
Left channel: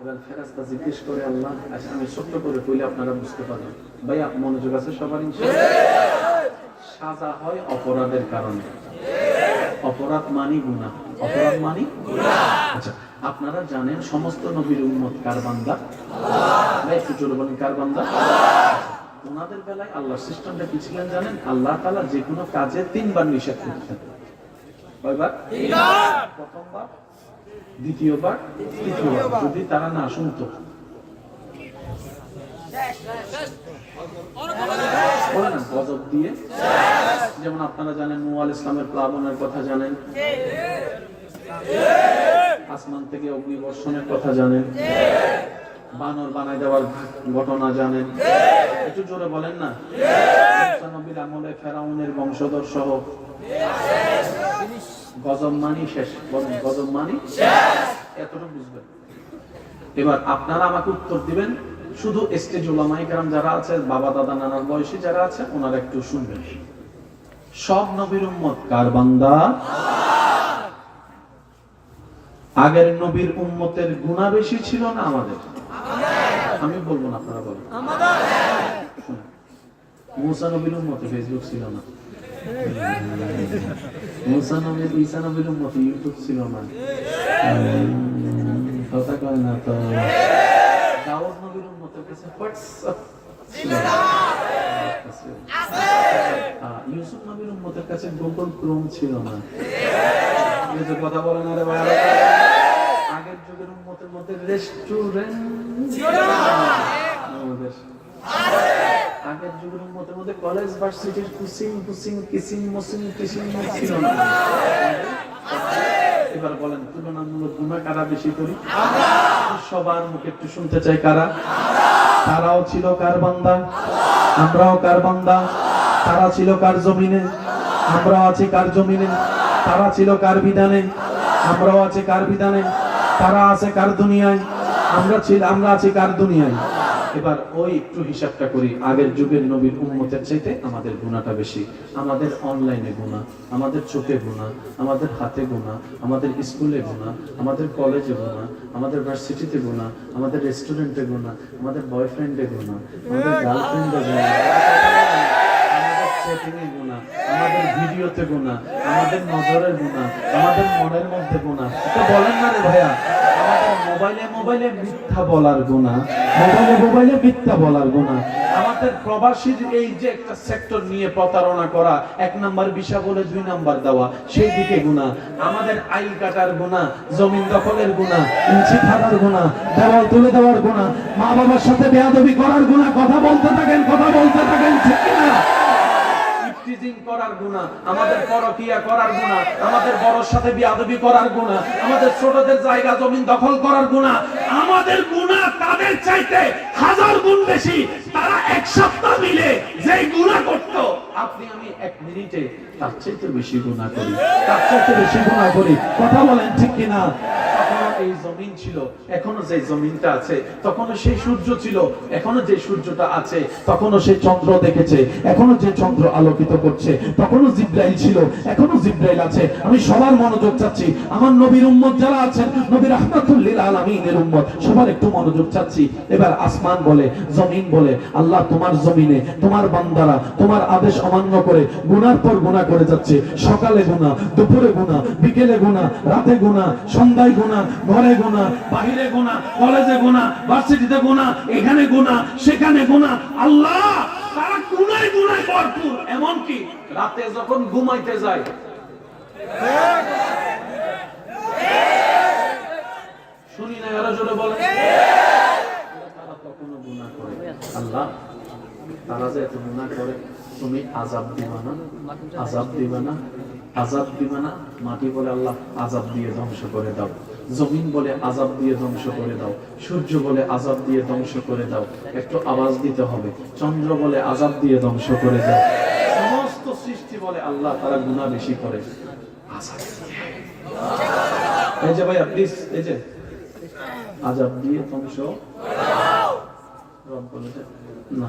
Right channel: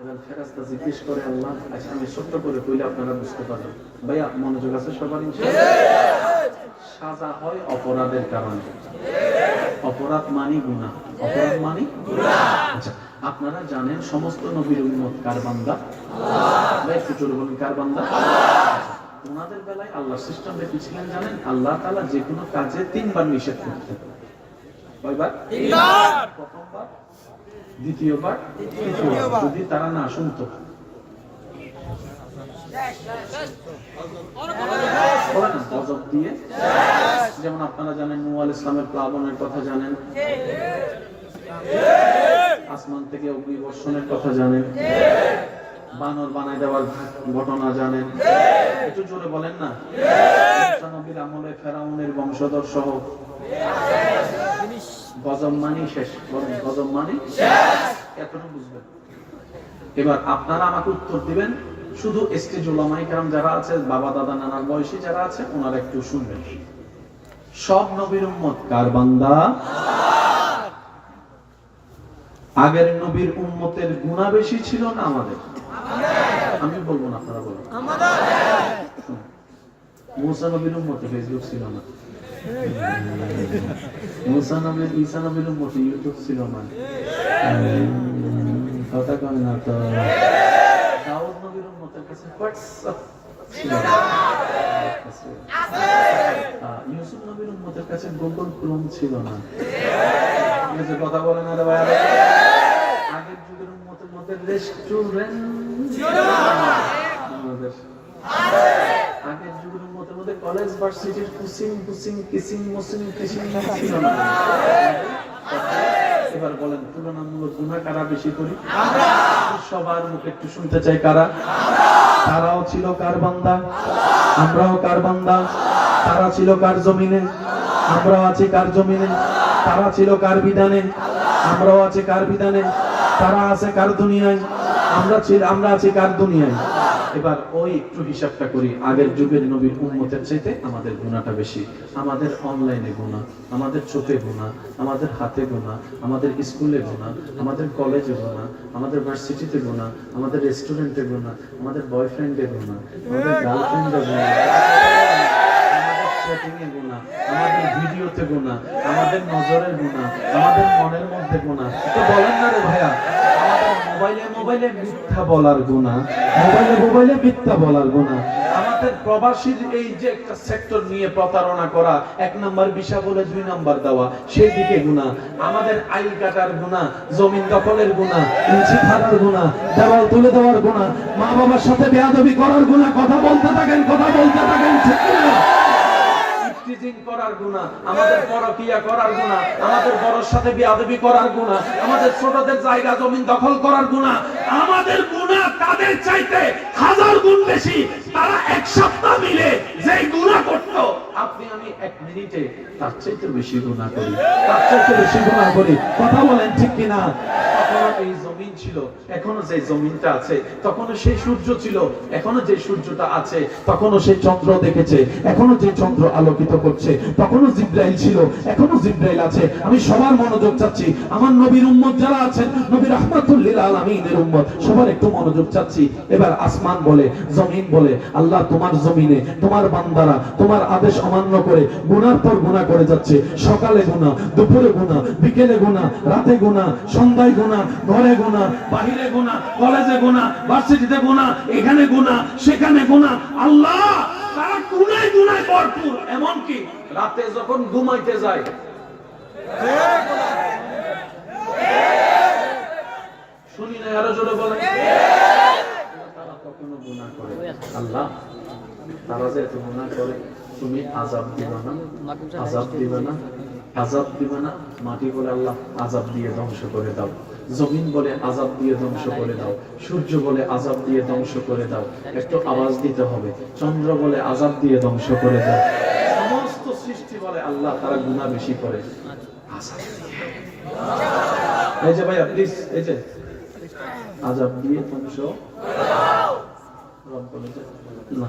এবার ফেরেশতা জিজ্ঞেস করে, আল্লাহ আচ্ছা আমি সত্য করে কইলে আপনারা বুঝতে পারবেন। ভাইয়া মনোযোগ আছে সবার? সাজা হয় অপরাধের কারণে। অপরাধ মানি গুনাহ, অপরাধ মানি আচ্ছা আপনারা জানেন সমস্ত নবীর উম্মত কার বান্দা? ভাই একটু জোরে বলেন, কার বান্দা? ওনাদের বেলায় আল্লাহ সিস্টেমটা কি ছিলেন জানেন? আল্লাহ তাআলা যে কোনো কাজে 3 বার নিষেধ করতেন। কয়বার? 3 বার। প্রথমবার, দ্বিতীয়বার, তৃতীয়বার। যদি তারা না শুনতো, বলেন না গজব দিয়ে। যেমন আপনারা জানেন নূহ আলাইহিস সালামের প্লাবনের কথা জানেন, আসমান থেকে অগ্নিবর্ষণের কথা জানেন, বানর বানাই দেওয়ার ঘটনা জানেন। একটু জোরে বলেন না। মুসা নবীর আমলে ফেরাউনের বংশধর সহ গজব মানি শেষ। বলেন গজব মানি শেষ। এতটুকু বুঝবেন। এবার আপনারা আমাকে উত্তর দিবেন, শুধু স্টেজ উলামায়ে কেরাম যারা আছে, বাবা দাদা নানার বয়সী যারা আছে, ওনারা একটু শুনবেন। সব নবীর উম্মত কার বান্দা? আগের নবীর উম্মতের গুনাহ বেশি ছিল না আমাদের? আমি বলবো না, আপনারা বলেন। আমাদের মুসা নবীর উম্মতে ফেসবুক ছিল না, মুসা নবীর ঈসা নবীর উম্মতে ইউটিউব ছিল না, কথা কয় না তো। দাউদ নবীর উম্মতের কাছে হোয়াটসঅ্যাপ ছিল না, ইউসুফ নবীর উম্মতের কাছে গুগল ক্রোম ছিল না। কিছু কথা বলে না রে ভাই। আগের যুগের উম্মতের মধ্যে রেস্টুরেন্ট ছিল না আমাদের। আগের যুগের উম্মতের মধ্যে কলেজ ভার্সিটির কিসিং ছিল না। এবার বলেন তুলনামূলক গুনাহ কারা বেশি করি? আমরা। সবার মুখে একটু শুনতে চাই, কারা? তারাও ছিল কার বান্দা? আমরাও কার বান্দা? তারা ছিল কার জমিনে? আমরাও আছি কার জমিনে? তারা ছিল কার বিধানে? আমরাও আছি কার বিধানে? তারা আছে কার দুনিয়ায়? আমরা আছি কার দুনিয়ায়? এবার ওই একটু হিসাবটা করি। আগের যুগের নবীর উম্মতের চাইতে আমাদের গুনাহটা বেশি। আমাদের অনলাইনে গুনাহ, আমাদের চোখে গুনাহ, আমাদের হাতে গুনাহ, আমাদের স্কুলে গুনাহ, আমাদের কলেজে গুনাহ, আমাদের ভার্সিটিতে গুনাহ, আমাদের রেস্টুরেন্টে গুনাহ, আমাদের বয়ফ্রেন্ডে গুনাহ, আমাদের গার্লফ্রেন্ডে গুনাহ, আমাদের চ্যাটিংয়ে গুনাহ, আমাদের ভিডিওতে গুনাহ, আমাদের নজরের গুনাহ, আমাদের মনের মধ্যে গুনাহ। তো বলেন না রে ভাইয়া, আমাদের মোবাইলে মিথ্যা বলার গুনাহ, মোবাইলে মিথ্যা বলার গুনাহ, আমাদের প্রবাসীর এই যে একটা সেক্টর নিয়ে প্রতারণা করা, 1 নাম্বার ভিসা বলে 2 নাম্বার দেওয়া, সেই দিকে গুনাহ, আমাদের আইল কাটার গুনাহ, জমিন দখলের গুনাহ, ইঞ্চি ফাড়ার গুনাহ, দেওয়াল তুলে দেওয়ার গুনাহ, মা বাবার সাথে বেয়াদবি করার গুনাহ। কথা বলতে থাকেন ঠিক না? টিজিং করার গুনাহ, আমাদের পরকিয়া করার গুনাহ, আমাদের বড়র সাথে বেয়াদবি করার গুনাহ, আমাদের ছোটদের জায়গা জমিন দখল করার গুনাহ। আমাদের গুনাহ তাদের চাইতে 1000 গুণ বেশি। তারা 1 সপ্তাহ মিলে যেই গুনাহ করত, আপনি আমি 1 মিনিটে তার চাইতে বেশি গুনাহ করি, তার চাইতে বেশি গুনাহ করি। কথা বলেন ঠিক কি না? তখনও এই জমিন ছিল, এখনো যে জমিনটা আছে, তখনও সেই সূর্য ছিল, এখনো যে সূর্যটা আছে, তখনও সেই চন্দ্র দেখেছে, এখনো যে চন্দ্র আলোকিত করছে, তখনও জিব্রাইল ছিল, এখনো জিব্রাইল আছে। আমি সবার মনোযোগ চাচ্ছি, আমার নবীর উম্মত যারা আছেন, নবী রাহমাতুল লিল আলামিনের উম্মত, সবার একটু মনোযোগ চাচ্ছি। এবার আসমান বলে, জমিন বলে, আল্লাহ তোমার জমিনে তোমার বান্দারা তোমার আদেশ অমান্য করে গুনার পর গুনাহ করে যাচ্ছে। সকালে গুনাহ, দুপুরে গুনাহ, বিকেলে গুনাহ, রাতে গুনাহ, সন্ধ্যায় গুনাহ, ঘরে গুনাহ, বাহিরে গুনাহ, কলেজে গুনাহ, ভার্সিটিতে গুনাহ, এখানে গুনাহ, সেখানে গুনাহ। আল্লাহ তারা গুনায় ভরপুর। এমন কি রাতে যখন ঘুমাইতে যায়, শুনি না আরো জোরে বলেন, তারা কখনো গুনাহ করে। আল্লাহ তারা যে এত গুনাহ করে, তুমি আযাব দিবা না, আযাব দিবা না, আযাব দিবা না। মাটি বলে আল্লাহ আযাব দিয়ে ধ্বংস করে দাও, জমিন বলে আযাব দিয়ে ধ্বংস করে দাও, সূর্য বলে আযাব দিয়ে ধ্বংস করে দাও। একটু আওয়াজ দিতে হবে। চন্দ্র বলে আযাব দিয়ে ধ্বংস করে দাও। সমস্ত সৃষ্টি বলে আল্লাহ তারা গুনাহ বেশি করে, আযাব দিয়ে। এই যে ভাইয়া প্লিজ, এই যে আযাব দিয়ে ধ্বংস। রব বলে যে না,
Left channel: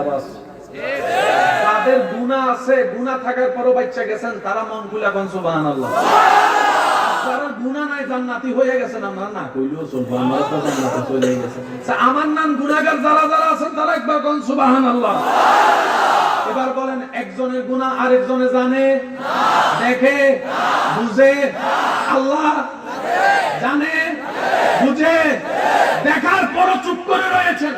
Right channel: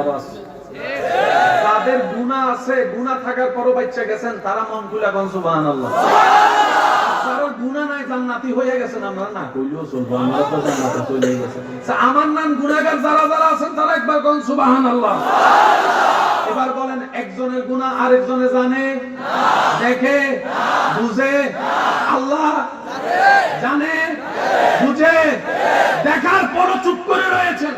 আওয়াজ। যাদের গুনাহ আছে, গুনাহ থাকার পরও বাচ্চা গেছেন, তারা মন খুলে কোন সুবহানাল্লাহ। যারা গুনাহ নাই জান্নাতি হয়ে গেছেন, আমরা না কইলেও চলবে, আমরা তো জান্নাতে চলে গেছে। আমার নাম গুনাহগার যারা যারা আছেন তারা একবার কোন সুবহানাল্লাহ। এবার বলেন, একজনের গুনাহ আরেকজনে জানে, দেখে, বুঝে? আল্লাহ জানে, বুঝে, দেখার পরও চুপ করে রয়েছেন।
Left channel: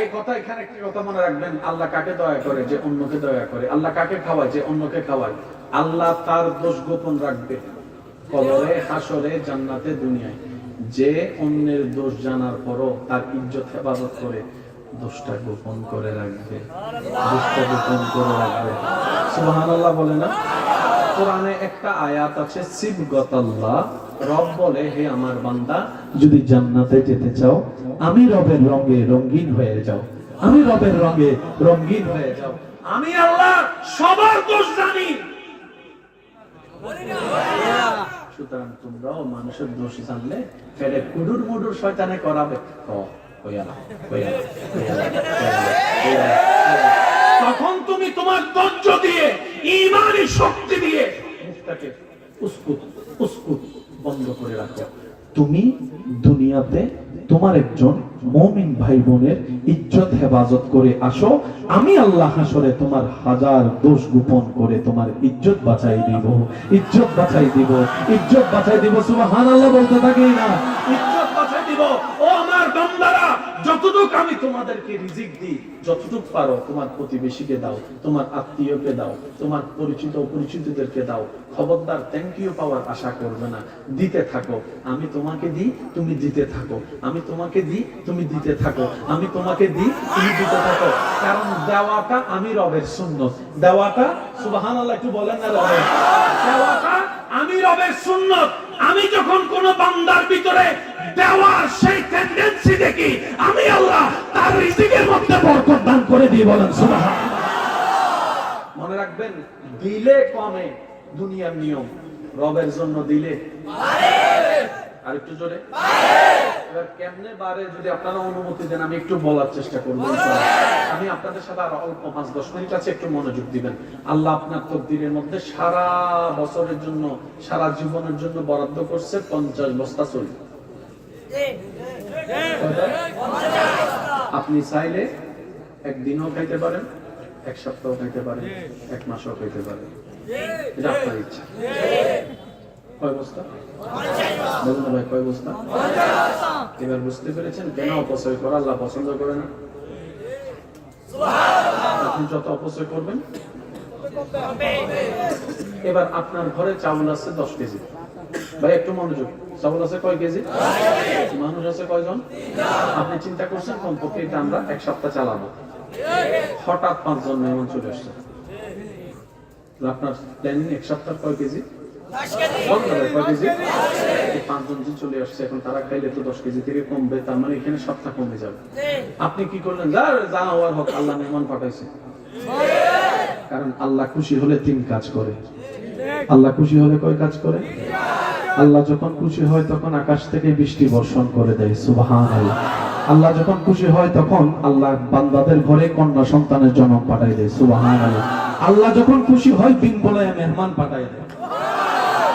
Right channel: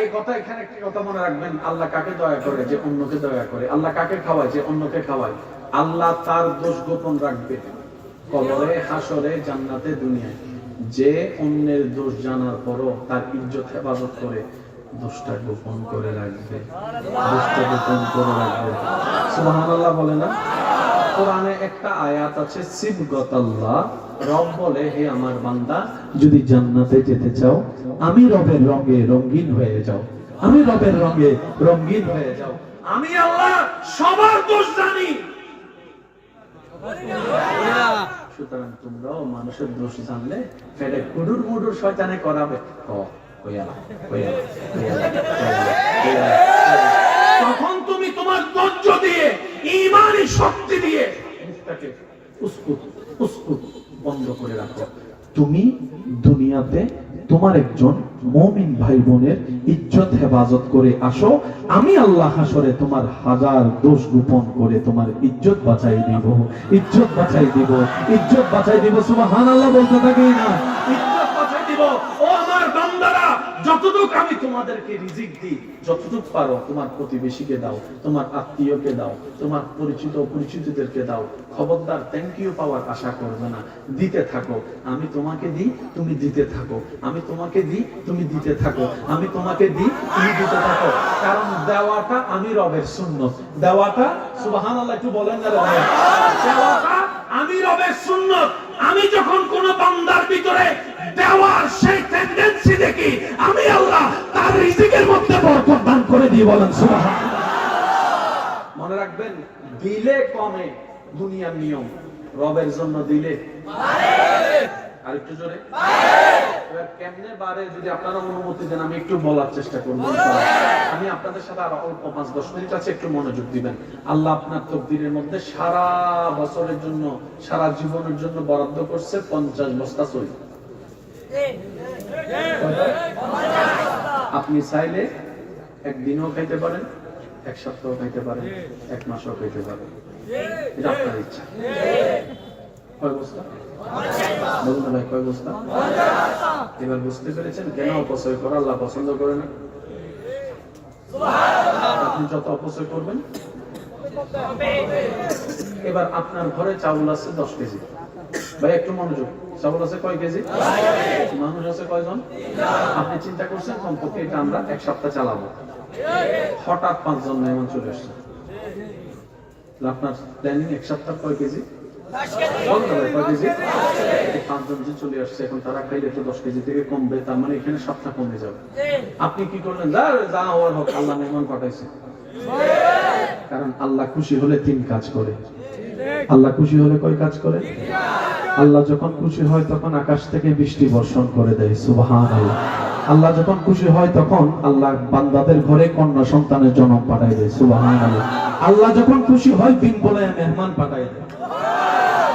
এই কথা, এখানে একটা কথা মনে রাখবেন, আল্লাহ কাকে দয়া করে? যে অন্যকে দয়া করে। আল্লাহ কাকে খাওয়ায়? যে অন্যকে খাওয়ায়। আল্লাহ তার দোষ গোপন রাখবে কবরে, হাসরে, জান্নাতে, দুনিয়ায়। যে অন্যের দোষ জানার পরও তার ইজ্জত হেফাজত করে, দোষটা গোপন করে রাখবে, দোষটা গোপন করে রাখবে। সুবহানাল্লাহ বলে না? কোরআনে একটা আয়াত আছে, সিবগাতাল্লাহ, রব বলে, হে আমার বান্দা, যদি জান্নাতে যেতে চাও, আমি রবের রঙে রঙিন হয়ে যাও, আমি রবের রঙে রঙিন হয়ে যাও। আমি আল্লাহ সবার দোষ জানি। সুতরাং তোমরাও মানুষের দোষ জানলে ফেরে কুডুর মুডুর শয়তানে করাবে। তখন তুমি তোমার ধৈর্য দিয়ে, ঈমানি শক্তি দিয়ে মুখটাকে উস্কুত উস্কুত বন্ধ করে রাখো। তুমি দুনিয়াতে তোমার একজন মুমিন ভাই বোনের ইজ্জত হেফাজত করে আসো, আমি আল্লাহ হাসরে তোমার হাজার দোষ গোপন করে তোমার ইজ্জত বাঁচাই দিব, ইজ্জত বাঁচাই দিব, ইজ্জত বাঁচাই দিব। সুবহানাল্লাহ বলতে থাকি না? ইজ্জত বাঁচাই দিব। ও আমার বান্দারা, যতটুকু আমি তোমাদেরকে রিজিক দিই, যতটুকু পারো তোমার প্রতিবেশীকে দাও, তোমার আত্মীয়কে দাও, তোমার পরিচিত অপরিচিতদেরকে দাও। খবরদার থ্যাংক ইউ পাওয়ার আশা করবে না, দিতে থাকো। আমি তোমাকে দিই, তুমি দিতে থাকো। আমি তোমাকে দিই, তুমি দিতে থাকো। আমি তোমাকে দিই, তুমি দিতে থাকো। কারণ দেওয়াটা আমি রবের সুন্নত। দেওয়াটা, সুবহানাল্লাহ একটু বলেন না রে ভাই, দেওয়াটা আমি রবের সুন্নত। আমি যখন কোন বান্দার ভিতরে দেওয়ার সেই টেন্ডেন্সি দেখি, আমি আল্লাহ তার রিজিকের মধ্যে বরকত দান করে দিই। বলেন সুবহানাল্লাহ। মনে রাখবেন, দিলে কমে দুনিয়ার নিয়ম, রবের জন্য দিলে আর একটু জোরে। এবার কেমনে বারে, যদি আপনারা অনুমতি দেন আমি একটু বলার চেষ্টা করব। আমি আপনাদের সাথে আর অল্প 5-10 মিনিট আছে, একটু মনোযোগ দিবেন। আল্লাহ আপনার তকদিরের মধ্যে সারা বছরের জন্য, সারা জীবনের জন্য বরাদ্দ করছে 50 বস্তা চুল। আপনি চাইলে একদিনও খাইতে পারেন, এক সপ্তাহ খাইতে পারেন, এক মাসও খাইতে পারেন, এটা আপনার ইচ্ছা। কয় বস্তা? বলুন না ভাই, কয় বস্তা? এবার বুঝতে পেরেছেন কেন অপচয় করা আল্লাহ পছন্দ করে না? আপনি যত অপচয় করবেন। এবার আপনার ঘরে চাউল আছে 10 কেজি। ভাই একটু মনোযোগ, চাউল আছে কয় কেজি? মানুষ আছে কয়জন? আপনি চিন্তা করছেন কমপক্ষে এটা আমরা এক সপ্তাহ চালাবো। হঠাৎ 5 জন মেহমান চলে আসছে, আপনার প্ল্যানিং এক সপ্তাহ কয় কেজি? 10 কেজি। 5 জন যে চলে আসছে, এখন তারা খাইলে তো 10 কেজি থেকে কমবে, তার মানে এখানে সপ্তাহ কমে যাবে। আপনি কি করলেন? যা হওয়ার হোক, আল্লাহ মেহমান পাঠাইছে। কারণ আল্লাহ খুশি হলে 3 কাজ করে। আল্লাহ খুশি হলে কয় কাজ করে? আল্লাহ যখন খুশি হয় তখন আকাশ থেকে বৃষ্টি বর্ষণ করে দেয়। সুবহানাল্লাহ। আল্লাহ যখন খুশি হয় তখন আল্লাহ বান্দাদের ঘরে কন্যা সন্তানের জন্ম পাঠায় দেয়। সুবহানাল্লাহ। আল্লাহ যখন খুশি হয় বিন বলে মেহমান পাঠায় দেয়।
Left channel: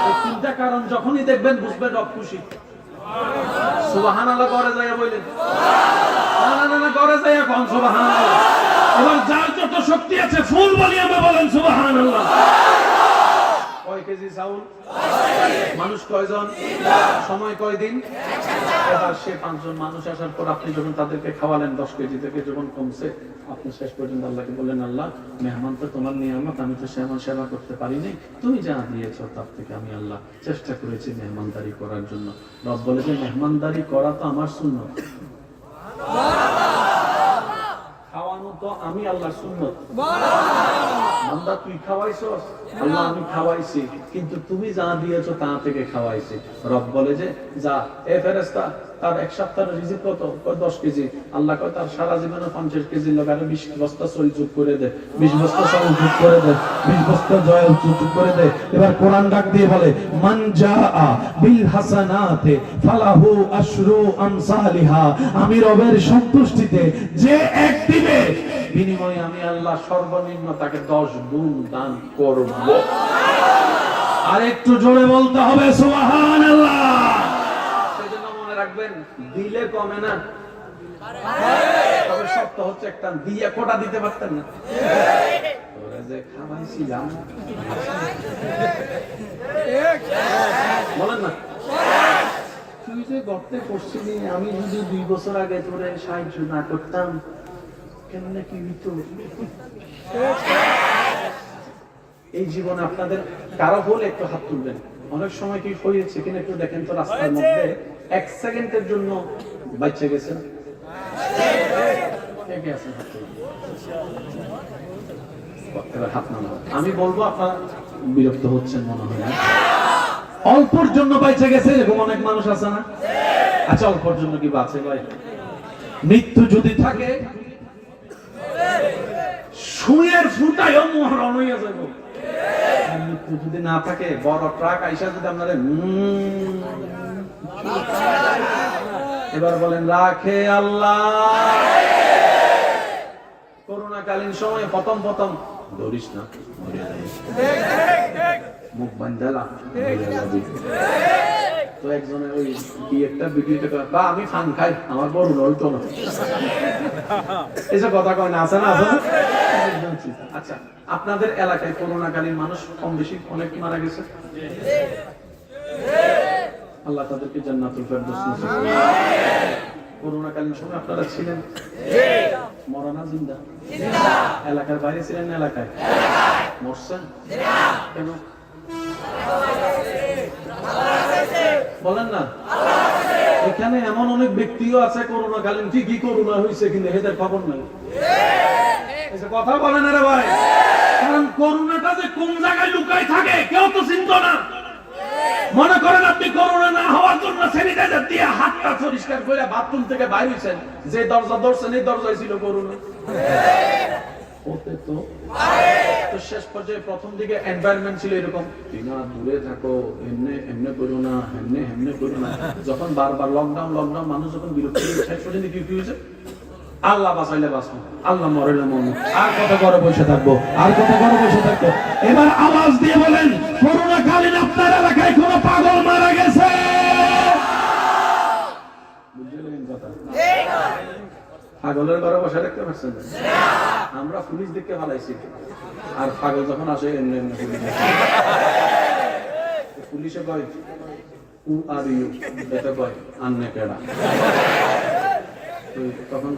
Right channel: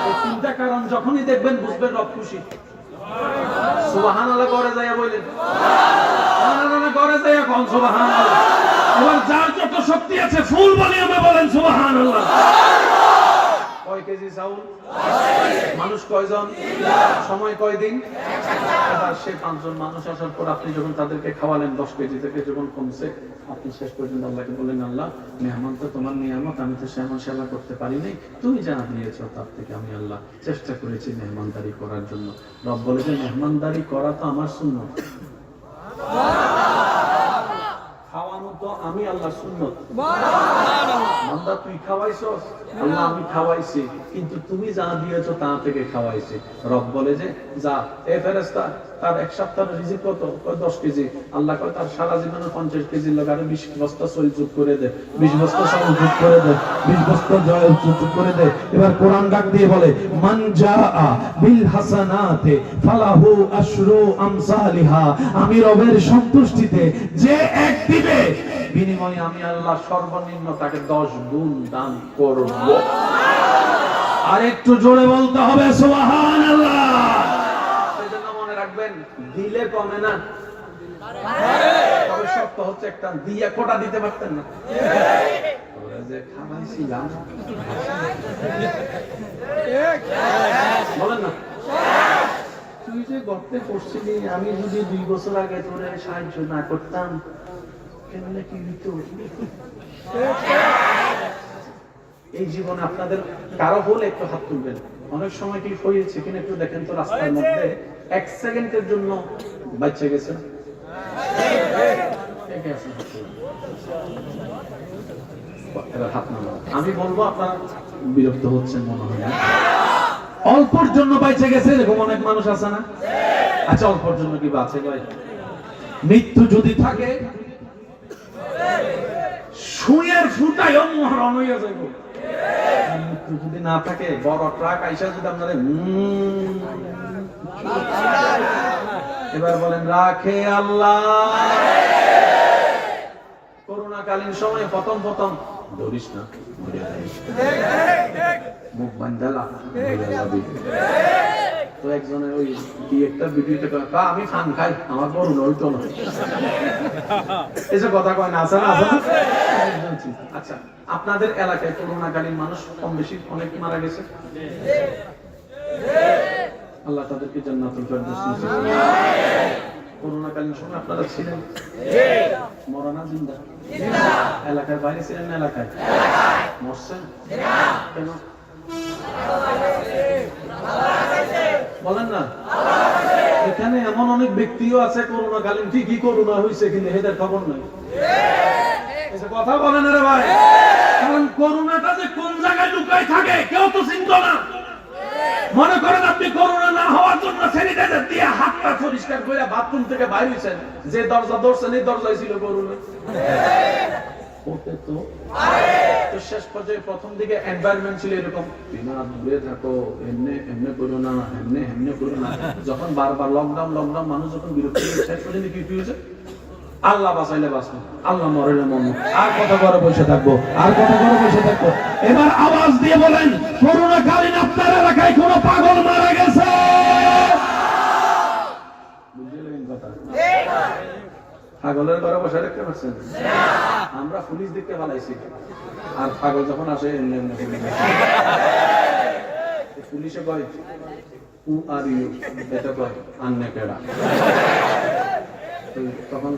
এই 3টা কারণ যখনই দেখবেন বুঝবেন রব খুশি। সুবহানাল্লাহ করে যায় বলেন, না করে যায় কোন সুবহানাল্লাহ। এবার যার যত শক্তি আছে ফুল বলি আমরা, বলেন সুবহানাল্লাহ। কয় কেজি চাউল? মানুষ কয়জন? সময় কয়দিন? এবার সে 5 জন মানুষ আসার পর আপনি যখন তাদেরকে খাওয়ালেন, 10 কেজি থেকে যখন কমছে, আপনি শেষ পর্যন্ত আল্লাহকে বললেন, আল্লাহ মেহমান তো তোমার নিয়ামত, আমি তো সেমন সেবা করতে পারি নাই, তুমি যা দিয়েছ তার থেকে আমি আল্লাহ চেষ্টা করেছি মেহমানদারি করার জন্য। রব বলে যে মেহমানদারি করা তো আমার সুন্নত। খাওয়ানো তো তো আমি আল্লাহর সুন্নত। বান্দা তুই খাওয়াইছস, আল্লাহ আমি খাওয়াইছি, কিন্তু তুমি যা দিয়েছো তা থেকে খাওয়াইছি। রব বলে যে যা এ ফেরেশতা তার এক সপ্তাহের রিজিক কত? 10 কেজি। আল্লাহ কয় তার সারা জীবনের 50 কেজি লাগারে 20 বস্তা সই যোগ করে দে, 20 বস্তা সই যোগ করে দে, 20 বস্তা জয় যোগ করে দে। এবার কোরআন ডাক দিয়ে বলে মান জাআ বিল হাসানাতে ফালাহু আশরু আমসালিহা। আমি রবের সন্তুষ্টিতে যে এক দিবে বিনিময়ে আমি আল্লাহ সর্বনিম্ন তাকে 10 গুণ দান করব। আর একটু জোরে বলতে হবে সুবহানাল্লাহ। সেজন্য মনে রাখবেন দিলে কমে না, তবে শর্ত হচ্ছে একটা, দিয়া কোটা দিতে পারতেন না। ওরা যে খাওয়াইছিলাম বলেন না, তুই যে গর্তে পড়ছিলি, আমি যদি 2 বছর আগে তোরে সাহায্য না করতাম কেমনে কি হইতো? এই জীবনে আপনাদের কারো হলে একটু হাত তুলবেন। অনেক সময় কি হয়েছে কিনা একটু দেখেন তো, রাস্তার মধ্যে 1 সেকেন্ডের জন্য বাচ্চা গেছেন, এবার হাত নামান। আমি বলবো আপনারা বিরক্ত হচ্ছেন মনে হয়, অল্পর জন্য বাইচে গেছে এরকম অনেক মানুষ আছে না? আচ্ছা অল্পর জন্য কি বাঁচে ভাই? মৃত্যু যদি থাকে সুয়ের ফুটায়ও মহরণ হইয়া যাইব। মৃত্যু যদি না থাকে বড় ট্রাক আইসা যদি আপনারা এবার বলেন রাখে আল্লাহ। করোনাকালীন সময়ে প্রথম ধরিস না, মুখ বান্ধালা তো একজনের ওই কি একটা ভিডিওতে বা আমি ফান খাই, আমার বড় হইতো না, এসব কথা কয় না, আছে না? আচ্ছা আপনাদের এলাকায় করোনাকালীন মানুষ কম বেশি অনেক মারা গেছে, আল্লাহ তাদেরকে জান্নাতুল ফেরদৌস নসিব করুন। করোনাকালীন সময় আপনারা ছিলেন মরা না জিন্দা? এলাকার বাইরে ছিলেন না এলাকায়? মরছেন কেন বলেন না? এখানে এমন অনেক ব্যক্তিও আছে করোনাকালীন ঠিকই করোনা হয়েছে কিন্তু এদের খবর নাই। কথা বলেন রে ভাই, কারণ করোনাটা যে কোন জায়গায় লুকাই থাকে কেউ তো চিনত না। মনে করেন আপনি করোনা না হওয়ার জন্য স্যানিটাইজার দিয়ে হাতটা পরিষ্কার করে বাথরুম থেকে বাইরে হইছেন, যে দরজা ধরছেন এই দরজায় ছিল করোনা। তো শেষ পর্যায়ে প্রথম দিকে এনভায়রনমেন্ট ছিল এরকম, না দূরে থাকো, এমনি এমনি করো না, এমনি এমনি করো না। যখন বারবার লকডাউন মানুষ যখন বিরক্ত হয়ে শেষ পর্যন্ত কি হয়েছে? আল্লাহ বাঁচাইলে বাঁচবো, আল্লাহ মরাইলে মরবো, আর কত ঘরে বসে থাকবো, আর কত ঘরে বসে থাকবো। এবার আওয়াজ দিয়ে বলেন করোনাকালীন আপনার এলাকায় কোন পাগল মারা গেছে? বুঝলেন কথা? পাগলের ঘরে বসে রাখতে পারছেন? আমরা পুলিশ দেখতে পালাইছি, আর পাগল যখন আসে পুলিশে কয় হু আর ইউ, এটা কয় আন্নে কেডা। তখন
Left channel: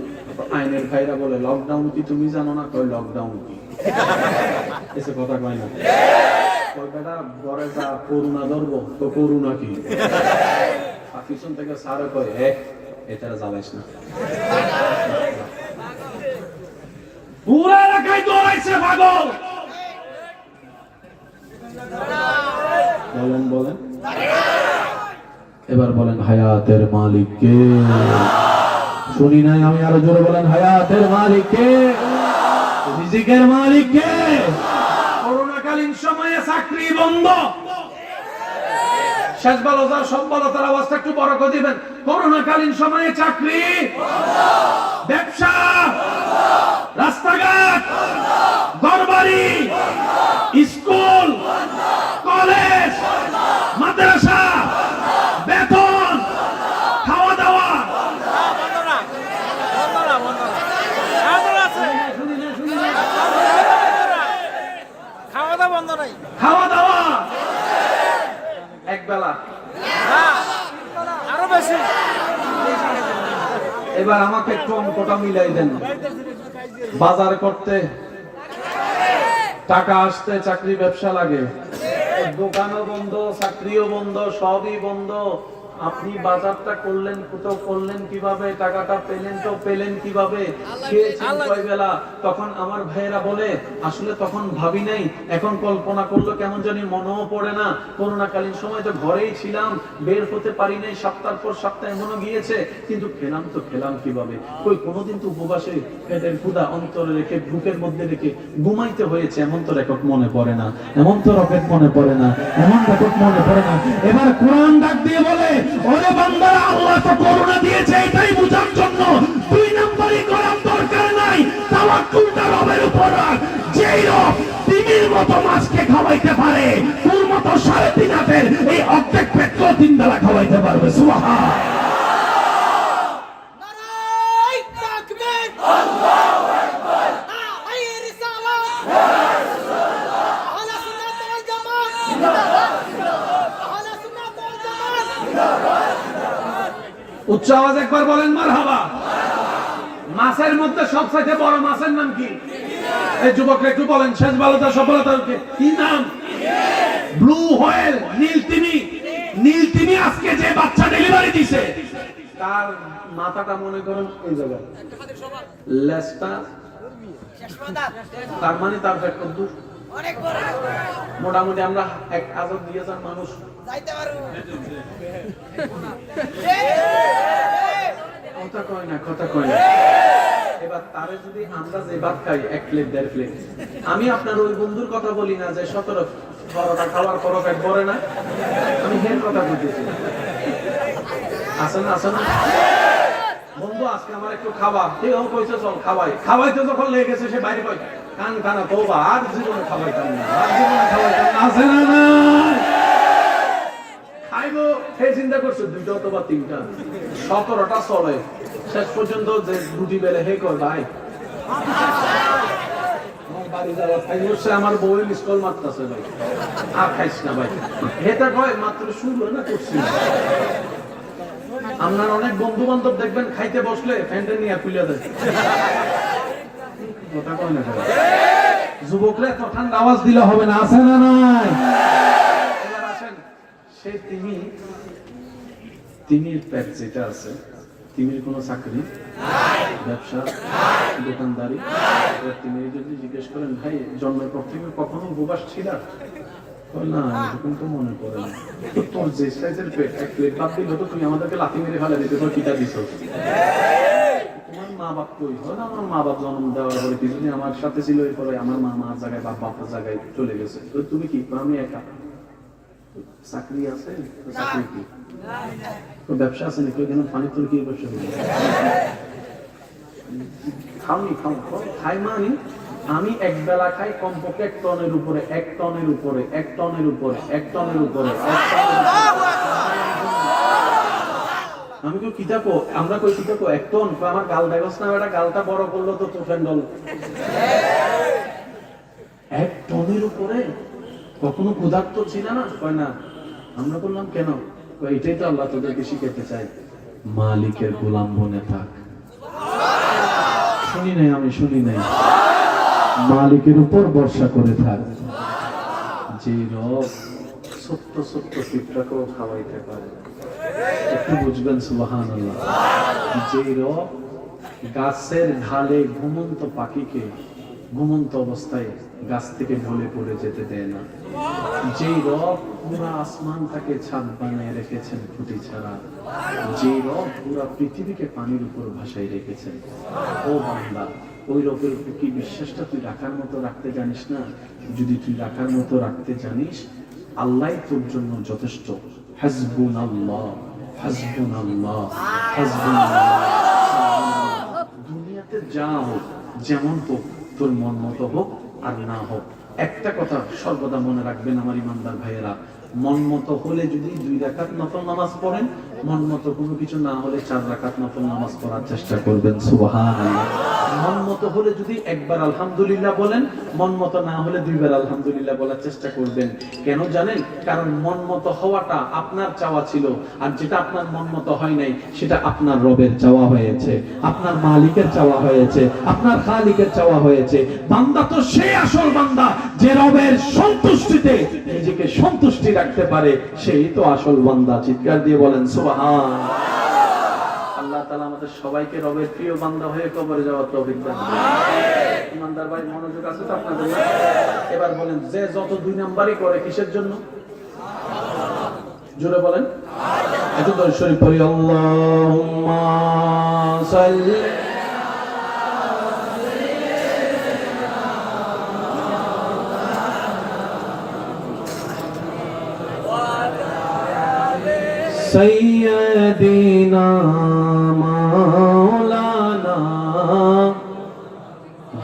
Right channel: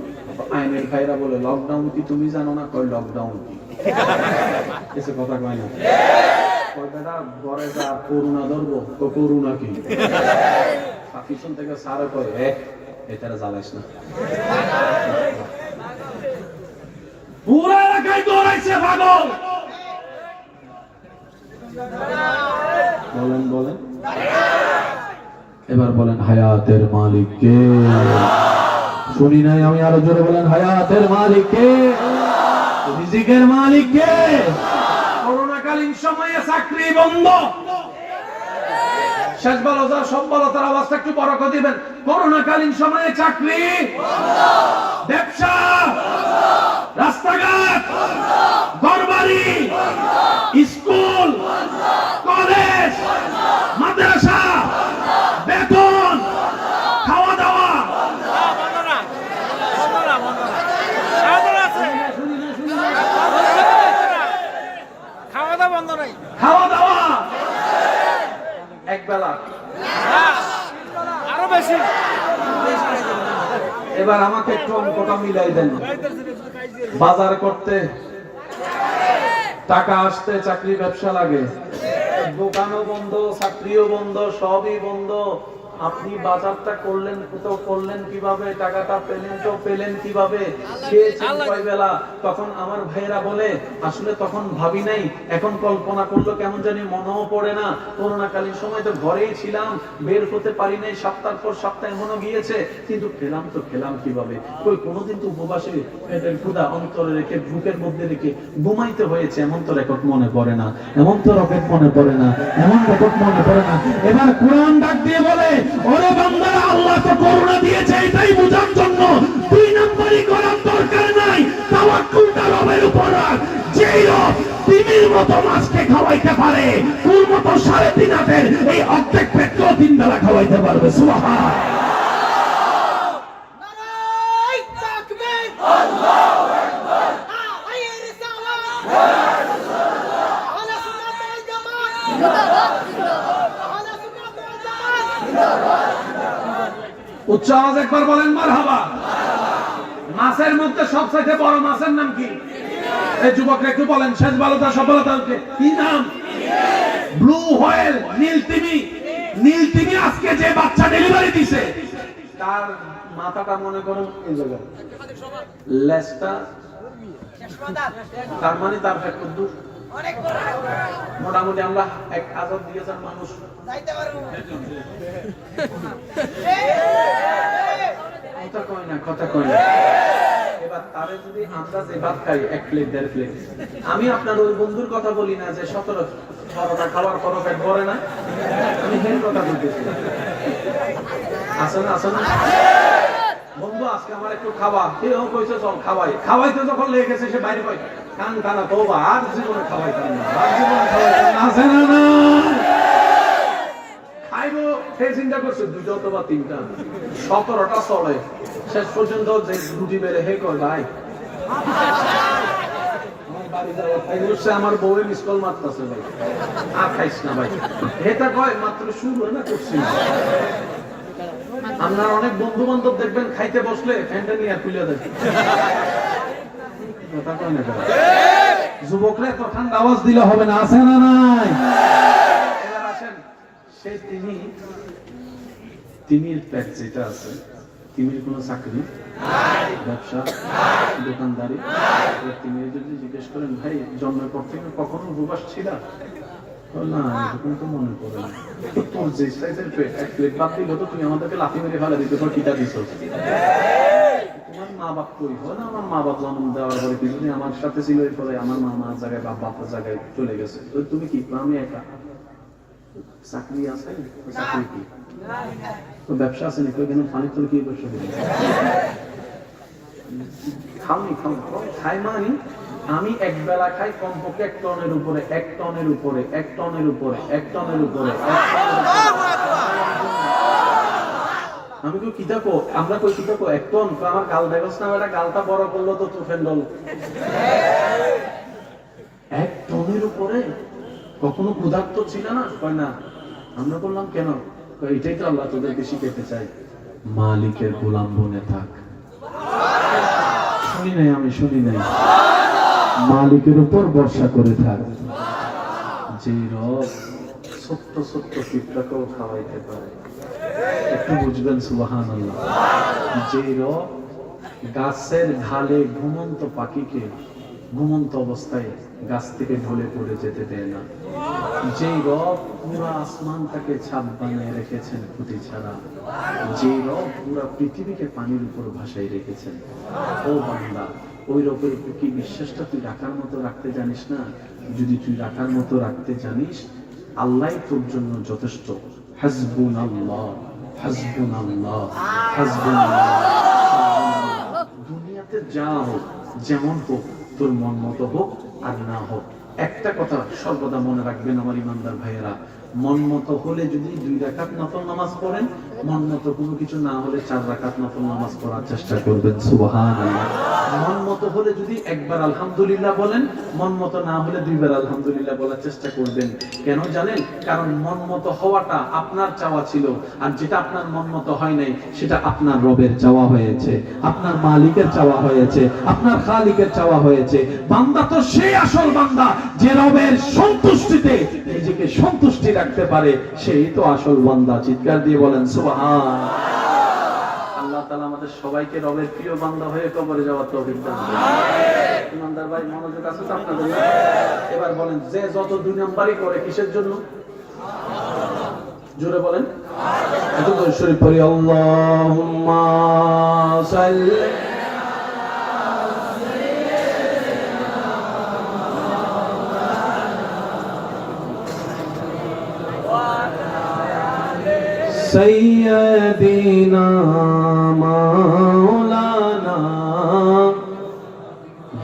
আইনের ভাইরা বলে লকডাউন কি তুমি জানো না? কয় লকডাউন কি, এসে কথা কয় না। কয় বেটা ঘরে যা করোনা ধরবো, তো করোনা কি? পিছন থেকে সারে কয় এটারা জ্বালাইস না। পুরো এলাকায় দৌড়াইছে পাগল। বলেন এবার বলেন হায়াতের মালিক কে? শুনি নাই আমি, আরো জোরে বলেন হায়াতের মালিক কে? রিজিকের মালিক কে? করোনাকালীন সময়ে চাকরি বন্ধ, শেষ ভালো যা সব ভালো তার অবস্থা একটু বড় করে দিবেন। করোনাকালীন সময়ে চাকরি, ব্যবসা, রাস্তাঘাট, ঘরবাড়ি, স্কুল, কলেজ, মাদ্রাসা, বেতন, খাওয়া দাওয়া, খাওয়া দাওয়া এক বেলা, আরো বেশি। এবার আমাকে একটু অঙ্কটা মিলাই দেন। বাজার করতে টাকা আসতে চাকরি ব্যবসা লাগে, দোকানও বন্ধ, চাকরিও বন্ধ, সবই বন্ধ। আপনি বাজারটা করলেন, কোথাও করলেন কিভাবে, টাকাটা পেলেন তো পেলেন কিভাবে, খেয়েছেন কয় বেলা? তখন আমার ভাইয়েরা বলে আসলে তখন ভাবি নাই, এখন কল্পনা করলো কেমন জানি মনেও পড়ে না। করোনাকালীন সময় তো ঘরেই ছিলাম, বের হতে পারি নাই, সপ্তাহ পর সপ্তাহ এমনও গিয়েছে, কিন্তু খেলাম তো খেলাম কিভাবে? কই কোনোদিন তো উপবাসে পেটের ক্ষুধা অন্তরে রেখে বুকের মধ্যে রেখে ঘুমাইতে হয়েছে, এমন তো রেকর্ড মনে পড়ে না, এমন তো রকেট মনে পড়ে না, এমন রেকর্ড মনে পড়ে না। এবার কোরআন ডাক দিয়ে বলে, ওরে বান্দারা, আল্লাহ তো করুণা দিয়েছে এটাই বোঝার জন্য, দুই নম্বরই করার দরকার নাই, তাওয়াক্কুলটা রবের উপর রাখ। যেই রব তিমির মতো মাছকে খাওয়াইতে পারে, তোর মতো 3.5 হাতের এই অর্ধেক পেটকেও 3 বেলা খাওয়াইতে পারবে। সুবহান। উচ্চ আওয়াজ একবার বলেন মারহাবা। মাছের মধ্যে সবচাইতে বড় মাছের নাম কি? এই যুবকরা একটু বলেন, শেষ বালতা সফলতার কি নাম? ব্লু হোয়েল, নীল তিমি। নীল তিমি আজকে যে বাচ্চা ডেলিভারি দিছে, তার মাথাটা মনে করেন এই জায়গায়, লেজটা তার মানে তার পেট কত দূর? মোটামুটি আমরা 1,000-2,000 মানুষ যাইতে পারবো। কথা কয় না, কথা কয় না। এবার তারে যদি আমরা যে ভাত খাই 1 প্লেট 1.5 প্লেট, আমি আপনার ওই বন্ধুর কথা বলি না যে 17-18টা খাওয়ার পরও পেট ভরে না, আমি হের কথা বলতেছি। আছে না, আছে না বন্ধু, আজকে আমার একটু খাওয়া, কেউ কইছে চল খাওয়াই, খাওয়াইতে যখন লেগে গেছে সে বাইরে কয় কান খানা তোবা, আর জীবনে খাওয়াইতাম না, আর জীবনে খাওয়াইতাম না। আছে না? না খাইবো হে চিন্তা করছে 2টা অথবা 3টা, 17টা চলে, শেষ পর্যন্ত যে রুটি বেলে হে কর ভাই আমার বাড়ি যাওয়া খাইছে, আমার বউ মিস কল মারতাছে ভাই, আর খাইছ না ভাই। হেটা কয় মাত্র শুরু না করছি। আপনার অনেক বন্ধু বান্ধব দেখবেন খাইতে বসলে ফ্যানটা নিয়ে তুলে দেয়, কথা কয় না। যুবকরা এত ঠান্ডা আওয়াজ দিলে হবে না, আছে না? নাই। এবার আসেন, সে তিমির পেট যেটা আছে, তিমির কোনো চাকরি ব্যবসা দোকানদারি, তিমির যদি জিজ্ঞেস করেন ভাই জন্মের পর থেকে কখনো উপবাস ছিল না, এরকম তো মনে পড়ে না। তোর যে সাইজের পেট 1 প্লেট ভাত দিল তো তুমি আমাদেরকে লাথি মেরে ফেলে দিতে, তোর কিটা দিছ? তোমার মা বাপ কই? হয় না, আমার মা বাপ জন্ম দেওয়ার পরে কিছুদিন আমার সাথে ছিল, এরপরে আমার মা মার জায়গায় বাপ বাপের জায়গায় চলে গেছে, তো তুমি কি? আমি একা। চাকরি আছে? চাকরি কি? ব্যবসা আছে নাকি? এখানে পানি তোর কি ব্যবসা করি? খাওনি, খাই মানে আমি এক বেলা খাই কমপক্ষে 1 টনের উপরে, 1 টনের উপরে, 1 টনের উপরে, 1 টনের উপরে, 1 টনের উপরে। আমি তো কিতা কো, আমরা কই কিতা কো 1 টন, আমার গাল দেখছ না, এটা গালটা বড় করলো তো ফেন্ডল 1 টনের উপরে। কখনো ক্ষুধার্ত ছিল না? কয় না। আমরা বললাম কেন? এটাই তো আল্লাহ তোদেরকে শিখাতে চাই, মালিকের গোলাম বনে থাক। শুনি নাই, আমি শুনি নাই। মালিকের উপর ভরসা করে থাক। যে রব ছোট্ট ছোট্ট পিঁপড়াকেও খাওয়াইতে পারে, একটু বুঝবেন সুবহানাল্লাহ। যে রব গাছের ঢালে ঘুমন্ত পাখিকে ঘুমন্ত অবস্থায় গাছ থেকে ঢলে পড়ে যেতে দেয় না, যে রব পুরা আসমানটাকে ছাদ বানিয়ে রেখেছেন খুঁটি ছাড়া, যে রব পুরা পৃথিবীকে পানির উপর ভাসায় রেখেছেন, ও বান্দা ওই রবের কি বিশ্বাসটা তুই রাখার মতো রাখতে জানিস না? যদি তুই রাখার মতো রাখতে জানিস, আল্লাহই তোর জন্য যথেষ্ট। হাসবুনাল্লাহ, হাসবুনাল্লাহ, হাসবুনাল্লাহ। দুনিয়াতে যা হোক, যেমন হোক, তোর মন মতো হোক আর না হোক, একটা কথা সর্বদা মনে রাখবেন আমার ইমানদার ভাইয়েরা, মন মতো হলে যদি 2 রাকাত নফল নামাজ পড়েন, মন মতো কোনো কিছু না হলে 4 রাকাত নফল নামাজ পড়ার চেষ্টা করবেন। সুবহানাল্লাহ। মন মতো হলে যদি একবার আলহামদুলিল্লাহ বলেন, মন মতো না হলে 2 বার আলহামদুলিল্লাহ বলার চেষ্টা করবেন। কেন জানেন? কারণ মন মতো হওয়াটা আপনার চাওয়া ছিল, আর যেটা আপনার মন মতো হয় নাই সেটা আপনার রবের চাওয়া হয়েছে, আপনার মালিকের চাওয়া হয়েছে, আপনার খালিকের চাওয়া হয়েছে। বান্দা তো সেই আসল বান্দা যে রবের সন্তুষ্টিতে নিজেকে সন্তুষ্টি রাখে। রাখতে পারে সেই তো আসল বান্দা। চিৎকার দিয়ে বলেন সুবহান। আল্লাহ তাআলা আমাদের সবাইকে রবের প্রিয় বান্দা হয়ে কবরে যাওয়ার তৌফিক দান করুন। ইমানদার ভাই মনোযোগ আছে তো আপনাদের না? এবার বলেন, যে যত দুই নাম্বারই করে কিসের জন্য? জোরে বলেন। একটু দরুদ শরীফ পড়ি। আল্লাহুম্মা সাল্লি সাইয়্যিদিনা মাওলানা।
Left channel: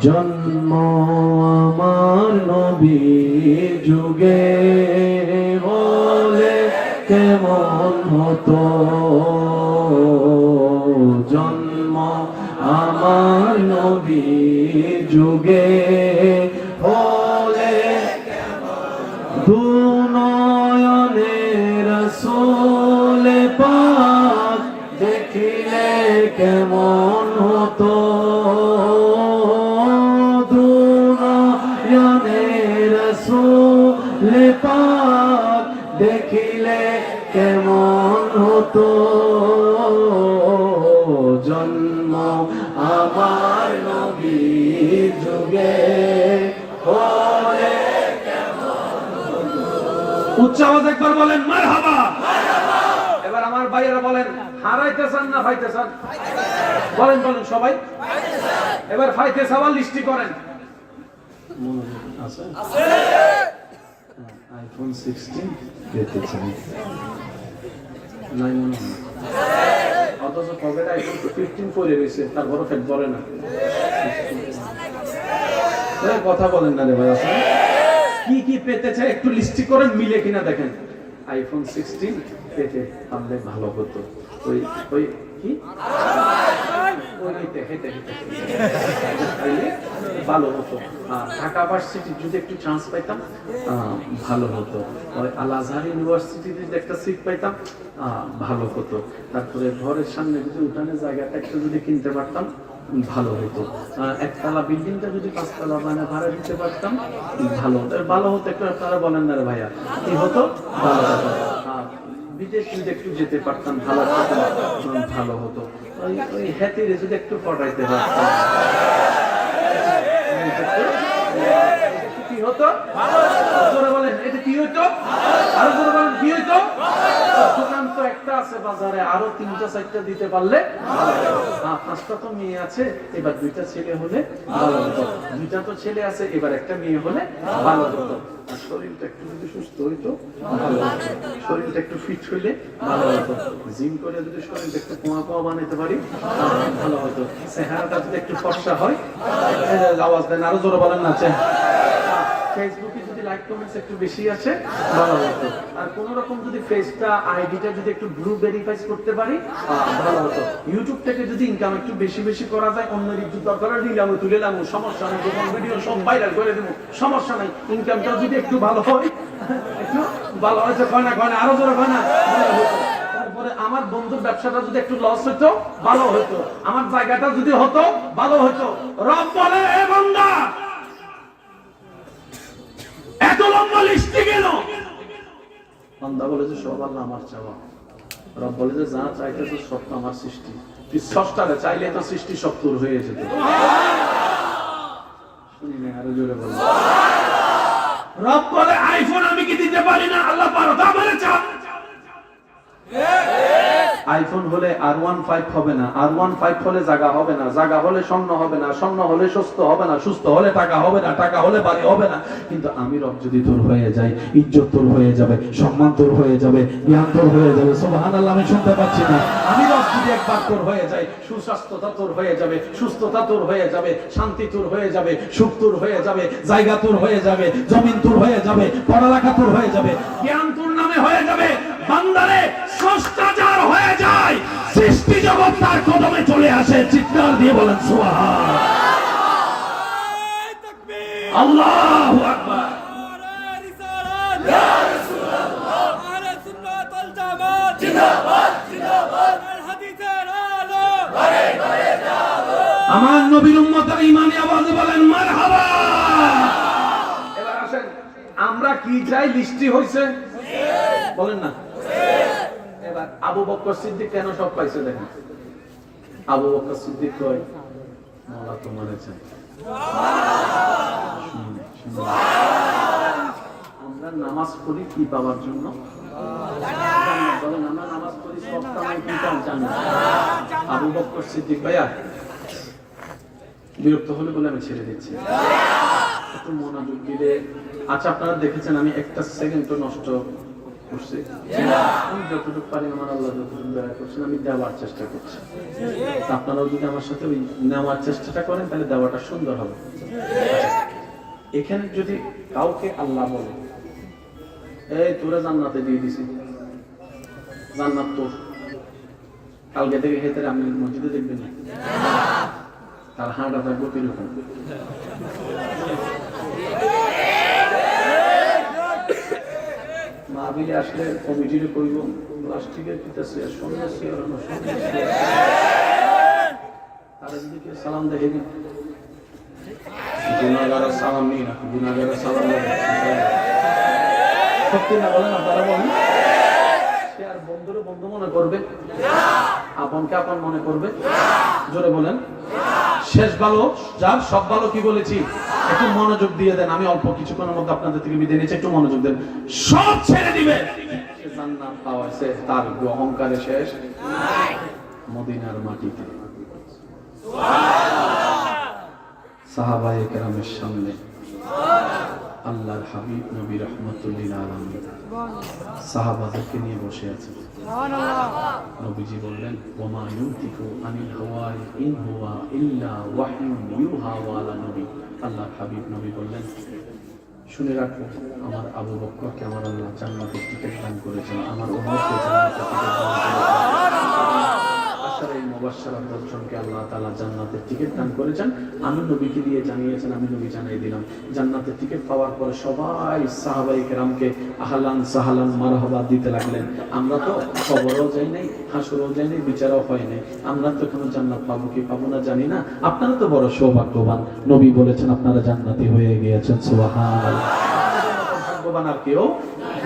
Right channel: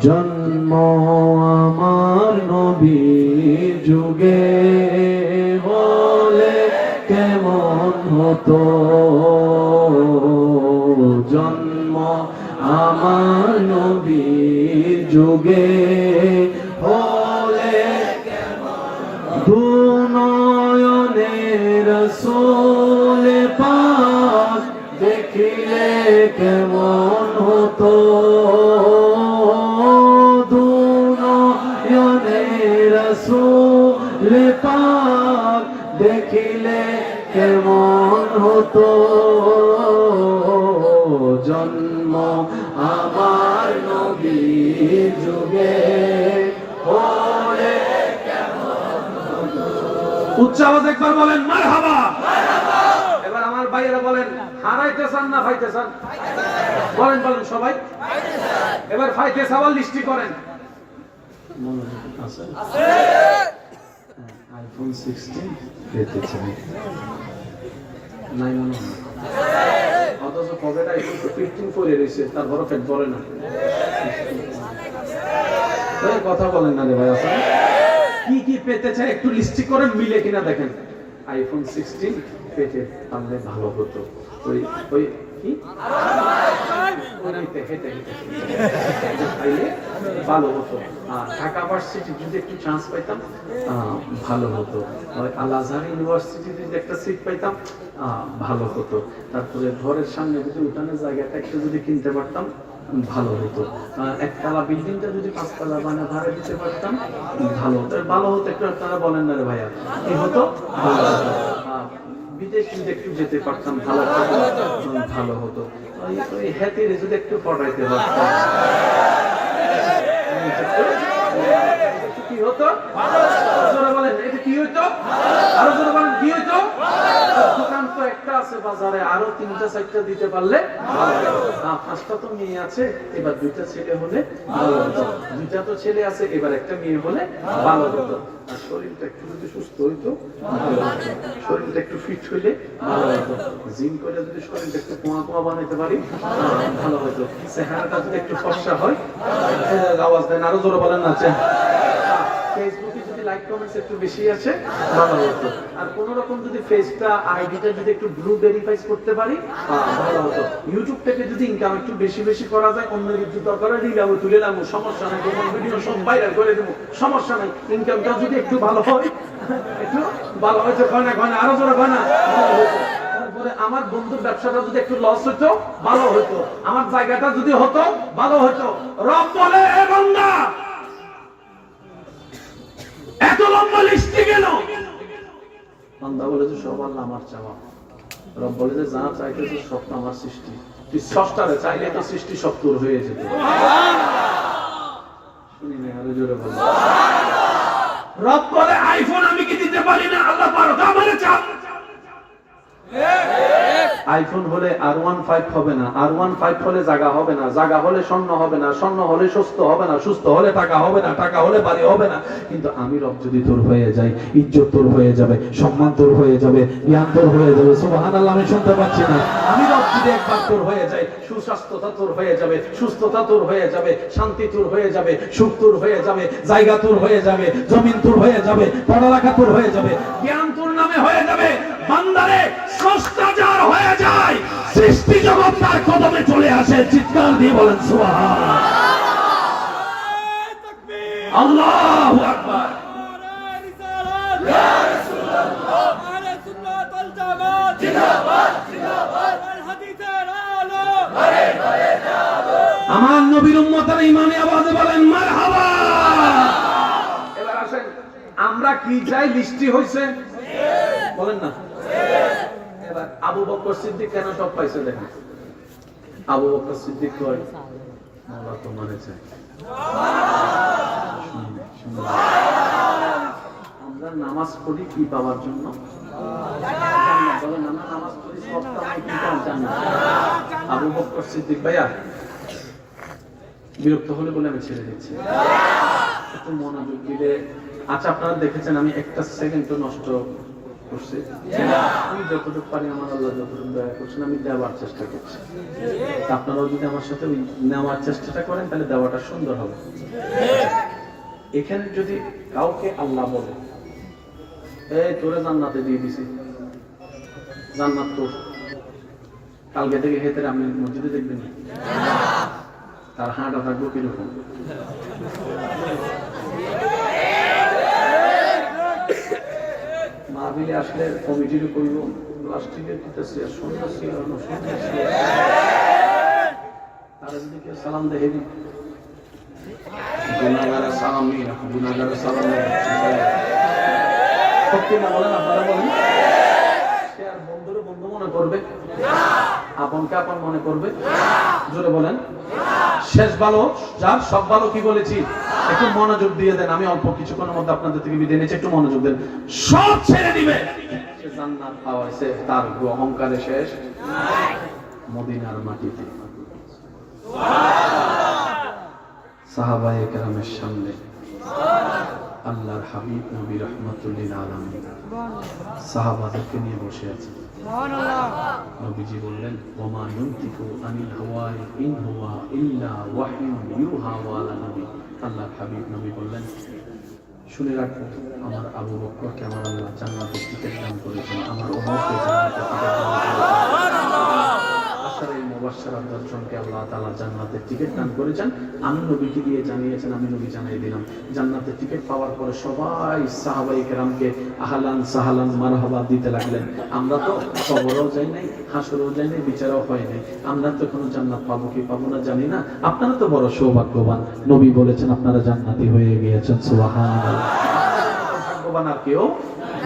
জন্ম আমার নবী যুগে হলে কেমন হতো, জন্ম আমার নবী যুগে হলে দুনয়নে রাসূল পাক দেখিলে কেমন হতো, দুনয়নে রাসূল পাক দেখিলে কেমন হতো, জন্ম আমার নবী যুগে হলে কেমন হতো। উচ্চ আওয়াজ একবার বলেন মারহাবা। এবার আমার ভাইয়েরা বলেন, হারাইতে চান না পাইতে চান? বলেন বলেন সবাই। এবার পাইতে চাওয়ার লিস্টি করেন। মনোযোগ আছে? আইফোন 16 পেতে চাই নাই মনে হয়, অথচ কবে আইফোন 15 পরে রয়েছে, তারপরও ফেট বলে না। কথা বলেন না রে ভাই। আসলে কি কি পেতে চাই একটু লিস্টি করে মিলে কিনা দেখেন। আইফোন 16 পেতে পারলে ভালো হতো। ওই ওই কি ভালো হতো। ঢাকা ভার্সিটি যদি একটু চান্স পাইতাম ভালো হতো। আল আজহার ইউনিভার্সিটিতে যদি একটা সিট পাইতাম ভালো হতো। তারপরে ঘরের সামনে যদি উঠানের জায়গাটা একটু যদি কিনতে পারতাম ভালো হতো। একতলা বিল্ডিংটা যদি 5 তলা বানা ভাড়া দিতে পারতাম ভালো হতো। ভালো হতো একটু আপনারা বলেন না রে ভাইয়া, কি হতো? ভালো হতো। বিদেশ যদি একটু যেতে পারতাম ভালো ভালো হতো। ওই হ্যাতিরে যদি একটু পড়াইতে পারতাম কি হতো? জোরে বলেন, এটা কি হইতো? আরো জোরে বলেন, কি হইতো? দোকান তো একটা আছে বাজারে, আরো 3টা 4টা দিতে পারলে ভালো হতো। 5টা তো মেয়ে আছে, এবার 2টা ছেলে হলে ভালো হতো। 2টা তো ছেলে আছে, এবার একটা মেয়ে হলে ভালো হতো। আর শরীরটা একটু যদি সুস্থ হইতো ভালো হতো। শরীরটা একটু ফিট হইলে ভালো হতো। জিম করে যদি শরীরটা একটু পোয়া পোয়া বানাইতে পারি ভালো হতো। চেহারাটা যদি একটু ফর্সা হয়, আওয়াজ দেন, আরো জোরে বলেন না। ফেসবুকে যদি লাইক কমেন্টস একটু বেশি আছে ভালো হতো। আর কোন রকম যদি ফেসটা আইডিটা যদি একটু ব্লু ভেরিফাই করতে পারি ভালো হতো। ইউটিউব থেকে যদি ইনকাম একটু বেশি বেশি করা যায়, অন্যের ইজ্জত দরকার দিলাম তুলেলাম, সমস্যা নাই। যখন ভিডিও সব ভাইরাল করে দেবো, সমস্যা নাই। ইনকামটা যদি একটু ভালো হয়, একটু ভালো হয়তো কয় না, আরো জোরে কয় না, ভালো হতো। তারপরে আমার বন্ধুর ব্যবসাটা যদি একটু লস হতো ভালো হতো। আমার জায়গাটা যদি হতো ভালো হতো। রব বলে, এ বান্দা এত লম্বা লিস্টে গেল। বান্দা বলে যে সব আল্লাহ আমার চাওয়া। রব বলে যে যা চাইতেছ সব তো আমার সৃষ্টি। তুই স্রষ্টারে চাইলে তো সৃষ্টি সব তোর হয়ে যেত। শুনি না, আরো জোরে বল। রব বলে আইফোন আমি কি দিতে পারি না? আল্লাহ পারো, তা আমারে চাও। আইফোন হলে R15 হবে না, R15 হলে জায়গা হবে না, জায়গা হলে স্বর্ণ হবে না, স্বর্ণ হলে সুস্থ হবে না, সুস্থ হলে টাকা হবে না, টাকা হলে বাড়ি হবে না। কিন্তু আমি রব যদি তোর হয়ে যাই, ইজ্জত তোর হয়ে যাবে, সম্মান তোর হয়ে যাবে, জ্ঞান তোর হয়ে যাবে। সুবহানাল্লাহ, আমি শুনতে পাচ্ছি না। আমি রব যদি একবার তোর হয়ে যাই, সুস্বাস্থ্যতা তোর হয়ে যাবে, সুস্থতা তোর হয়ে যাবে, শান্তি তোর হয়ে যাবে, সুখ তোর হয়ে যাবে, জায়গা তোর হয়ে যাবে, জমিন তোর হয়ে যাবে, পড়ালেখা তোর হয়ে যাবে, জ্ঞান তোর নামে হয়ে যাবে। বান্দারে স্রষ্টা যার হয়ে যায়, সৃষ্টি জগৎ তার কদমে চলে আসে। চিৎকার দিয়ে বলেন সুবহান। আল্লাহু আকবার। ইয়া রাসূলুল্লাহ, আলা সুন্নাতুল জামাত, জিন্দাবাদ জিন্দাবাদ, আল হাদিসের আলো করে করে যাবো। আমার নবীর উম্মতের ঈমানি আওয়াজে বলেন মারহাবা। এবার আসেন, আমরা কি চাই? লিস্টি হইছে। বলেন না? এবার আবু বকর সিদ্দিক কেন সব পাইছে দেখেন। আবু বকর সিদ্দিক কয় মাওলা তোমারে চাই। আমরা নামাজ পড়ি কি পাওয়ার জন্য? বলেন আমরা নামাজ পড়ি সব কামাই কি পাওয়ার জন্য? আবু বকর সিদ্দিক ভাইয়া বিরক্ত হলে বলে আমি ছেড়ে দিচ্ছি, একটু মনোযোগ দিলে। আচ্ছা আপনারা দেখেছেন আমি একটা সেকেন্ডও নষ্ট করছি? আমি যতটুকু পারি আমার আল্লাহ যতটুকু দয়া করছেন আমি দেওয়ার চেষ্টা করছি। আপনারাও যদি আমার সাথে ওই নেওয়ার চেষ্টাটা করেন তাহলে দেওয়াটা সুন্দর হবে। এখানে যদি কাউকে আল্লাহ বলে এই তোরা জান্নাতে দিয়ে দিছি, জান্নাত তোর, কালকে থেকে হেঁটে আমি মসজিদে দেখবেন না, তার হাঁটা থাকবো কিরকম? মাহফিলে আসলে কমিটিরও কইব প্লাস্টিকের কিতাছে সন্ন্যাসী আর সন্ন্যাসী, তারা যদি কেউ সালাম দেখে দিন, গুনাহগারের সালাম নিয়ে না, গুনাহগারের সালাম নিয়ে সত্যি না বলেন? আপনারা বলেন সে আর বন্ধুরও বন্ধু মনে করবে, আপনকে আপন মনে করবে? জোরে বলেন। শেষ ভালো যার, সব ভালো কি বলেছি? একটু মনোযোগ দিয়ে দেন, আমি অল্প কিছুক্ষণের মধ্যে আপনাদের থেকে বিদায় নিচ্ছি, একটু মনোযোগ দেন। সব ছেড়ে দিবে, সে জান্নাত পাওয়াছে, তার অহংকারে শেষ মদিনার মাটিতে। সাহাবায়ে কেরামের সামনে আল্লাহর হাবিব নবী রাহমাতুল লিল আলামিন সাহাবাদেরকে নিয়ে বসে আছেন। নবীজি বললেন ওমা ইউনতিকু আনিল হাওয়া ইন হুয়া ইল্লা ওয়াহয়ুন ইউহা ওয়ালা নবী। আল্লাহর হাবিব নবী বললেন শুনে রাখো, আমার আবু বকরকে আমার আল্লাহ জান্নাতের টিকিট দান করেছেন, আমার ওমরকে জান্নাতের টিকিট দান করেছেন, এই মুবাশশারাত 10 জনকে আল্লাহ তাআলা জান্নাতের টিকিট দান করেছেন। আমি নবীকে দিয়ে জানিয়েছেন, আমি নবী জানিয়ে দিলাম। জান্নাতের টিকিট পাওয়ার পরে সবাই সাহাবায়ে কেরামকে আহলান সাহলান মারহাবা দিতে লাগলেন। আমরা তো কবরেও যাই নাই, হাসরেও যাই নাই, বিচারও হয় নাই, আমরা তো এখনো জান্নাত পাবো কি পাবো না জানি না। আপনারা তো বড় সৌভাগ্যবান, নবী বলেছেন আপনারা জান্নাতি হয়ে গিয়েছেন। সুবহানাল্লাহ। ভাগ্যবান আর কেউ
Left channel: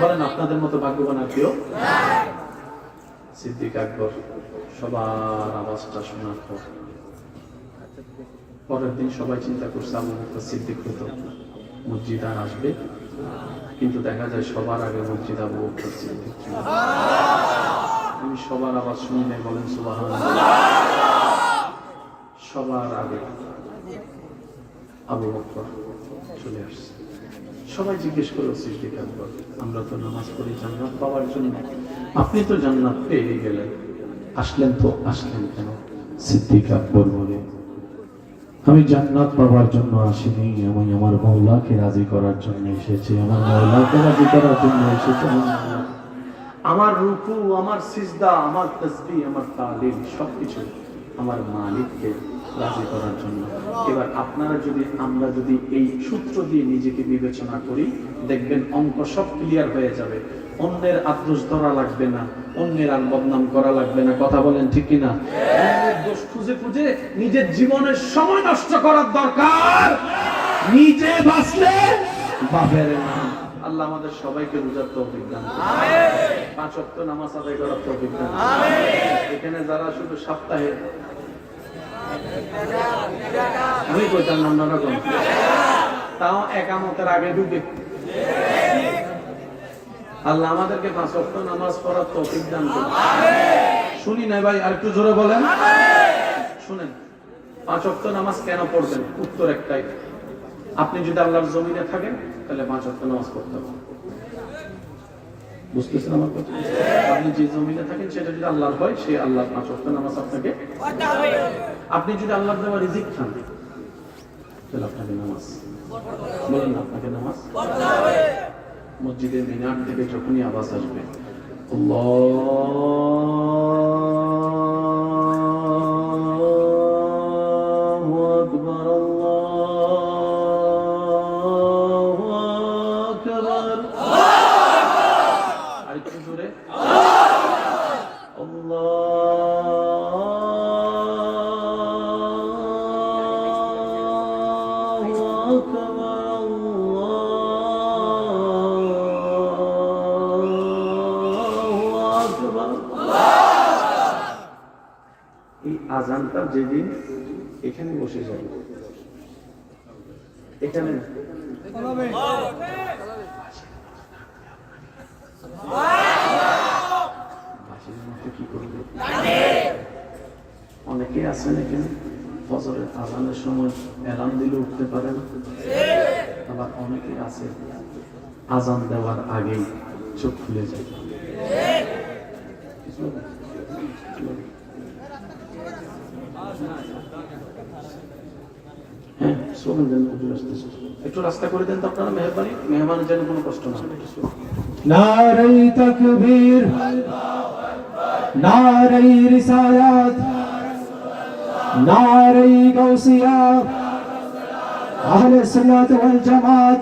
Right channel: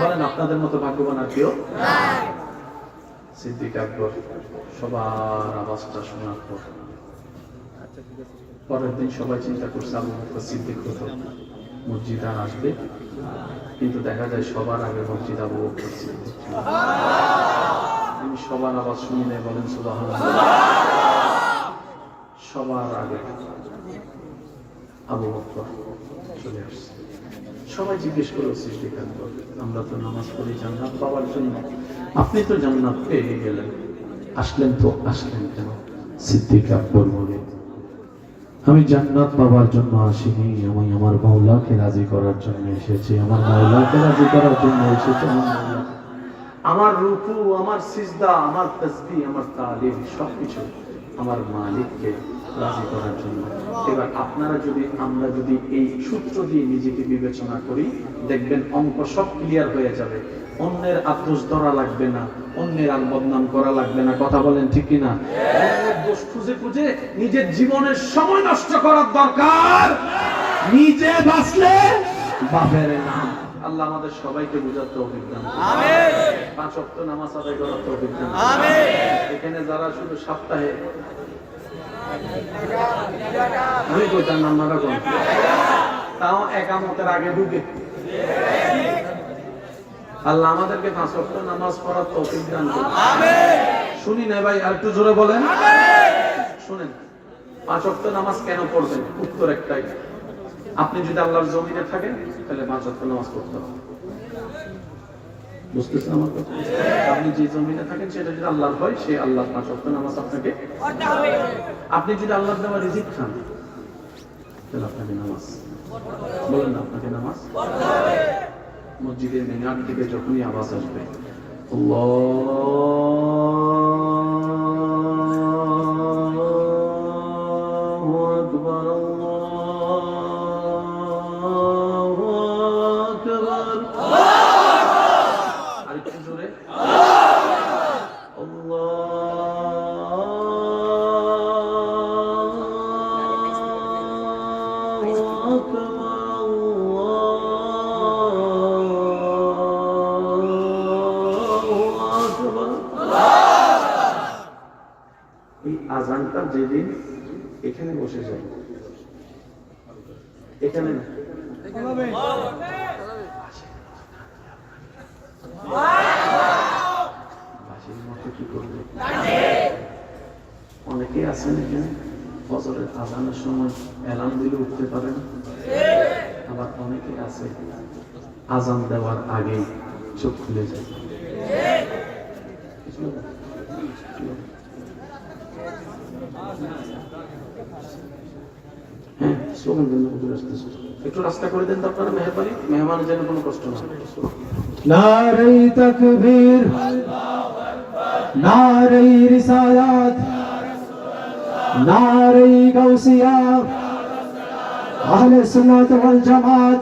বলেন, আপনাদের মতো ভাগ্যবান আর কেউ? সিদ্দিক আকবর সবার আওয়াজটা শোনার পর পরের দিন সবাই চিন্তা করছে আবু বকর সিদ্দিক হতো, মসজিদ আর আসবে, কিন্তু দেখা যায় সবার আগে মসজিদ আবু বকর সিদ্দিক। আমি সবার আওয়াজ শুনি নাই, বলেন সুবহানাল্লাহ। সবার আগে আবু বকর চলে আসছে। সবাই জিজ্ঞেস করলো সিদ্দিক আকবর আমরা তো নামাজ পড়ি জান্নাত পাওয়ার জন্য, আপনি তো জান্নাত পেয়ে গেলেন, আসলেন তো আসলেন কেন? সিদ্দিক আকবর বলে আমি জান্নাত পাওয়ার জন্য আসিনি, আমি আমার মাওলাকে রাজি করার জন্য এসেছি, আমার মাওলাকে রাজি করার জন্য এসেছি। আমার রুকু, আমার সিজদা, আমার তাসবিহ, আমার তালিম সবকিছু আমার মালিককে রাজি করার জন্য। এবার আপনারা যদি আমরা যদি এই সূত্র দিয়ে নিজেকে বিবেচনা করি দেখবেন অঙ্ক সব ক্লিয়ার হয়ে যাবে। অন্যের আদর্শ ধরা লাগবে না, অন্যের আর বদনাম করা লাগবে না। কথা বলেন ঠিক কিনা? অন্যের দোষ খুঁজে খুঁজে নিজের জীবনের সময় নষ্ট করার দরকার, নিজে বাঁচলে বাপের নাম। আল্লাহ আমাদের সবাইকে বুঝার তৌফিক দান করুন। 5 ওয়াক্ত নামাজ আদায় করার তৌফিক দান করুন। এখানে যারা শুধু সপ্তাহে আমি কইতাম নাম্বারটা কোন তাও একামতের আগে ঢুকে, আল্লাহ আমাদেরকে 5 ওয়াক্ত নামাজ পড়ার তৌফিক দান করুন। শুনি না ভাই, আর একটু জোরে বলেন। শুনেন 5 ওয়াক্ত নামাজ কেন পড়বেন? উত্তর একটাই, আপনি যদি আল্লাহর জমিনে থাকেন তাহলে 5 ওয়াক্ত নামাজ পড়তে হবে। বুঝতেছেন আমার কথা? আপনি যে জমিনে থাকেন সেটা যদি আল্লাহর হয়, সে আল্লাহর 5 ওয়াক্ত নামাজ আপনাকে পড়তে হবে। আপনি যদি আল্লাহর দেওয়া রিজিক খান তাহলে আপনাকে নামাজ, বলেন না, আপনাকে নামাজ পড়তে হবে। মসজিদের মিনার থেকে যখনই আওয়াজ আসবে আল্লাহু আকবার আল্লাহু আকবার, আরেকটু জোরে আল্লাহু আকবার ওই আজানটা যেদিন এখানে বসে যাবে, এখানে না, বাসির মতো কি করবে? অনেকে আছেন এখানে ফজরের আজানের সময় অ্যালার্ম দিলে উঠতে পারে না, আবার অনেকে আছে আজান দেওয়ার আগেই চোখ খুলে যায়। হ্যাঁ, স্লোগান দেন, হুজুর আসতেছে, একটু রাস্তা করে দেন তো আপনারা, মেহরবানি, মেহমানের যেন কোনো কষ্ট না হয়। নারে তাকবীর, নারে রিসালাত, নারে গাউসিয়া, আহলে সুন্নাত ওয়াল জামাত,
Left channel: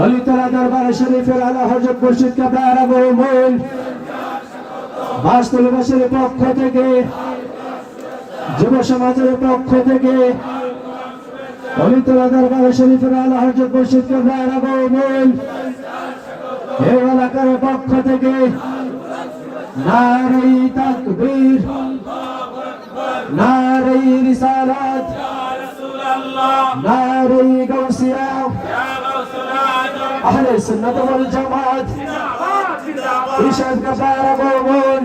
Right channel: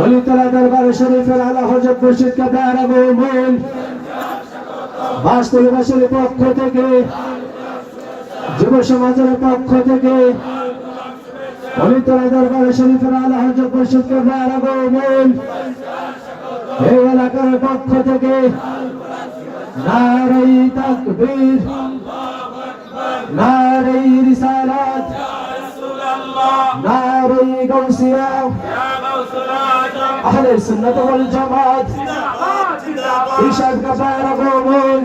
ওলিতলা দরবার শরীফের আলা হযরত মুর্শিদ কাবলার আগমন, বাসতুলবাসীর পক্ষ থেকে, যুব সমাজের পক্ষ থেকে, ওলিতলা দরবার শরীফের আলা হযরত মুর্শিদ কাবলার আগমন, এই এলাকার পক্ষ থেকে নারে তাকবীর, নারে রিসালাত, নারে গাউসিয়া, আহলে সুন্নাত ওয়াল জামাত, ইশাদ কাবলার আগমন,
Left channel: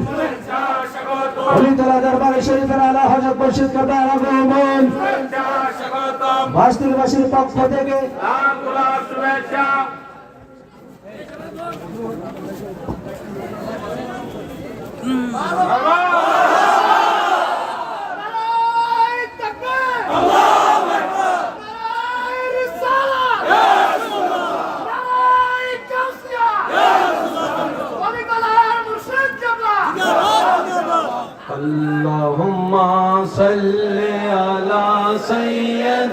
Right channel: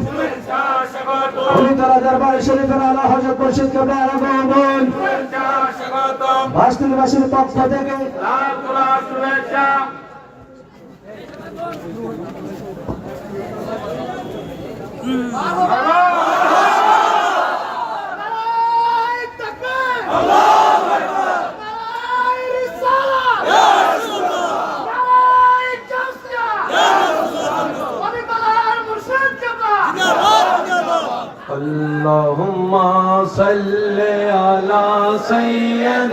ওলিতলা দরবার শরীফের আলা হযরত মুর্শিদ কাবলার আগমন, বাসতুলবাসীর পক্ষ থেকে লাল গোলাপ শুভেচ্ছা। اللهم صل على سيدنا